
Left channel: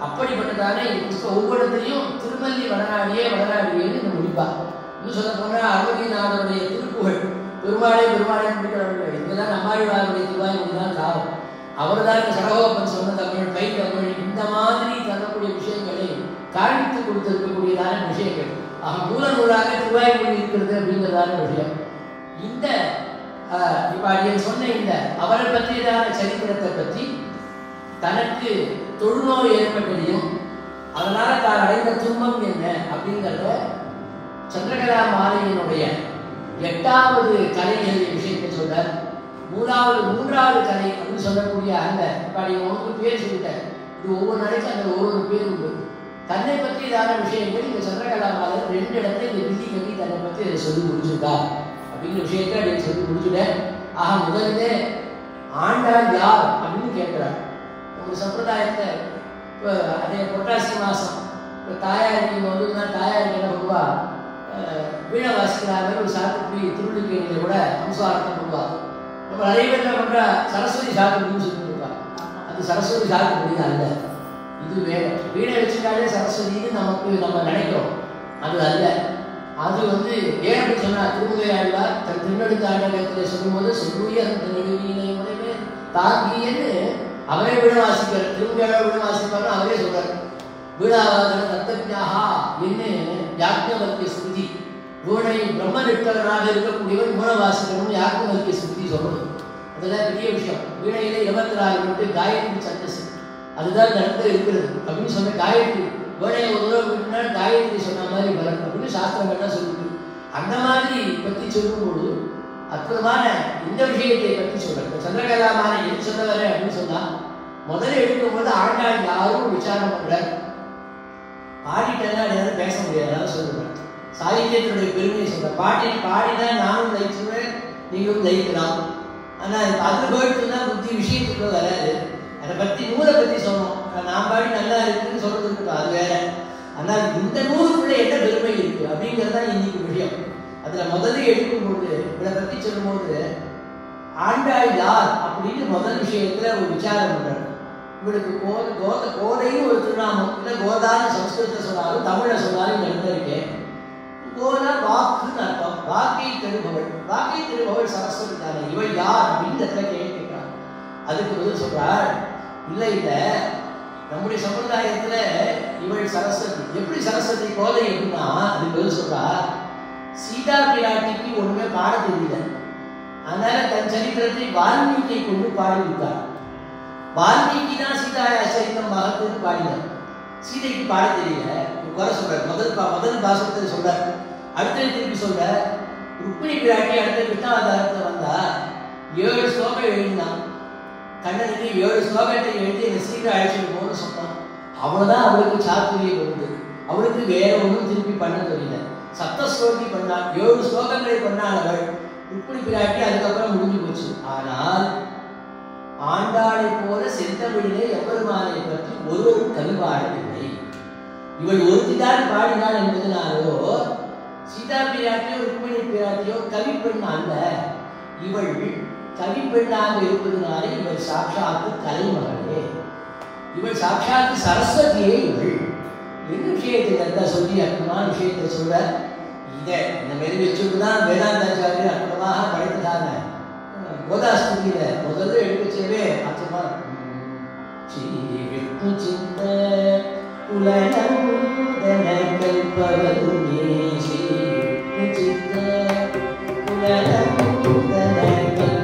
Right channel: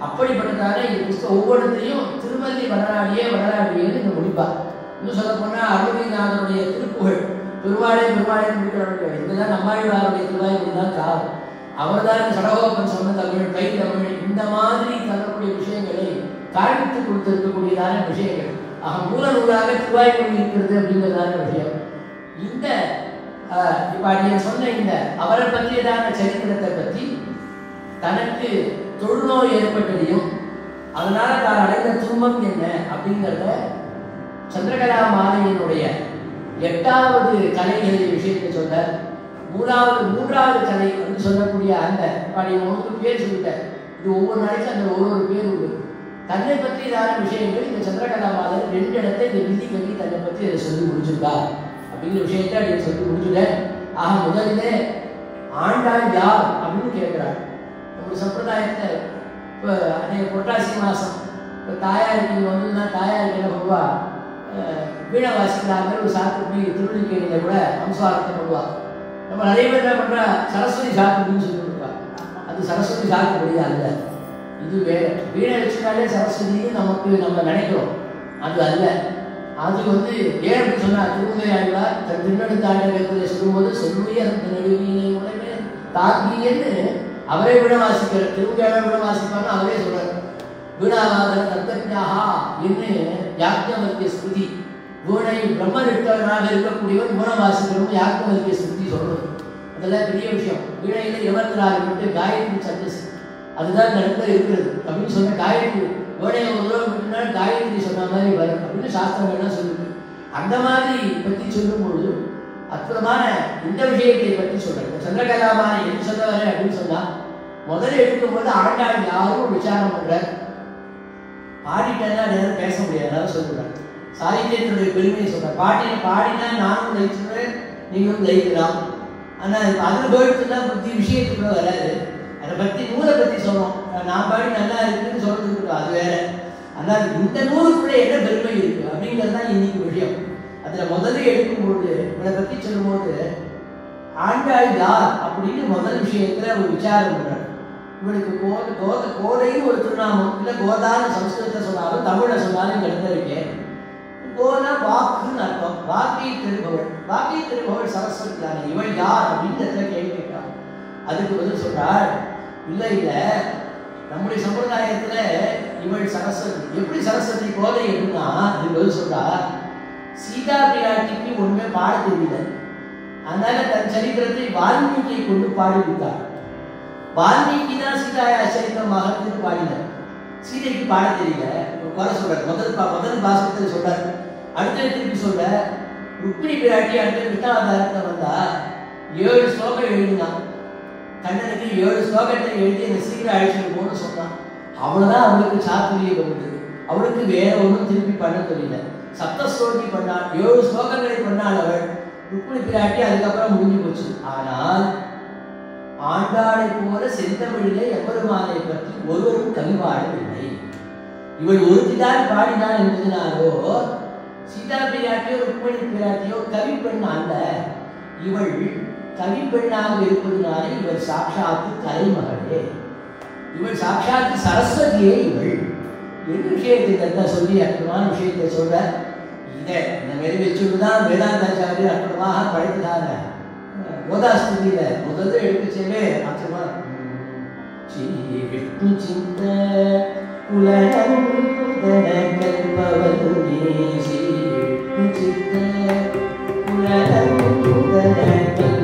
அப்படிப்பட்டதான இந்த புஸ்தகம் ஒவ்வொருத்தையும் திருமல்லி வடநாடியே வடநாடியேன்னு முடிப்பார். இன்னும் சொல்ல போனால் அருள்நாதனுடைய திருப்புகழ் பெருமாளே பெருமாளே முடிக்கிறவர்கள் இதுதான் நம்மாழ்வாருடைய திருவாயூர் தான் காலம். அவர் தான் சடகோபன் சொன்ன தமிழ் கை தமிழ் இந்த மாதிரி தரக்கூடிய விஷயங்களை காண்பித்து கொடுத்திருக்கக்கூடியதான விஷயங்கள். மூல நூலாக திருவாய்மொழி இருக்கிறது அப்படிங்கிறதான விஷயம். இந்த இப்ப நீங்க சொன்ன இந்த அவரை பற்றியதான சரித்திரத்தை பற்றி தனக்கு தொழுநோய் ஏற்பட்டதையும் அதனால தான் அடைந்த துன்பம் என்ன அப்படிங்கிறத சந்திரகலா மாலையினுடைய 8வது கலை விஷயத்தை சொல்ல மூன்றாவது கலை அப்படின்னு சொல்லக்கூடிய அந்த உங்களுக்கு பேர் சொல்லிட்டார். இது ஒவ்வொரு நாளைக்கும் அந்த ஒவ்வொரு பேர் உண்டு. தன்னை பற்றியதான விஷயங்கள் இந்த சந்திரகலா மாலை 2 இடத்தை இந்த விதி கல்வி தன்னை பற்றி அதை சொல்லி முடிச்சிருக்கா அப்படிங்கிற விஷயத்தை அப்படின்னு சொல்லி முடிச்சுட்டேன். முதல்ல ஆண்டாள் யார் அப்படின்னு கேட்கிறார். ஒரு சம்பிரதாயத்தை இப்போ அதே புரட்டாசி மாதம் இப்போ தாயாருக்கு முதல்ல தாயாருக்கு என்ன பண்ணுவா வீணை வாசிக்கிறாங்க. ஒரு சாத்துக்குடி திருவள்ளிக்கேணியில் கூட அம்சாரத்தை பண்ணுவா. நம்ம நிறைய பேர் என்ன பண்ணுறா சரஸ்வதி சாத்துக்குடின்னு சொல்லி கொடுப்பா. அது சரஸ்வதி சாத்துக்குடி அல்ல, இது வேற. வீணை வச்சுனாலே சரஸ்வதினு நம்ம நினைக்கிறோம், அது அல்ல. அது வேற எப்படி சொன்னா திருமங்கையாழ்வார் தன் திருநெடுந்தாண்டகத்தில் சொல்லும்போது சொல்லுவே அந்த நெடுவினை தாக்கியன்னு அவரே வீணை வாசிக்கிறார். திருமங்கையாளர் வீணை வாசிப்பாரு அவரே சொல்றாரு. வீணாவாதன தத்தஜாஹா என்று யாக்ஞவல்கிய ஸ்ருதி வீணை பிரம்மனிட்டவராக இருக்கக்கூடியவர் வீணை வாசிக்கணும் யாக்ஞவல்கிய ஸ்ருதி சொல்றது. அதெல்லாம் பெரிய விஷயம். வீணையில 24 மட்டும் காயத்ரி சந்தஸ் அதுதான் இந்த இடத்துல இருக்கிறது அப்படின்னு சொன்ன காயத்ரி வீணையை ஒரு தடவை விட்டுனாலும் காயத்ரி சொன்ன மாதிரி வரும் அப்படின்னு சாஸ்திரங்கள்லாம் சொல்லுது. அந்த மாதிரி பற்றி சொல்லும்பொழுது அற்புதமான இந்த விஷயத்தை பற்றி சொல்றேன். சந்திரகலாமானை என்ன சொல்ல வரேன் அப்படின்னு சொன்னா முதல்ல எடுக்கும்போது ஆண்டாள் யாரும் விசாரம் பண்ற பாடிட்டெல்லாம் நேரம் பேச முடியாது சொல்லுவேன். சாகித்யத்தினுடைய பெருமையை சொல்றேன். பாடினா நானும் ஜெயிச்சுவேன் நீங்களும் ஜெயிக்கலாம். ஆனால் அதில் போயிட்டுனா புத்தி விஷயத்துக்குள்ள வராது. அதை பற்றி நூலை பற்றி சொல்லணும். நான் பாடி நல்லா இருக்குன்னு சொல்றதுக்கு அது வேற. ஆனால் இந்த நூலுக்குள்ள என்ன பெருமை இருக்கு அப்படிங்கிறது தான் இன்னைக்கு விஷயம். அதில் முதல்ல எடுக்கும்போது இதை பற்றி சொல்லும்போது ஆண்டாள் யார் அப்படின்னு முதல் விஷயத்துல ஒரு விசாரம் பண்றாங்க. இவளுக்கு கோதைன்னு ஒரு திருநாமம் இல்லை கோதான்னு சம்ஸ்கிருதத்தை சொன்னாலும் தமிழை சொன்னாலும் இந்த இடத்துல இருக்கேன். கோனா வாக்குன்னு அர்த்தம். வாக்கை திருபவள். வாக்கை திருபவள் சரஸ்வதி தானே. இவள் யார் அப்படின்னு இடத்துல கேட்கிறாங்க. அதுக்கு பதில் சொல்றார் இல்லை இல்லை நம்முடைய சம்பிரதாயத்துல இவள் சரஸ்வதி. எப்படி சரஸ்வதி கோதை எப்படின்னா அதுக்கு பதில் சொல்றா சீதா பிராட்டிக்கு ஒண்ணுமே பாட தெரியல. அதனால தன் சரித்திரத்தை வால்மீகியை கொண்டு பாடிவிட்டார். வால்மீகி தான் சீதா சரித்திரம் மகத்துக்கு பாடினார். சீதைக்கு பாட தெரியல குறை சொல்றார். முதல் பாசத்தை சொல்றார். அடுத்த திருப்பி சொல்ற ருக்மிணி பிராட்டி அடுத்த கிருஷ்ணாவதாரத்தை வந்தா 7 ஸ்லோகம் எழுதினான். கண்ணனுக்கு 7 ஸ்லோகத்தை எழுதி அந்த சீக்கிரம் ஆயிடுச்சு போன்னு சொன்னான். அவ்வளவுதான் அவளுக்கு சாத்துரியம் வருது. அவளுக்கு வேற ஒன்றும் திருப்பி பண்ண தெரியல. சப்தஸ்லோகி பண்ணாள். 7 ஸ்லோகங்களை பண்ணாள் அவள் ருக்மிணி பிராட்டி. அதுக்கப்புறம் முடிஞ்சு போச்சு. ஆனால் ஆண்டாளை போல செந்தமிழிலே எம்பெருமானை பற்றி ஒருவரும் கவிபாடவில்லை. இவள் ஒருத்திதான் பாடினாள் என்பதனாலோ சீதா பிராட்டியோ ருக்மிணி பிராட்டியோ கவி பெண் அல்ல. இவள் கவி பெண்ணாக இருப்பதனாலே இவள் சாட்சாத்து கலைமகளே. இவள் சாட்சாத்து சரஸ்வதியே. இவள் என்ன விஷயத்தை சொல்லி அற்புதமான விஷயத்தை சொல்ற. இதை இந்த மாதிரி வச்சுதான் வேதாந்தாச்சாரியர் அற்புதமாக படைத்துதான கோதாஸ்துதியில முதல்ல எடுத்து செய்வே அர்த்தம். விஷ்ணு சிந்த உலகம் கல்பவதுமே விஷ்ணு சிந்த உலகம் கல்பவதுமே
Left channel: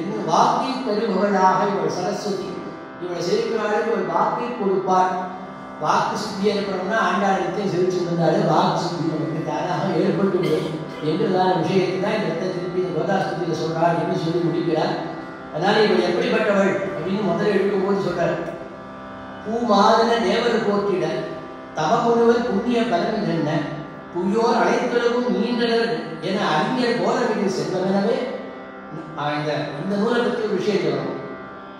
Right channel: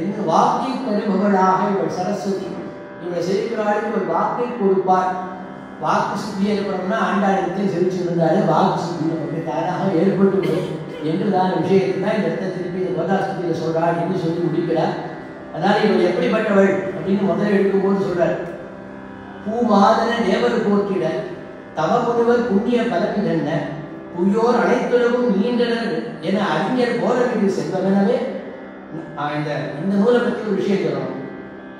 என்று வாக்கை தருபவளாக இவள் சரஸ்வதி. இவளை செலுக்கிறாளுக்கு ஒரு வாக்கை கொடுப்பார். வாக்கு சித்தி ஏற்படணும்னா ஆண்டாளத்தை செலுத்திருந்தாலே வாக்கு சித்தி நமக்கு தாராக ஏற்பட்டு என்று நான் விஷயத்தை தான் இந்த இடத்தை திருப்பி இந்த கோதாசத்தில் சொல்றாள் என்று சொல்லி முடிக்கிறார். அதனால இவள் எப்படிப்பட்டவள் அப்படின்னு முதல்ல எடுக்கும்போது சொல்றார். பூமாதன தேவர் போற்றிட தவமுழுவர் புண்ணிய பலன் என்ன புயோர் அனைத்துலகும் நீண்டனர் என அறிஞர் போதவிட்டு செல்வனவே. இந்த நூலை பற்றி ஒரு விஷயத்தை வரும்.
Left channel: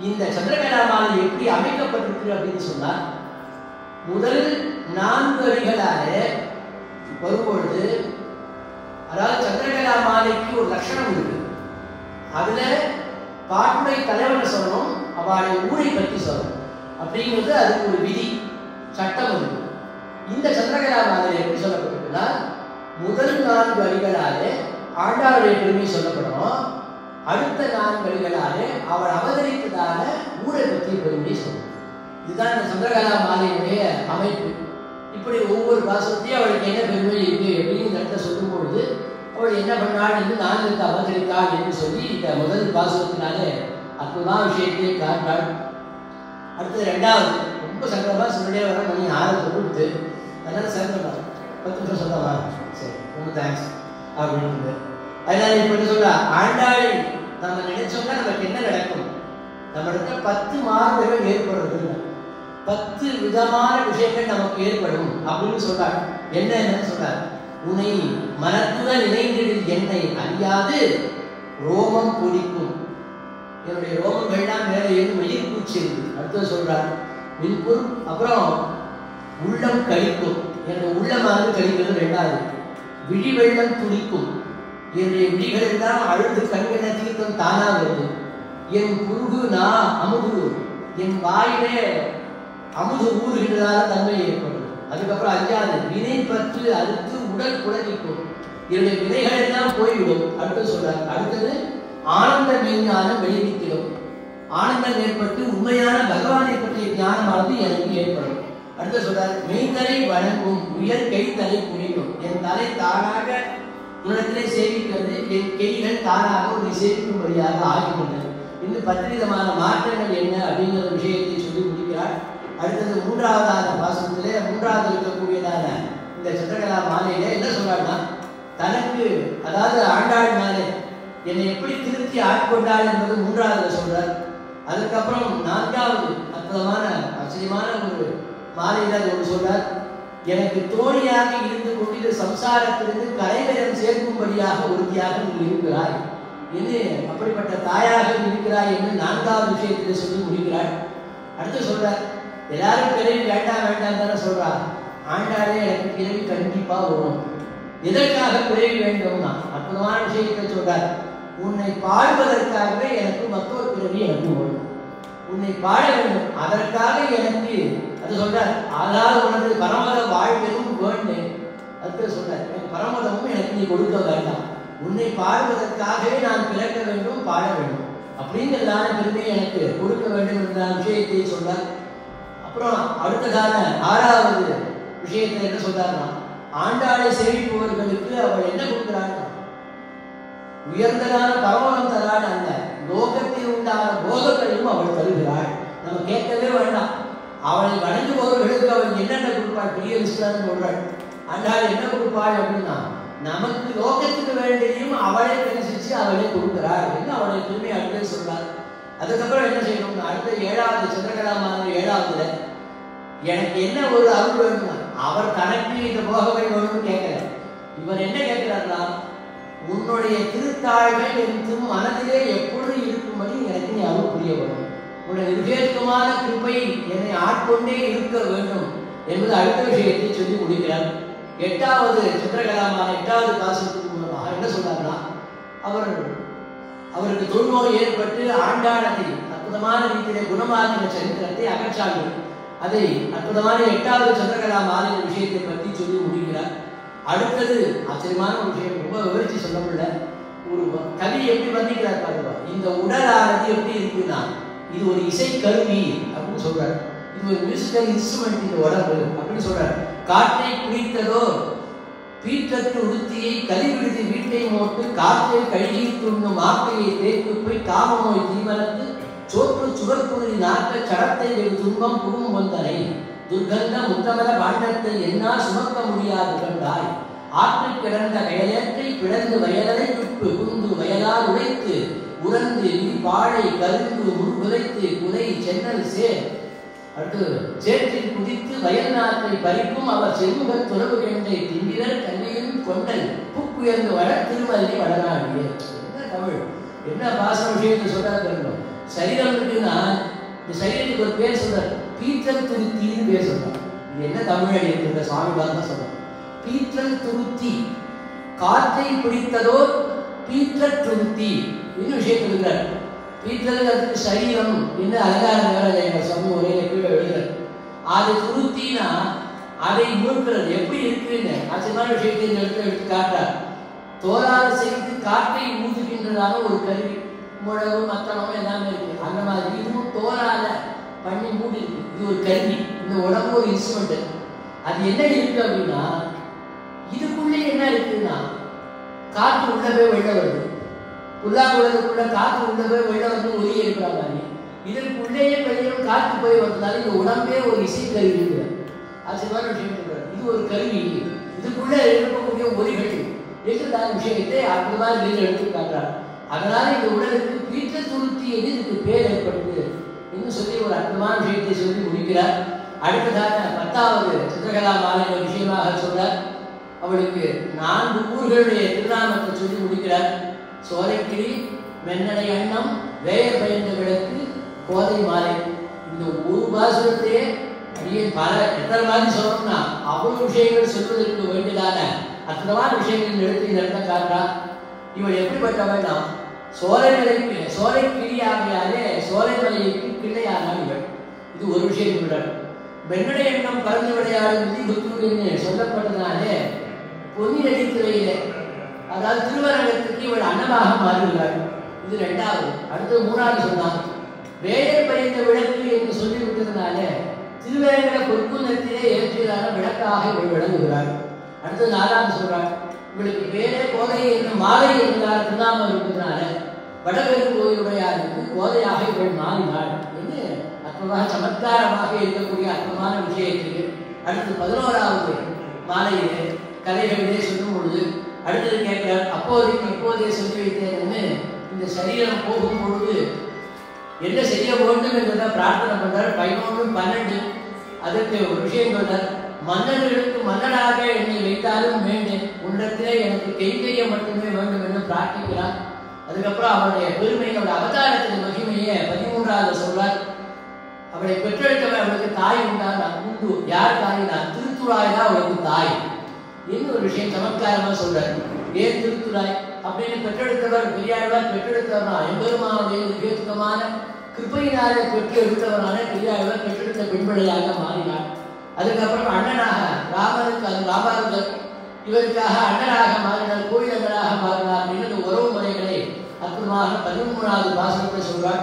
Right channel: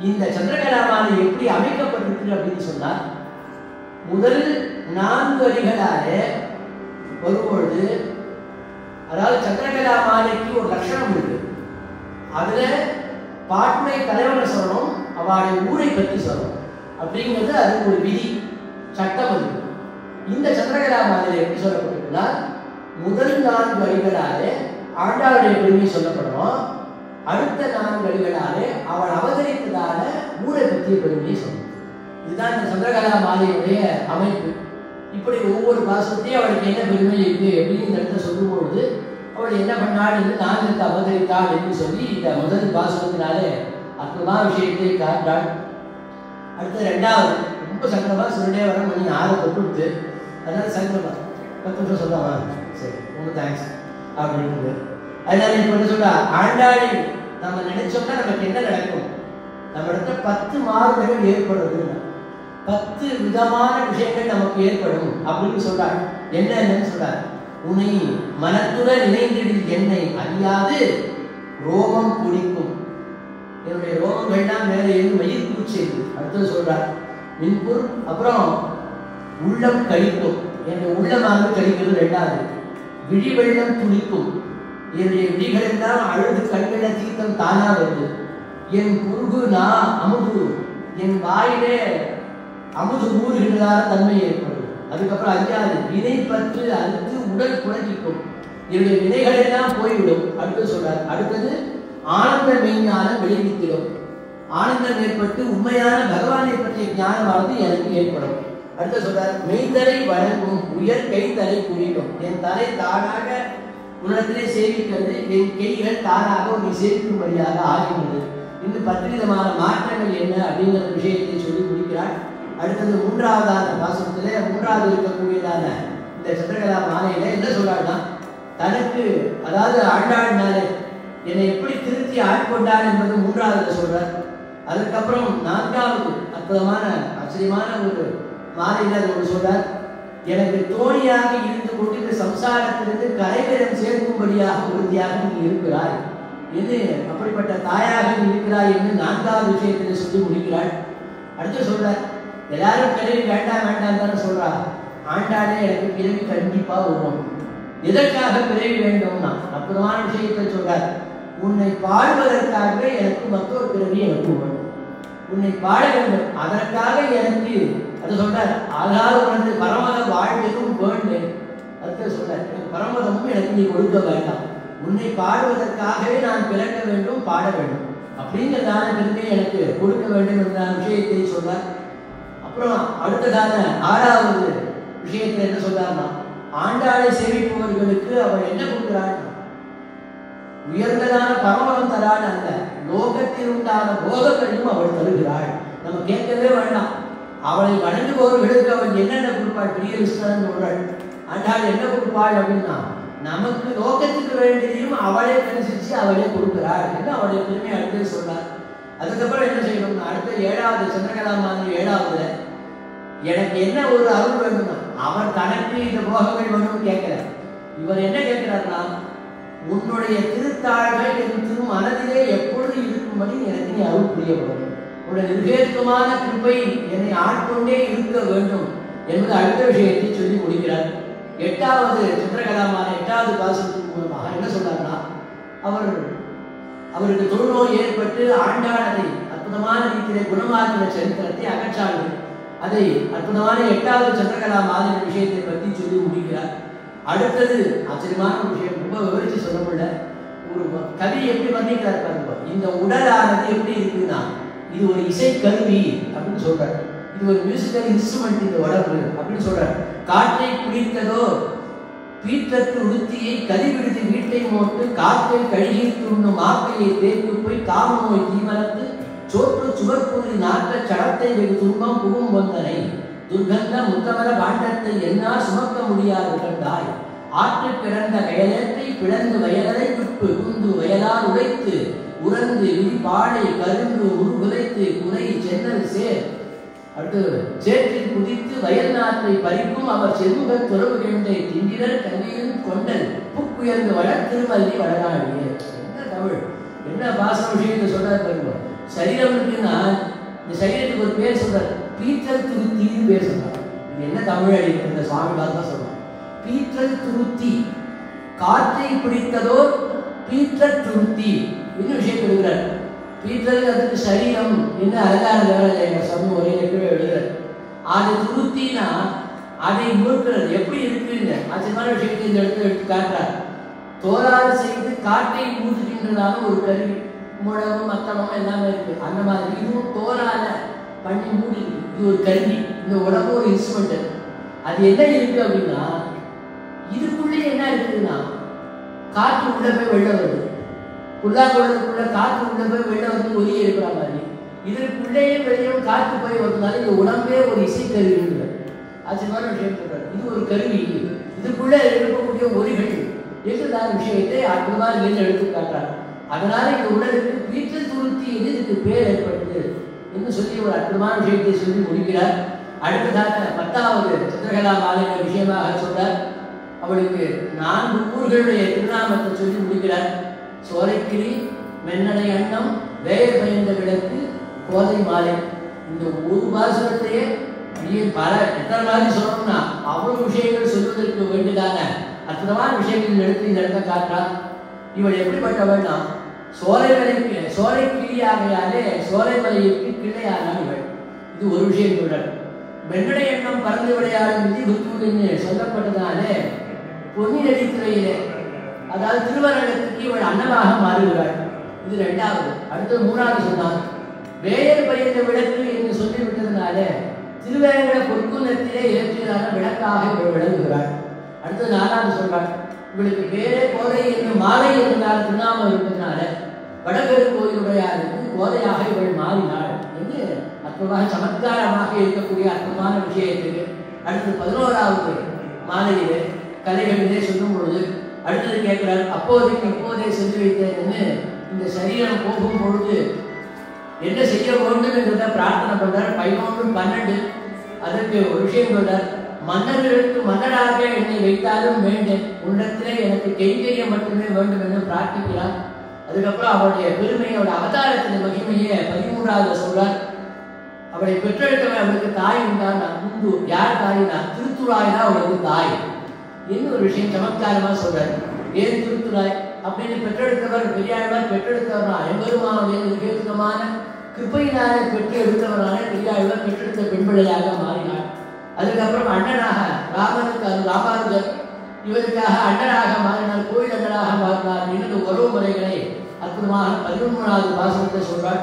இந்த சந்திரகலாமாலை எப்படி அமைக்கப்பட்டிருக்கு அப்படின்னு சொன்னால், முதல் 4 அடிகளாக வரும்பொழுது, அதாவது சந்திரகலாமாலைக்கு ஒரு லட்சணம் இருக்கு. அதுல பாட்டுமை தலைவனை சொல்லணும், அவளுடைய ஊரை பற்றி சொல்லணும் அப்படிங்கிறது அதுக்கு ஒரு விதி சட்டம் இருக்கு. இந்த சந்திரகலாமாலை எப்படி சொல்லப்பட்டிருக்குன்னா, முதல் 4 அடிகளாக ஆண்டாளுடைய பெருமை சொல்லப்படணும். அடுத்த 4 அடிகளாக அவள் அவதரித்ததான ஊரை பற்றிய பெருமையை சொல்லணும். இதுதான் இந்த சந்திரகலாமாலையுடைய அமைப்பு. இப்படி ஒவ்வொரு பாசத்தையும் அவளுக்கு என்ன பெருமை இருக்கு அப்படின்னு நடத்த சொல்லும்பொழுது அவள் என்ன பண்ணாள் என்று நான்கு அவதரித்தாள் என்று சொல்லி இந்த முதல் பாசத்தினாலே அற்புதமான விஷயத்தை காட்டாள். அடுத்த 2வது ரொம்ப சங்கடமா சொல்லிட்டே வர மணி 4 கொடுத்து, அதனால சங்கடம் 10 நிமிஷம் சொந்தமா சரி ரொம்ப தேங்க்ஸ் அப்படின்னு. அதனால இப்ப என்ன சொல்றா, ஆண்டாளை நம்ம நினைச்சோம்னா நமக்கு என்ன நடக்கும், நம்மளுக்கு 10 மாறுதல்கள் ஏற்படுறது, 10 விதமான விஷயங்கள் நமக்கு ஏற்படும் அப்படின்னு சொல்றாங்க. என்னன்னு சொல்றாரு, உன்னை மனத்துடன் இணைந்திடில் என்னை அறியாது ரோமம் பொடிக்கும். என்னுடைய ரோமம் எல்லாம் மேலே இருந்து மயிர் பூச்சிருக்கு. அடுத்தது சொல்றார் மின்புர், அப்புறம் உள்ளம் கழிக்கும். என்னுடைய உள்ளமானது கழிக்கிறது 2வது. விழி வெள்ளம் துளிக்கும். என்னுடைய விழிகள் எல்லாம் அழுது கண்கள தீர்த்தம் தானா வருது. என் குறுகு நான் அமுது, என் வாயிலே அமுது ஊறுகின்றதான தன்மை ஏற்படும். அதுக்கப்புறம் 5வது வினை பற்று அறுத்து உடல் புலகிக்கும். என்னுடைய வினைகள் எல்லாம் போய்விடும். அடுத்து சொல்றார். அடுத்தது ஆனந்த மெய்ஞானம் விளைவித்திடும். ஆனந்தம் ஏற்பட்டு உண்மையான பகவானை பற்றிய ஞானமானது எனக்கு ஏற்படும். அடுத்து சொல்றார், மெய்தலை வணங்கும் உயர் கை தலை புரியும். என் தலை தானாக உலகத்திலே சேவிக்கிறது, என் கைகள் தானாக உன்னை சேவிக்கும்படியாக ஆகின்றது. இந்த 10 விதமான மாற்றங்கள் என்ன அப்படிங்கிற விஷயத்தை சொல்லி முடிக்கிறார். அடுத்தது 3வது பாசத்திலே 3வது இருக்கக்கூடியதான இந்த சந்திரகலாமாலையில என்ன சொல்றாருன்னா, தனக்கு அதாவது ஆண்டாள் மேலே என்னை எப்படி திருத்தி ஆட்கொண்டாள் என்பது 3வது சொல்றார். அதுக்கப்புறம் 4வது அற்புதமான ஆச்சரியமான ஒரு மாலையில அது ஒன்று சொல்றார், எனக்கு தோழியாக இருந்து கொண்டு சம்சாரத்திலிருந்து கரைவரம் சேர்க்கும்படியாக உறுதியாக இருக்கிறார் என்று, அப்படிப்பட்ட தாயாக இருக்கிறார் என்று 4வது விஷயத்தில் சொல்லி முடிக்கிறார். அடுத்து சொல்றார், எல்லாரும் பிறவி வேண்டாம் வேண்டாம் தானே சொல்றார். ஆண்டாளே எனக்கு பிறவி கண்டிப்பா வரும். எதற்காக பிறவி வேண்டும்னா அற்புதமான விஷயத்தை சொல்றார். உன்னை பாடுவதற்காகவே எனக்கு மற்றொரு பிறவி எனக்கு வரும். உன்னை பாட வேண்டும், அதற்காக எனக்கு அது சொல்றார். அதாவது உனக்கு பரமத வாழ்க்கையும் வேண்டும். அதுக்கு சொல்றார், பரமதமும் எனக்கு நீ கொடுக்க வேண்டாம். உன்னை பாடுவதற்காகவே நான் பிறக்க வேண்டும், பாட வேண்டும் அப்படிங்கிறதான பெருமையை எனக்கு கொடுக்க வேண்டும் என்ற விஷயத்தை சொல்றார். அப்புறம் அடுத்ததான 6வது விஷயத்தை என்ன சொல்றாருன்னா, ஆண்டாளை சேவிப்பவர்களுக்கு அவள் என்ன கொடுக்கிறாள், உயர்ந்ததான பரமதம் தராள். அந்த லோகத்தில் உண்டான போகங்களையும் அவள் தருகிறாள். நம்ம கேட்கவே வேண்டாம். அவளை வணங்குபவர்களுக்கு அவள் என்னென்ன கொடுப்பாள், பெரிய விஷயம் சொல்றாள். ஆண்டாள் என்ன கொடுப்பாள் அப்படின்னா, நமக்கு லோகத்துக்கு வேண்டியும் அவளை பேசிச்சு அவளை கொடுக்கிறாள் என்று அவளை பெருமை அடுத்து சொல்றார். அதுக்கப்புறம் என்ன செய்யணும், அடுத்த 7வது சந்திரகலாமாலை 7வது எனக்கு என்ன ஒரு அருள் வேணும்னா, அவர் தனக்கு இந்த போகங்கள் வேணும்னு கேட்கல. இவர் என்ன கேட்கிறார்னா, உன்னுடைய திருத்தாழ்கள் என் மனதிலே எப்பொழுது இருக்கும்படி எனக்கு நீ அருள் புரிய வேண்டும். உன்னுடைய விவேகமான கிருபை என்னை ஆட்கொண்டே இருக்க வேண்டும் என்பது அடுத்த விஷயத்தை சொல்லி முடிக்கிறார். 8வது சந்திரகலாமாலை 8வது பாசத்துக்கு மூலமாக என்ன சொல்றாருன்னா, அவருக்கு தொழுநோய் ஏற்பட்டு ஆண்டாளதை அற்புதமான ரீதியிலே குணமாக்கின சரித்திரத்தை அகற்றார்கள். அதை அற்புதமான 8வது சந்திரகலாமாலை விஷயத்தை பற்றி சொல்லி முடிக்கிறார். அடுத்தது ஆச்சரியமான விஷயம், ரொம்ப விவரிச்சு சொல்ல முடியல. ஒரு கவி எப்படி பண்ணிக்கிறார் பாருங்க. இந்த உடலானது எப்படி இருக்குன்னா, இது ஒரு இசை கருவி அப்படின்னு சொல்றாரு. இது ஒரு மியூசிக்கல் இன்ஸ்ட்ருமெண்ட் இந்த உடம்பு அப்படின்னு சொல்றாரு. காற்றை குடித்ததோ பீற்றத்து உறுத்தியை கதிவிடுத்து வீட்டை மோட்டு காற்றை கழுகி துண்ணும் மாக்கையை தேய்த்து போய் தாம நோய் தீவனத்து சோற்று சுவர்புரி நாட்ட சடத்தை வெகு துன்பம் புகும் வந்தனை துர்கந்த முத்தமர பாண்டத்தை என்னால் சுமக்க முடியாது கண்டாய் ஆற்று கிடந்த வயலேற்றை பிளந்து வயலை விட்டு குந்து வயலால் உடைத்து உறந்து பாடை கருங்கு முன்புதைத்து குடை சென்னல் சேர் அடுத்து சேற்றில் குதித்து வயல் நாட்டை பறிக்கும் அவர் செருமுக துறவு கண்டை திண்டிரர் கல்வியும் கொண்டல் புக்குயர்ந்து வள திருமல்லி வளராடிய. என்ன தமிழ், என்ன பாச விஷயத்தை சொல்றாரு. சரீரம் இருக்குன்னா இந்த சரீரத்துக்கு ஒரு பேர் சொல்றாரு, பீற்றல் துருத்தின்னு பேர் சொல்றாரு. இது என்ன தமிழ் எழுதியிருக்கிற சுவாமி தான் சொல்றாரு. பீற்றல் துருத்தி, காற்றை பிடித்ததோ பீற்றல் துருத்தி இன்னும் விஷயம் கொடுக்கிறார். பீற்றல் அதுக்கு சரீரம் என்று அலங்கார வேலை எங்கள் சொந்த முறையில் எப்படி எழுதுறாரு. அதை துருத்தினா அதை மூக்கிறது எப்படி இருக்குன்னு ஆச்சரியமான விஷயத்தை இந்த இடத்துல எடுத்து காட்டுறார். தோலாறு செய்து காற்றை ஊதுகின்றதாக ஒரு கருவி, முழவும் மத்தளமும் எல்லாமே இருக்கு. அந்த மாதிரி இதுவும் தோலால பண்ணி மூடி இருக்கு. இது ஒரு கருவி, இந்த உடம்பு ஒரு இன்ஸ்ட்ருமெண்ட். அது என்ன இருக்கு அப்படின்னா, இதுக்குள்ளே என்ன இருக்குன்னா காற்று உள்ள போய் வெளில வருது. புல்லாங்குழலுக்குள்ள காற்று உள்ள போய் வெளில வந்து ஒதுங்கி இருக்கிற மாதிரி இதற்குள்ளேயே வெளியும் காற்று போய் வந்ததுனால இந்த உடம்பே ஒரு இசை கருவி. ஆச்சரியமான விஷயம். இது ஒரு கருவி, இதுக்குள்ளே இருக்கக்கூடிய ஒலிகள் என்றுதான் விஷயத்தை அந்த மாதிரி வெளியில் எடுத்து காட்டுறாங்க. அதனால இந்த உடலுக்கு பீற்றல் துருத்தி என்று இதுக்கு பேர் ஏற்படுது என்று சொல்லி ஒரு அற்புதமான விஷயத்தை சொல்லி முடிக்கிறார். அடுத்ததாக 10வது சித்திரகலா மாலை விஷயமாக சொல்றார். அவளுக்கு 4 ஊர்களுடைய திருநாமத்தை சொல்லி முடிக்கிறார். சோலைக்கிளி, மென்னலை அன்னம், வேயர் பயந்த விளக்கு, கோதை மாலை. இந்த ஒரு பாசுரத்தையே நீங்கள் பல எத்தனை மாதிரி சொல்லணும்னா அவ்வளவு விஷயங்கள் சொல்வதற்கு வேண்டியதான அற்புதமான விஷயங்கள் எடுத்து நடத்த காட்டுறா. இவள் எப்படிப்பட்ட வேண்டாம், சோலை கிளியாகையாலே சோலை மலைக்கு கிளையானான் இவள். இது ஒரு விஷயம் சொல்றார். வெண்ணடை எண்ணம் பறந்து விளையாடும் விதி சொல்லப்பட்டதுனாலே பொன்னியடித்துறையிலே அதாவது திருவரங்கத்துக்கு இவள் அன்னமாக மாறுகிறாள். இது 2வது. அடுத்து 3வது சொன்னார். வேலை பயந்த விளக்கு என்று சொல்லிவிட்டதுனால திருவேங்கட பொற்குணத்திலே ஏற்றினால விளக்காக இவள் விளங்குகிறாள். அடுத்து 4வது சொல்றாள். உங்களுக்கு வேலை கோதை என்று மாலை இருந்தால் திருநாமம் இருப்பதனால வடபெருங்கோயிலுடையாருக்கு கோதையாக இவள் மாறினாள் என்று அற்புதமாக சமத்காரமாக இருக்கக்கூடிய அற்புதமான விஷயத்துக்கு அடுத்து 11வது மாலையிலே கலைகளிலே சொல்லும் பொழுது அடுத்தது கேட்கிறார். அப்போதைக்கு இப்போதே சொல்லி வைத்தேன்னு இந்த சரீரம் போகும் பொழுது என்ன செய்ய வேண்டும் என்றதை பிரார்த்தனை பண்றார். 11, 12 அதற்கு ஒரு விஷயம் சொல்றார். மன்னர்களுக்கு மன்னராக என்னை வைத்தாலும் வேண்டும், உள்ளத்திலே எனக்கு கைங்கரியம் மட்டுமே வேண்டும் என்று பிரார்த்திக்கிறார். அதுக்கப்புறம் அவருடைய பெருமையோட அவதாரத்தின் மகிமையை 13வது சொல்றார். அவளை பெற்றெடுத்தவள் அவளுக்கு தாய் உண்டான முன்பு யார் தாய்னா திருத்துறாய் தான் அவளுக்கு தாய் என்று ஒரு விஷயம் சமத்காரமா சொல்றாரு. ஏன் திருத்துறாய் அப்படின்னு பெற்றெடுத்தவர் பெரியாழ்வார் பெற்றெடுத்தவர்னா எம்பெருமானுடைய உபயோகமான கிருப்பையினாலே பெற்று எடுத்தவனால பெரியாழ்வார் பெற்றெடுத்த பெண்பிள்ளையாக மாறினார். அதுக்கப்புறம் அண்ணனாக ராமனுக்கு அது ராமானுஜர் இவருக்காக அண்ணனாக மாறினார், கோயிலங்களாக மாறினார் என்று உறவு முறைகளை அற்புதமாக 13வது பாசனத்தை சொல்றார்.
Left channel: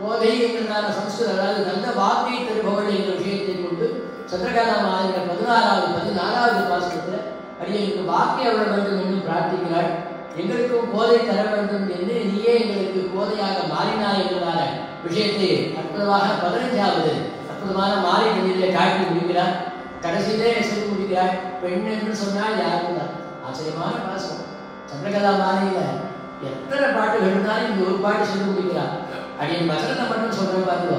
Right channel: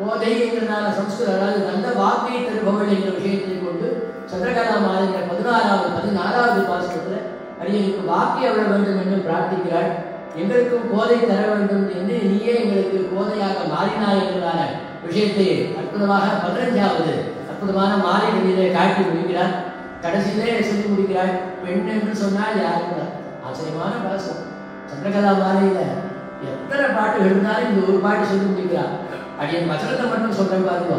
கோதை என்கிறதான சம்ஸ்கிருத அதாவது நல்ல வாக்கை தருபவள் என்ற விஷயத்தை கொண்டு சந்திரகாலா மாநில 16வது பாசனத்தில் அடியனுக்கு வாக்கை அருள வேண்டும் என்று பிரார்த்திக்கிறாள். எங்களுக்கும் கோதை தர வேண்டும் என்று நீயே எங்களுக்கு கோதையாக மாறினாய் என்கிறதான விஷயத்தை அற்புதமாக 15வது அற்புதமான மாலைகளிலே காட்டி முடிக்கிறார். கடைசியிலே சொல்லி முடிக்கிறாள். பெண் என்று சொன்னால் யாரும் ஆச்சரியமான பாசம். சந்திரகலா மாலையில எத்தனை பாட்டுகள் இருந்தாலும் இந்த ஒரு பாட்டு சொல்லி முடிக்கிறார். அடியன் வசனத்தை மட்டும் சொல்றேன் பாருங்க.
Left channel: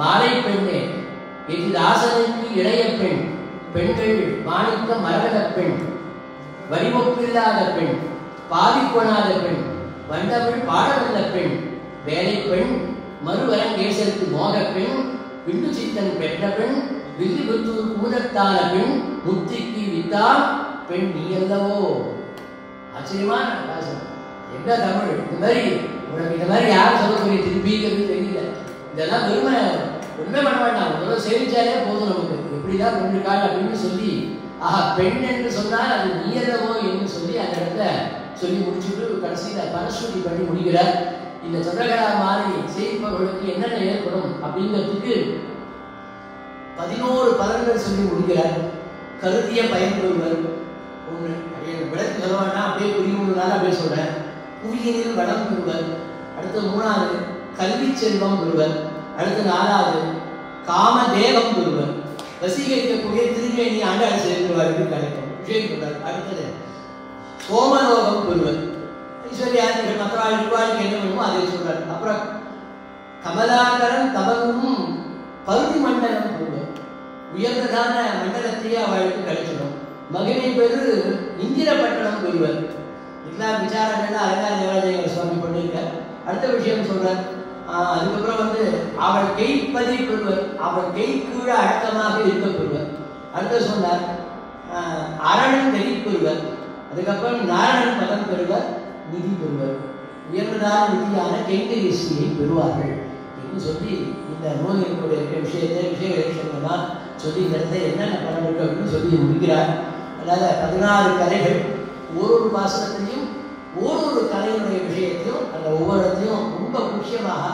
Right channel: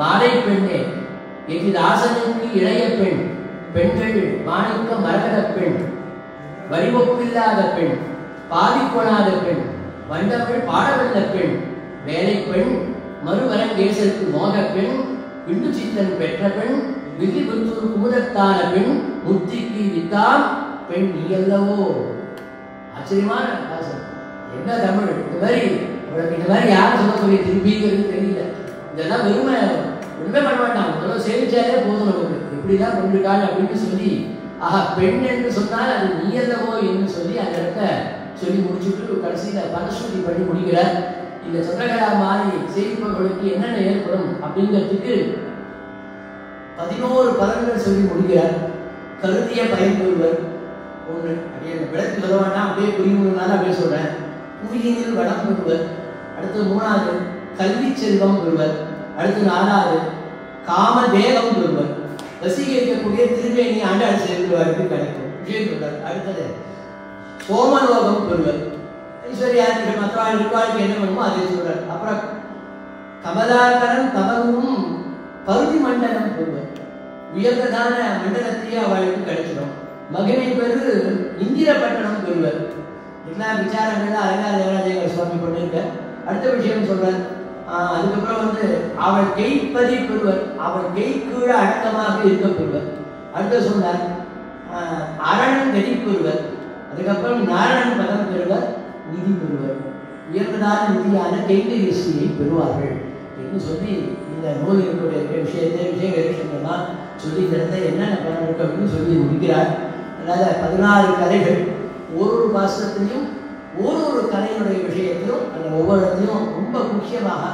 மாலை பெண்ணே எதிர் ஆசனுக்கு இளைய பெண், பெண்கள் மாணிக்க மரகத பெண், வடிவப்பில்லாத பெண், பாதிக்கொணாத பெண், வண்டவள் பாடவல்ல பெண், வேலை பெண், மறுவரங்கேசருக்கு மோக பெண், விண்டு சித்தன் பெற்ற பெண், விதி குத்து கூடத்தான பெண், முத்திக்கு வித்தா பெண் நீ அல்லவோ. ஆச்சரியமான பாசம். என்ன தமிழ்! இந்த மாதிரி யாரும் சொல்லக்கூடிய திருப்பிங்கிறது தெரியல. இதெல்லாம் வெறுமை ஒன்றுமே பண்ண வேண்டாம், முதல்ல சேவிச்சாலே போதும் நமக்கு. இப்படிதான் கொண்டிருக்காள் அப்படின்னு சொல்லி பெண் என்று சொன்னால் அது நீ அல்லவோ என்று சொல்லி அந்த இடத்த சொல்லி முடிச்சுட்டு கடைசியில் பரஸ்வதி பண்ணி முடிக்கிறார். இந்த சந்திரகலா மாலை செய்பவர்களுக்கு என்னென்ன ஏற்படும் அப்படிங்கிறதுக்கு 11 பலன்கள் சொல்லி முடிக்கிறார். கருதிய பயன்படுவர் ஒன்று அப்படியே விளக்கு சொல்ல வேண்டாம், அப்படியே புரியுறதுனால அப்படியே சொல்றேன். புவியினில் வளம் பெறுவர். அடுத்து 3வது கல்வி செல்வம் பெறுவர். அடுத்து 4வது காமதேவம் பெறுவர். வசீகரிக்கக்கூடிய திருவேணி ஆண்டாள் சேர்ந்துவாருக்கு கிடைக்கும் விஷயம் பெறுவர். அடுத்தது சோமலோகம் பெறுவர். ஐஸ்வர்யாதிகள் மற்றவாள் நிர்வாகிக்கு என்ன வேணுமோ அதை சொல்றார். அப்புறம் கமலாகரன் தமனும் பருதி மண்டலம் பெறுவர். உயர்ந்ததான மண்டலத்தையே அவளுக்கு கிடைச்சிடும். மகிமை பெரு இந்திரப்பட்டணம் பெறுவர். எல்லாம் விசாரங்கள் அலங்கார சுவாமி பண்ணிருக்க. அடுத்த விஷயம் சொல்றார். அதுக்கப்புறம் அவள் கைப்பதி பெறுவர். அவள் கை கீழே அடக்கமாக இருக்க பெறுவர். அடுத்து சொன்னார் அரணன் கதி பெறுவர். அதுக்கப்புறம் நாராயணன் பதம் பெறுவர், நிதி பெறுவர். உயர்ந்ததான நிதியான கைங்கரியை பெறுவார்கள் என்று சொல்லி இந்த நூலினுடைய விஷயங்கள்லாம் சொல்லி இந்த இடத்துல என்னென்ன பலன் இருக்கு அப்படின்னு சொல்லி முடிக்கிறார். அதனால 16 கதைகள், ஒரு பாசனத்திலையும் ஒரு கதையினுடைய விஷயத்தையும் அந்த ஒவ்வொரு இடத்தையும் ரொம்ப முக்கியமாக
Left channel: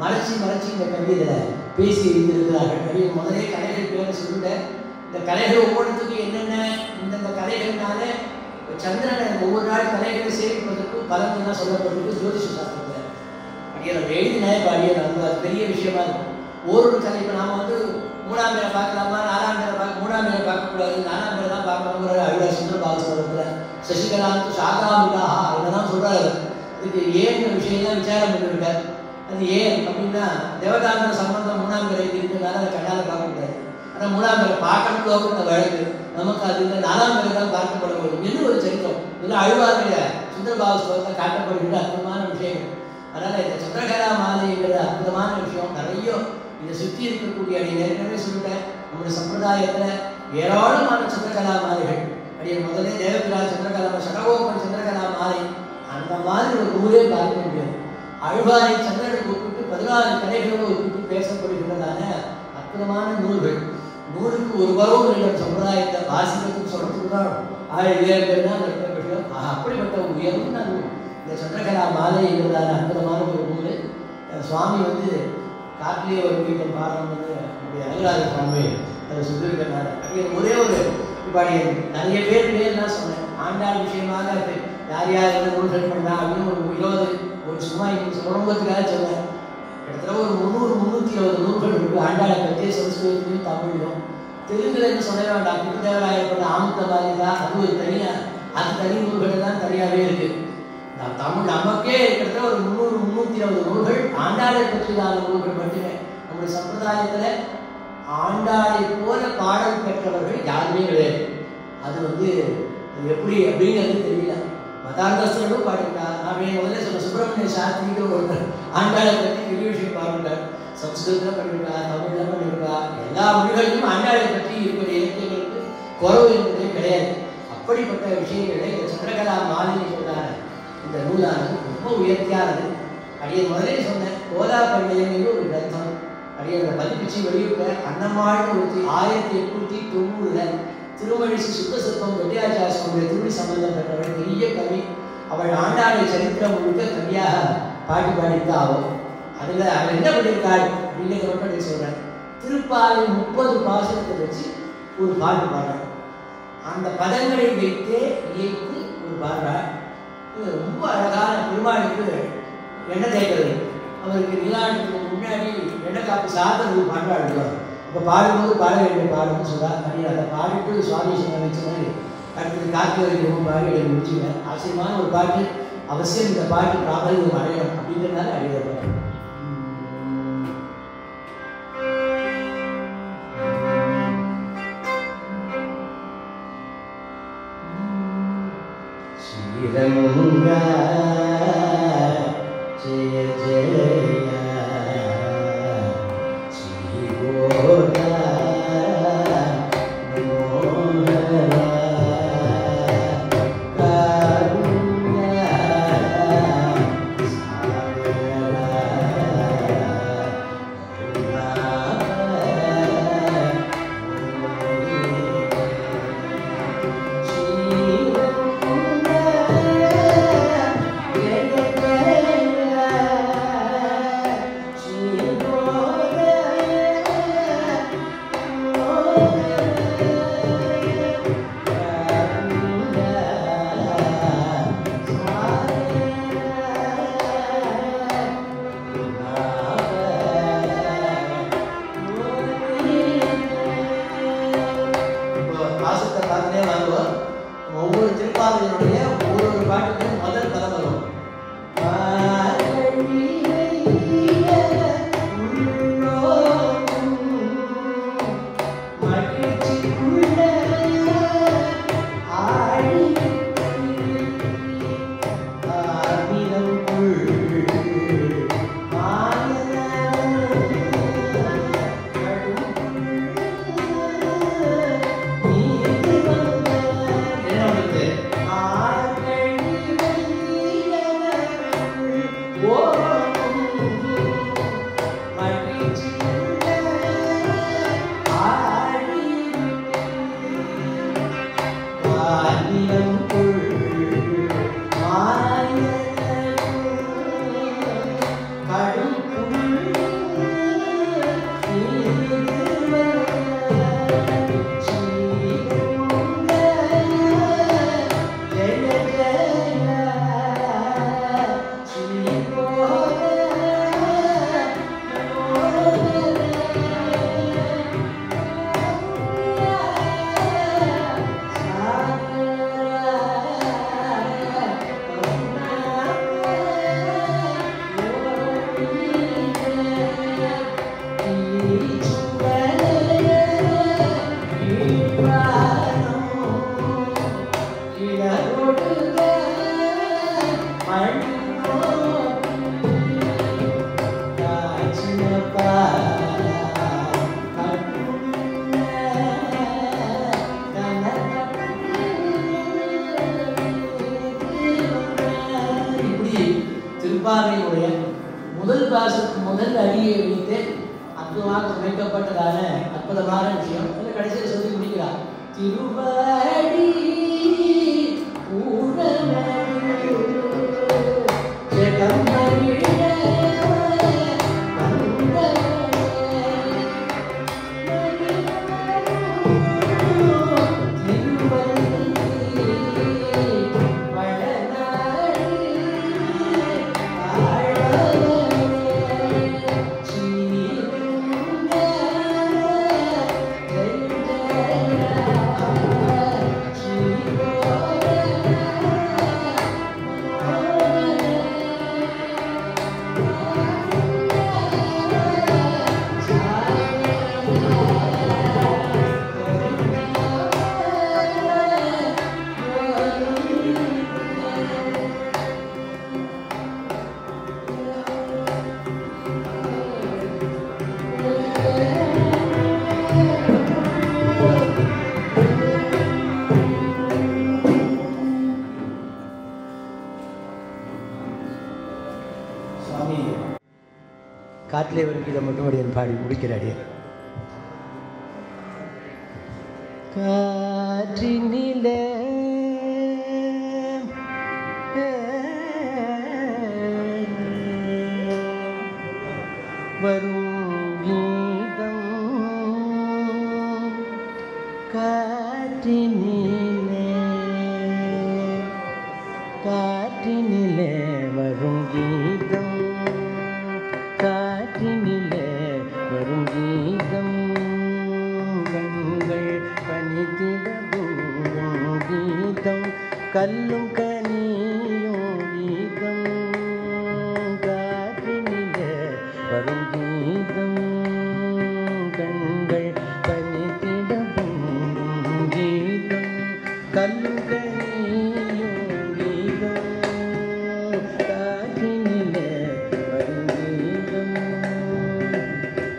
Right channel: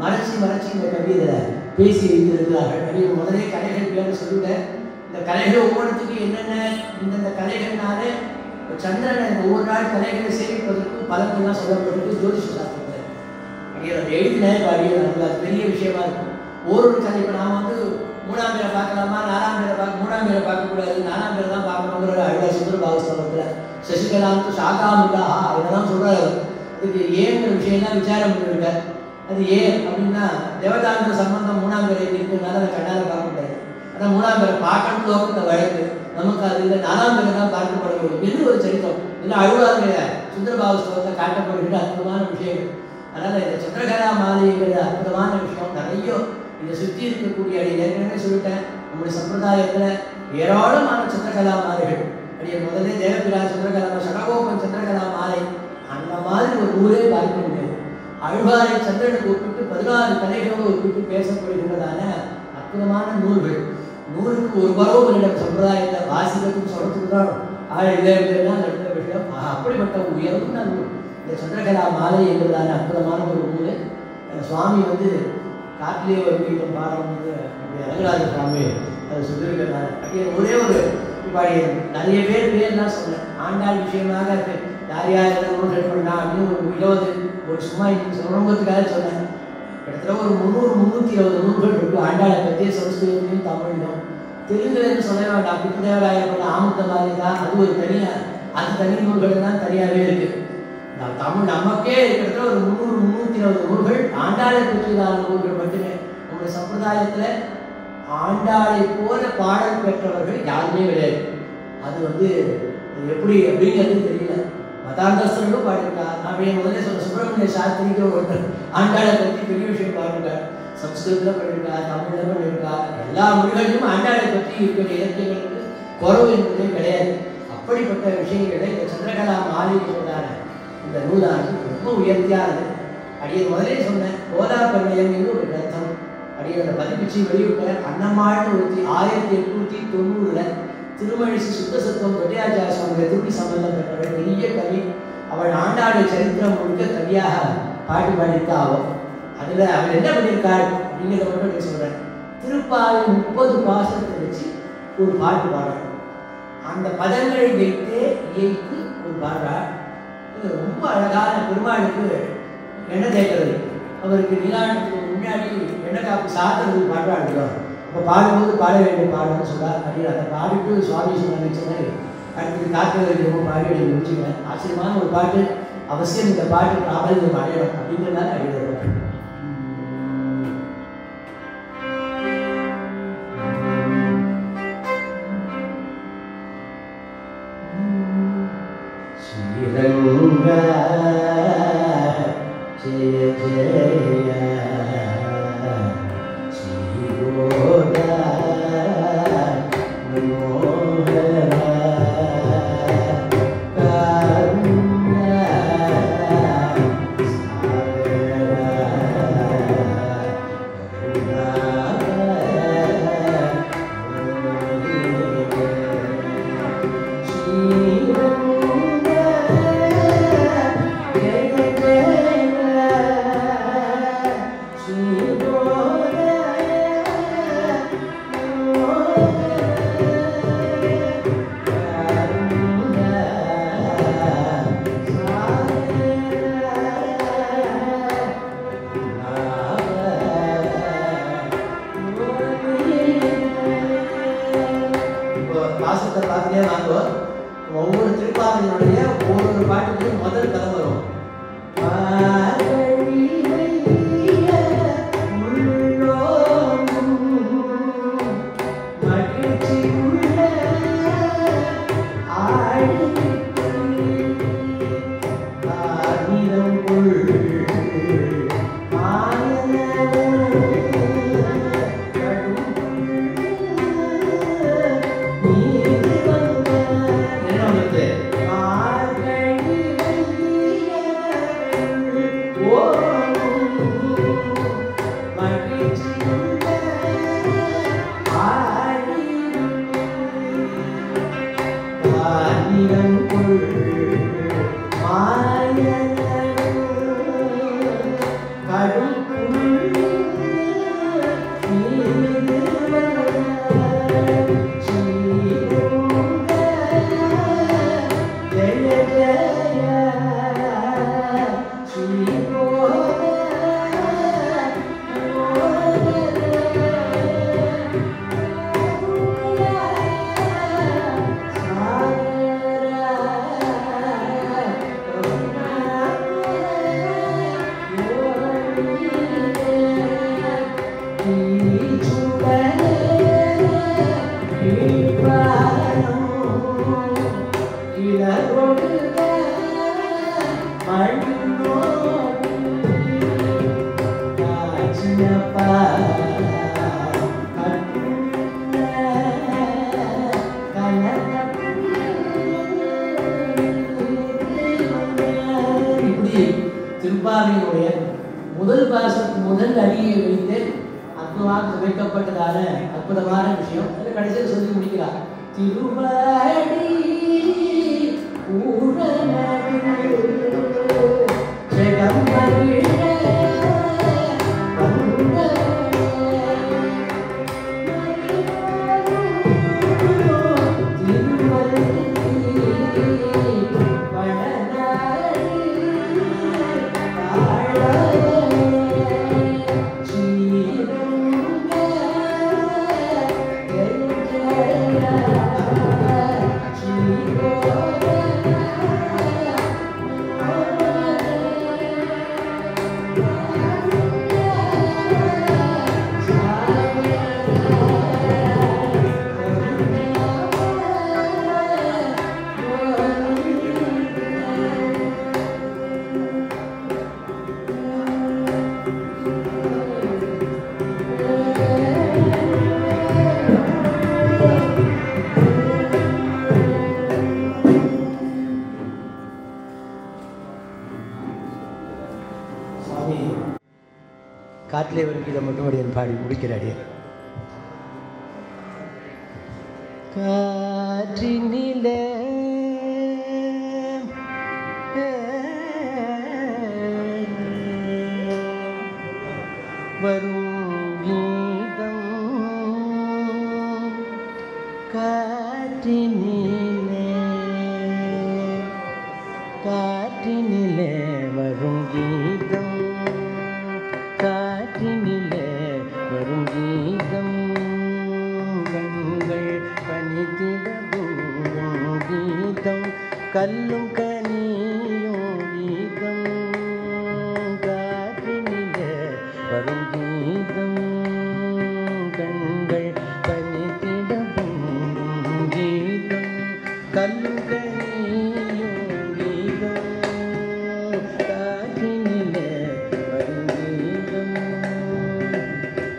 மறைச்சி இந்த கவிதை பேசி வைத்திருக்கிறார்கள். முதலே கதைகள் பேர் சொல்லிட்டேன். இந்த கலைகள் ஒவ்வொருத்துக்கும் என்னென்ன இந்த கலைகள்னாலே சந்திரனை ஒவ்வொரு நாள் கலைகளை சேமிப்பதற்கு பலன்லாம் சொல்லப்பட்டிருக்கு ஜோதிஷ சாஸ்திரத்தில். அடியார் எழுதினேன் அடியார் அந்த பெரிய விஷயமா இருக்கும். ஒரு கலை இப்போ நாம் 3ஆம் பேரை பார்க்கலாமா, 4ஆம் பேரை 3ஆம் பேரை பார்க்கக்கூடாது, 4ஆம் பேரை தான் பார்க்கணுங்கிற அடியார் சுந்தரபாவஸ்தவத்தில் சசிகலாவுக்கு சாகாமுகா இதெல்லாம் சொல்கிறாரு. இதுக்கு ஏங்கிற விஷயம்லாம் விசாரம் பண்ணிருக்கார். அது ஏன் அப்படின்னா தேவதான சம்பந்தம் 3ஆம் பேரை இருக்கிறதுனால அதை கண்டால் பார்க்கக்கூடாது. ஆனால் 3ஆம் பேரை பார்க்கணும்னு இந்த வழக்கு நமக்கு அது இல்லை, 4ஆம் பேரை தான் பார்க்கப்பட வேண்டும் என்று ஒரு சரித்திரம். இல்லை அழுவாருடைய சுந்தரபாவஸ்தவத்தை காட்டப்படுகிற அற்புதமான விஷயம். அதனால் இந்த சந்திரகலா மாதிரிங்கிற அற்புதமான விஷயம் நிறைய இதை சுற்றி இருக்கக்கூடிய ஏற்கனவே சொல்லிட்டேன். நம்முடைய சம்பிரதாயத்தில் ஏராளமான சந்திரகலா மாலைகள். அப்படியே முதல்ல தேவபிரா சந்திரகலா, சடகோபன் சந்திரகலா மாலை, அந்த மாதிரி ஒரு ஊரே பார்க்க முடியாது. அழ்வாரை சந்திரனுக்கு ஒப்பிட்டு 16 கலைகளோடு ஒப்பிட்டு பேசப்படுகின்றதான அற்புதமான நூல்கள். நூலுக்கு ஒரு பருவம் சம்பிரதாயத்தை வாசிக்கிறதுக்கு சொல்றதுக்கு தான் விஷயம். அப்படிப்பட்ட உயர்ந்த நூல் இந்த சந்திரகலா மாலை என்பதான அற்புதமான ஒரு நூல். சுவாமி காட்டிலேயே ஒரு வீட்டில் பாடுறது ரங்கராஜ சுவாமி அதை சொல்லியிருக்கிறார். ஒரே ஒரு நிறைய பேர்லாம் சொன்னேன். ஆண்டாள் விஷயமாக யார் யார் நூல்கள் பண்ணா அப்படின்னு ஒரு 20 ஒரு சும்மா சொல்லுவதுக்காக சொன்னேன். கிட்டத்தட்ட ஒரு 300-320 நூல்கள் இருக்கு ஆண்டாளை பற்றிய சமஸ்கிருதத்திலையும் தமிழ்லையும். தெலுங்குன்னு சொல்ல வேண்டாம். பித்தினாராயப்பட்ட ஆமுத்த மாதிரிதா அது ஒரு தனியாக அந்த தனி நூல்கள் தான் தனியாகவே இருக்கு. தமிழ் நமக்கே கிட்டத்தட்ட ஒரு 300-320 நூல்கள் ஆண்டாளை பற்றியதான நூல்கள் மட்டுமே. நம்முடைய சம்பிரதாயத்தில் ஆண்டாளை போல பாடல் பெற்றவர்கள் யாருமே கிடையாது. அது எப்படி அப்படிங்கிறது தெரியல. மதாந்தஸ்தர்களும் பாடியிருக்கார். நான் முதல்ல சொல்ல சுப்பிரமணிய சாஸ்திரிக்கு ஒரு ஆண்டாளை பற்றி பெரிய விஷயம் பாடிருக்கார். சம்ஸ்கிருதத்தில் பண்ணியிருக்கார், தமிழில் பண்ணியிருக்கார். எல்லா மொழிகளிலும் ஆண்டாளை பற்றி இருக்கிற இலக்கியங்களுக்கு குறவு என்பதே கிடையாது. அப்படிப்பட்ட விஷயங்களை இந்த சந்திரகலா மாலை என்பதான இந்த நூலானது ரொம்ப உயர்த்தியானது. அடியை முதலே சொன்னேன். கோதாபரியம் என்று ஒரு கிரந்தம் அடியோட பதிப்பிச்சு வெளியிட்ட அன்னமாட்டு 1890 திருமணிசி சுத்தசத்துவம் வெட்டியாச்சார சுவாமியை திருமணி சம்பந்தப்பட்டவள் பெரிய கவி. அவள் ஆண்டாளை சரித்திரம் முழுக்க கவியாக பாடியிருக்கா. அதில் அவள் என்ன பண்ணியிருக்காள் அப்படிங்கிறத மட்டும் நான் சொல்கிறேன். திருப்பாவை 30 பாசனத்தை வச்சு ஒரு பாட்டு பாடுறாள். அந்த பதங்களை வைத்தே இயைத்து ஒரு பாடுறாள். இது ரொம்ப அழகான பெருமாளுக்கு எண்ணெய் தேய்க்கிறது. அவருக்கு நிலாட்டுக்கு முன்னாடி எண்ணெய் காப்பு சாதனை பாடுறாள். இப்போ பாடும்போது பாட வேண்டிய பாடுன்னு சொல்கிறார். அப்படி அதை பாடிட்டு சுவாமி சொன்ன அடுத்தது காக்க பாடி அதை முடிச்சுக்கிறேன். ஆச்சரியமான ஒரு பாட்டு. அவசியம் இந்த பாட்டு பிராபல்யம் அடையணும் அப்படிங்கிறதுனால அடையிறது. She திருப்பாவையுடைய முதல் பாசத்துக்கு முதல் அடியை வைத்து அற்புதமாக வைக்கப்பட்டதான அற்புதமான விஷயம் கடைசியில் சொல்லி முடிக்கிறார். திருவாடி காட்டிலே ஒரு கீதை மட்டும் அடியன் பாடி முடிக்கிறாடிய. காற்றினிலே வரும் கீதம், காற்றினிலே காற்றினிலே வரும் கீதம், காற்றினிலே வரும் கீதம், கண்கள் பனித்திடவும் கீதம், கல்லும் கனியும் கீதம், காற்றினிலே வரும் கீதம், கண்கள் பனித்திடவும் கீதம், கல்லும் கனியும் கீதம், காற்றினிலே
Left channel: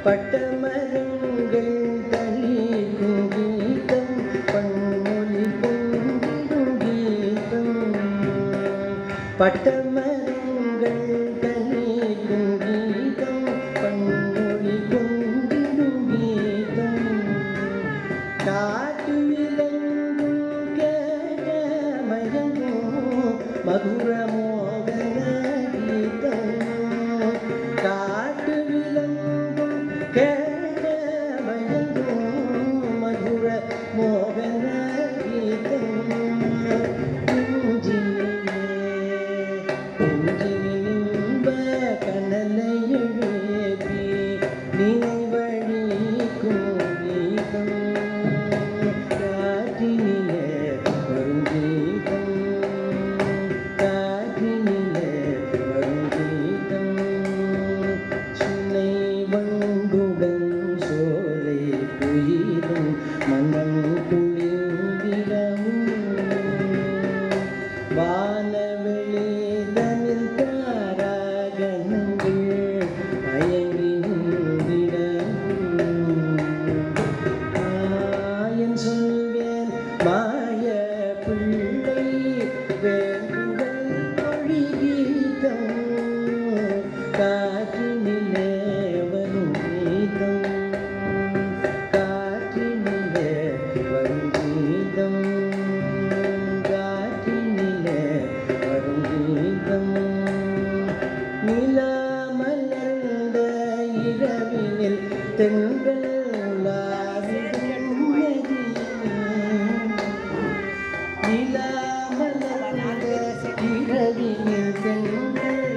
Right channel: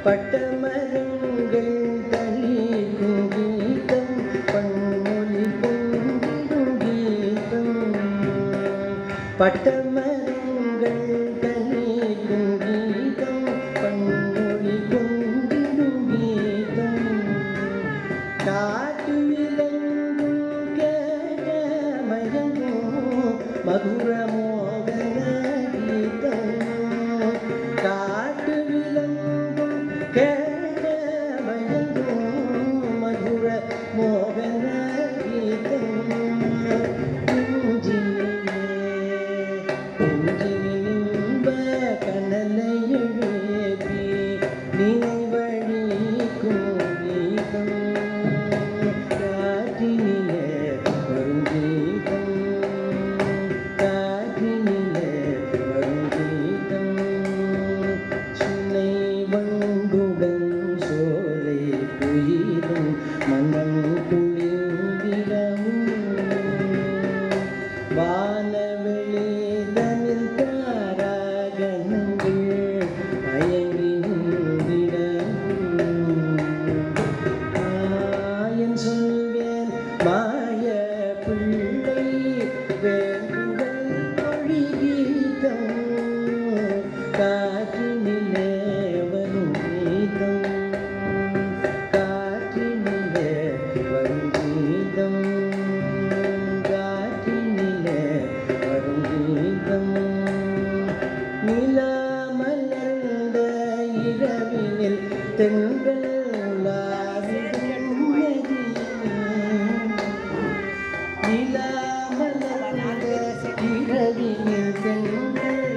பட்டமரங்கள் தளிக்கும் கீதம், பன்மொழி பொங்கிடும் கீதம், பட்டமரங்கள் தளிக்கும் கீதம், பன்மொழி பொங்கிடும் கீதம், காட்டு விலங்கும் கேட்ட மயங்கும் மதுர மோகன கீதம், காட்டு விலங்கும் கேட்ட மயங்கும் மதுர மோகன கீதம், நெஞ்சிலே மலர்ந்த இரவினில் தென்றல் நிலா மலர்ந்த இரவினில் தென்றல்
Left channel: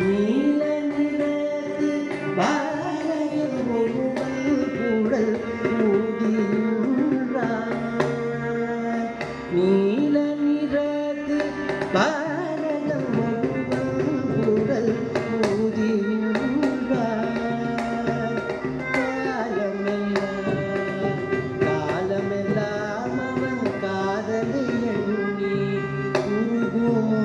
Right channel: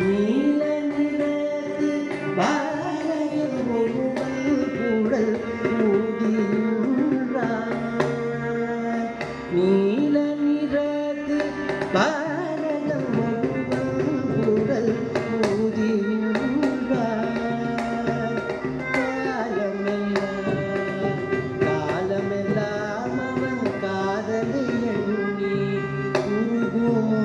நீல நிறத்து பாறையில் ஒருவன் குழல் ஊதினான். நீல நிறத்து பாறையில் ஒருவன் குழல் ஊதினான். காலமெல்லாம் அவன் காதலை எண்ணி உருகுமோ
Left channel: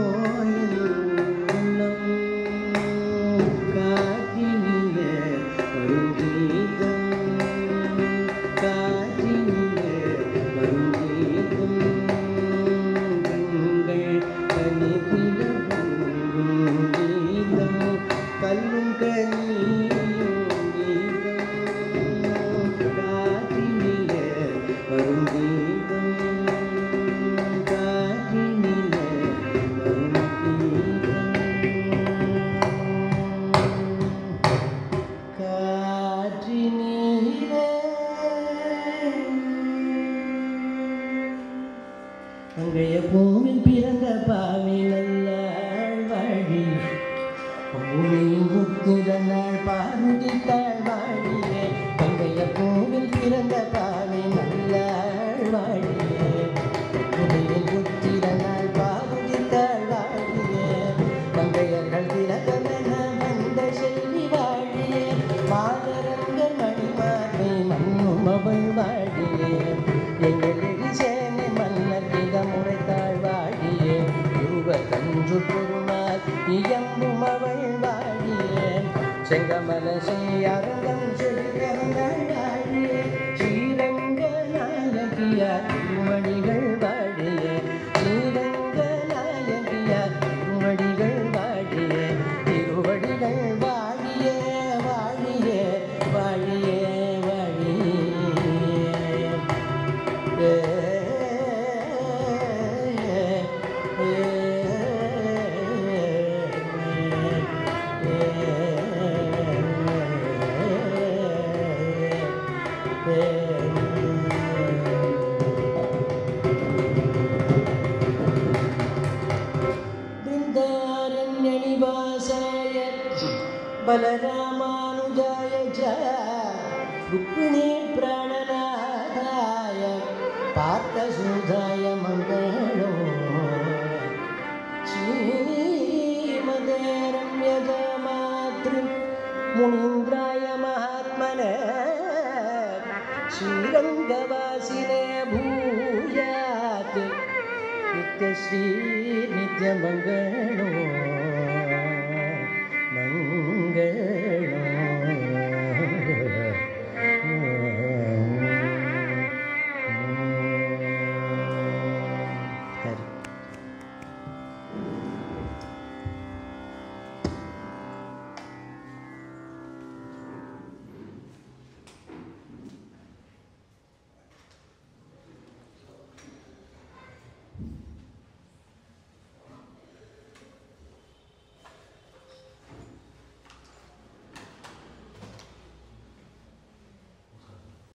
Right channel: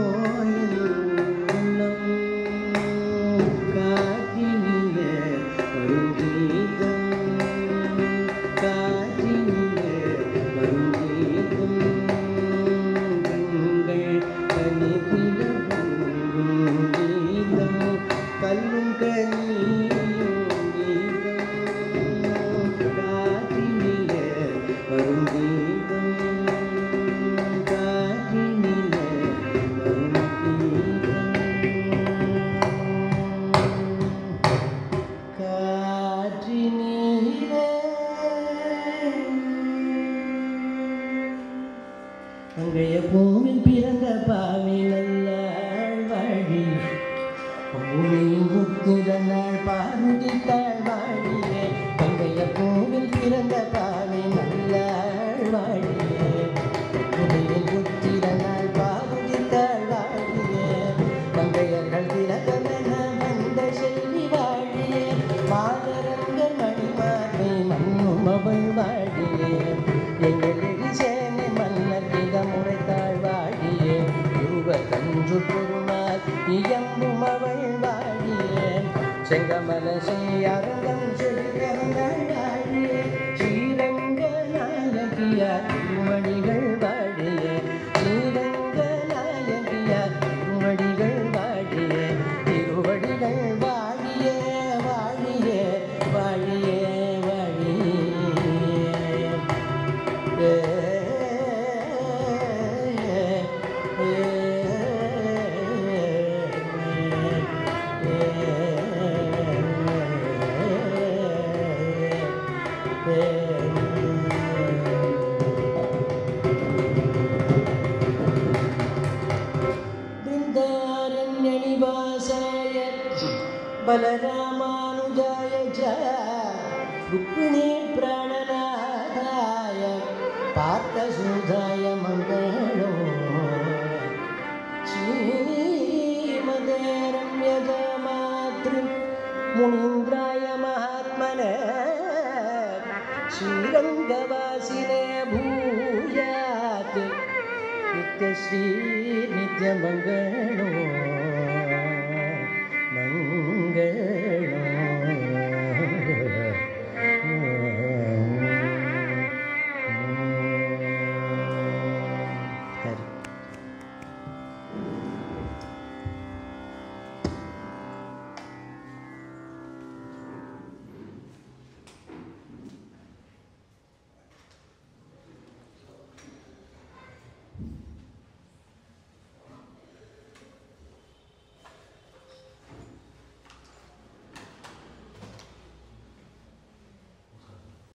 அங்கைய பூமில் பிறந்த பாவி நல்ல வாழி பூமியின் முத்திரனாள் பாருதித்தாள் வாழியே. அங்கைய பூமில் பிறந்த பாவி நல்ல வாழியே பூமியின் முத்திரனாள் பாருதித்தாள் வாழியே. மங்கையர்கள் திலகமென வந்த செல்வி வாழியே. மாதரங்கள் மணிமார்பை மண்ணும் அவள் வாழியே. எங்கள் எரிசேனை மன்னர் முறைத்தாள் வாழியே. கஞ்சு பெருமாள் இயம்பும் அவள் வாழியே. செங்கமல செய்யரங்கம் செல்கிறாள் வாழியே. ஸ்ரீரங்க நாயகியார் திருமணிகள் வாழியே. ஸ்ரீரங்க நாயகியார் திருமணிகள் வாழியே. திருவடிகள் வாழியே வாழியே வாழியே வாழியே. बृन्दारण्यनिवासाय बलरामानुजाय च रुक्मिणी प्राणनाथाय पार्थसूताय मङ्गलो. श्रीमते रम्यजामातृ मुनीन्द्राय महात्मने श्रीरङ्गवासिने भूयात् नित्यश्री नित्यमङ्गलो.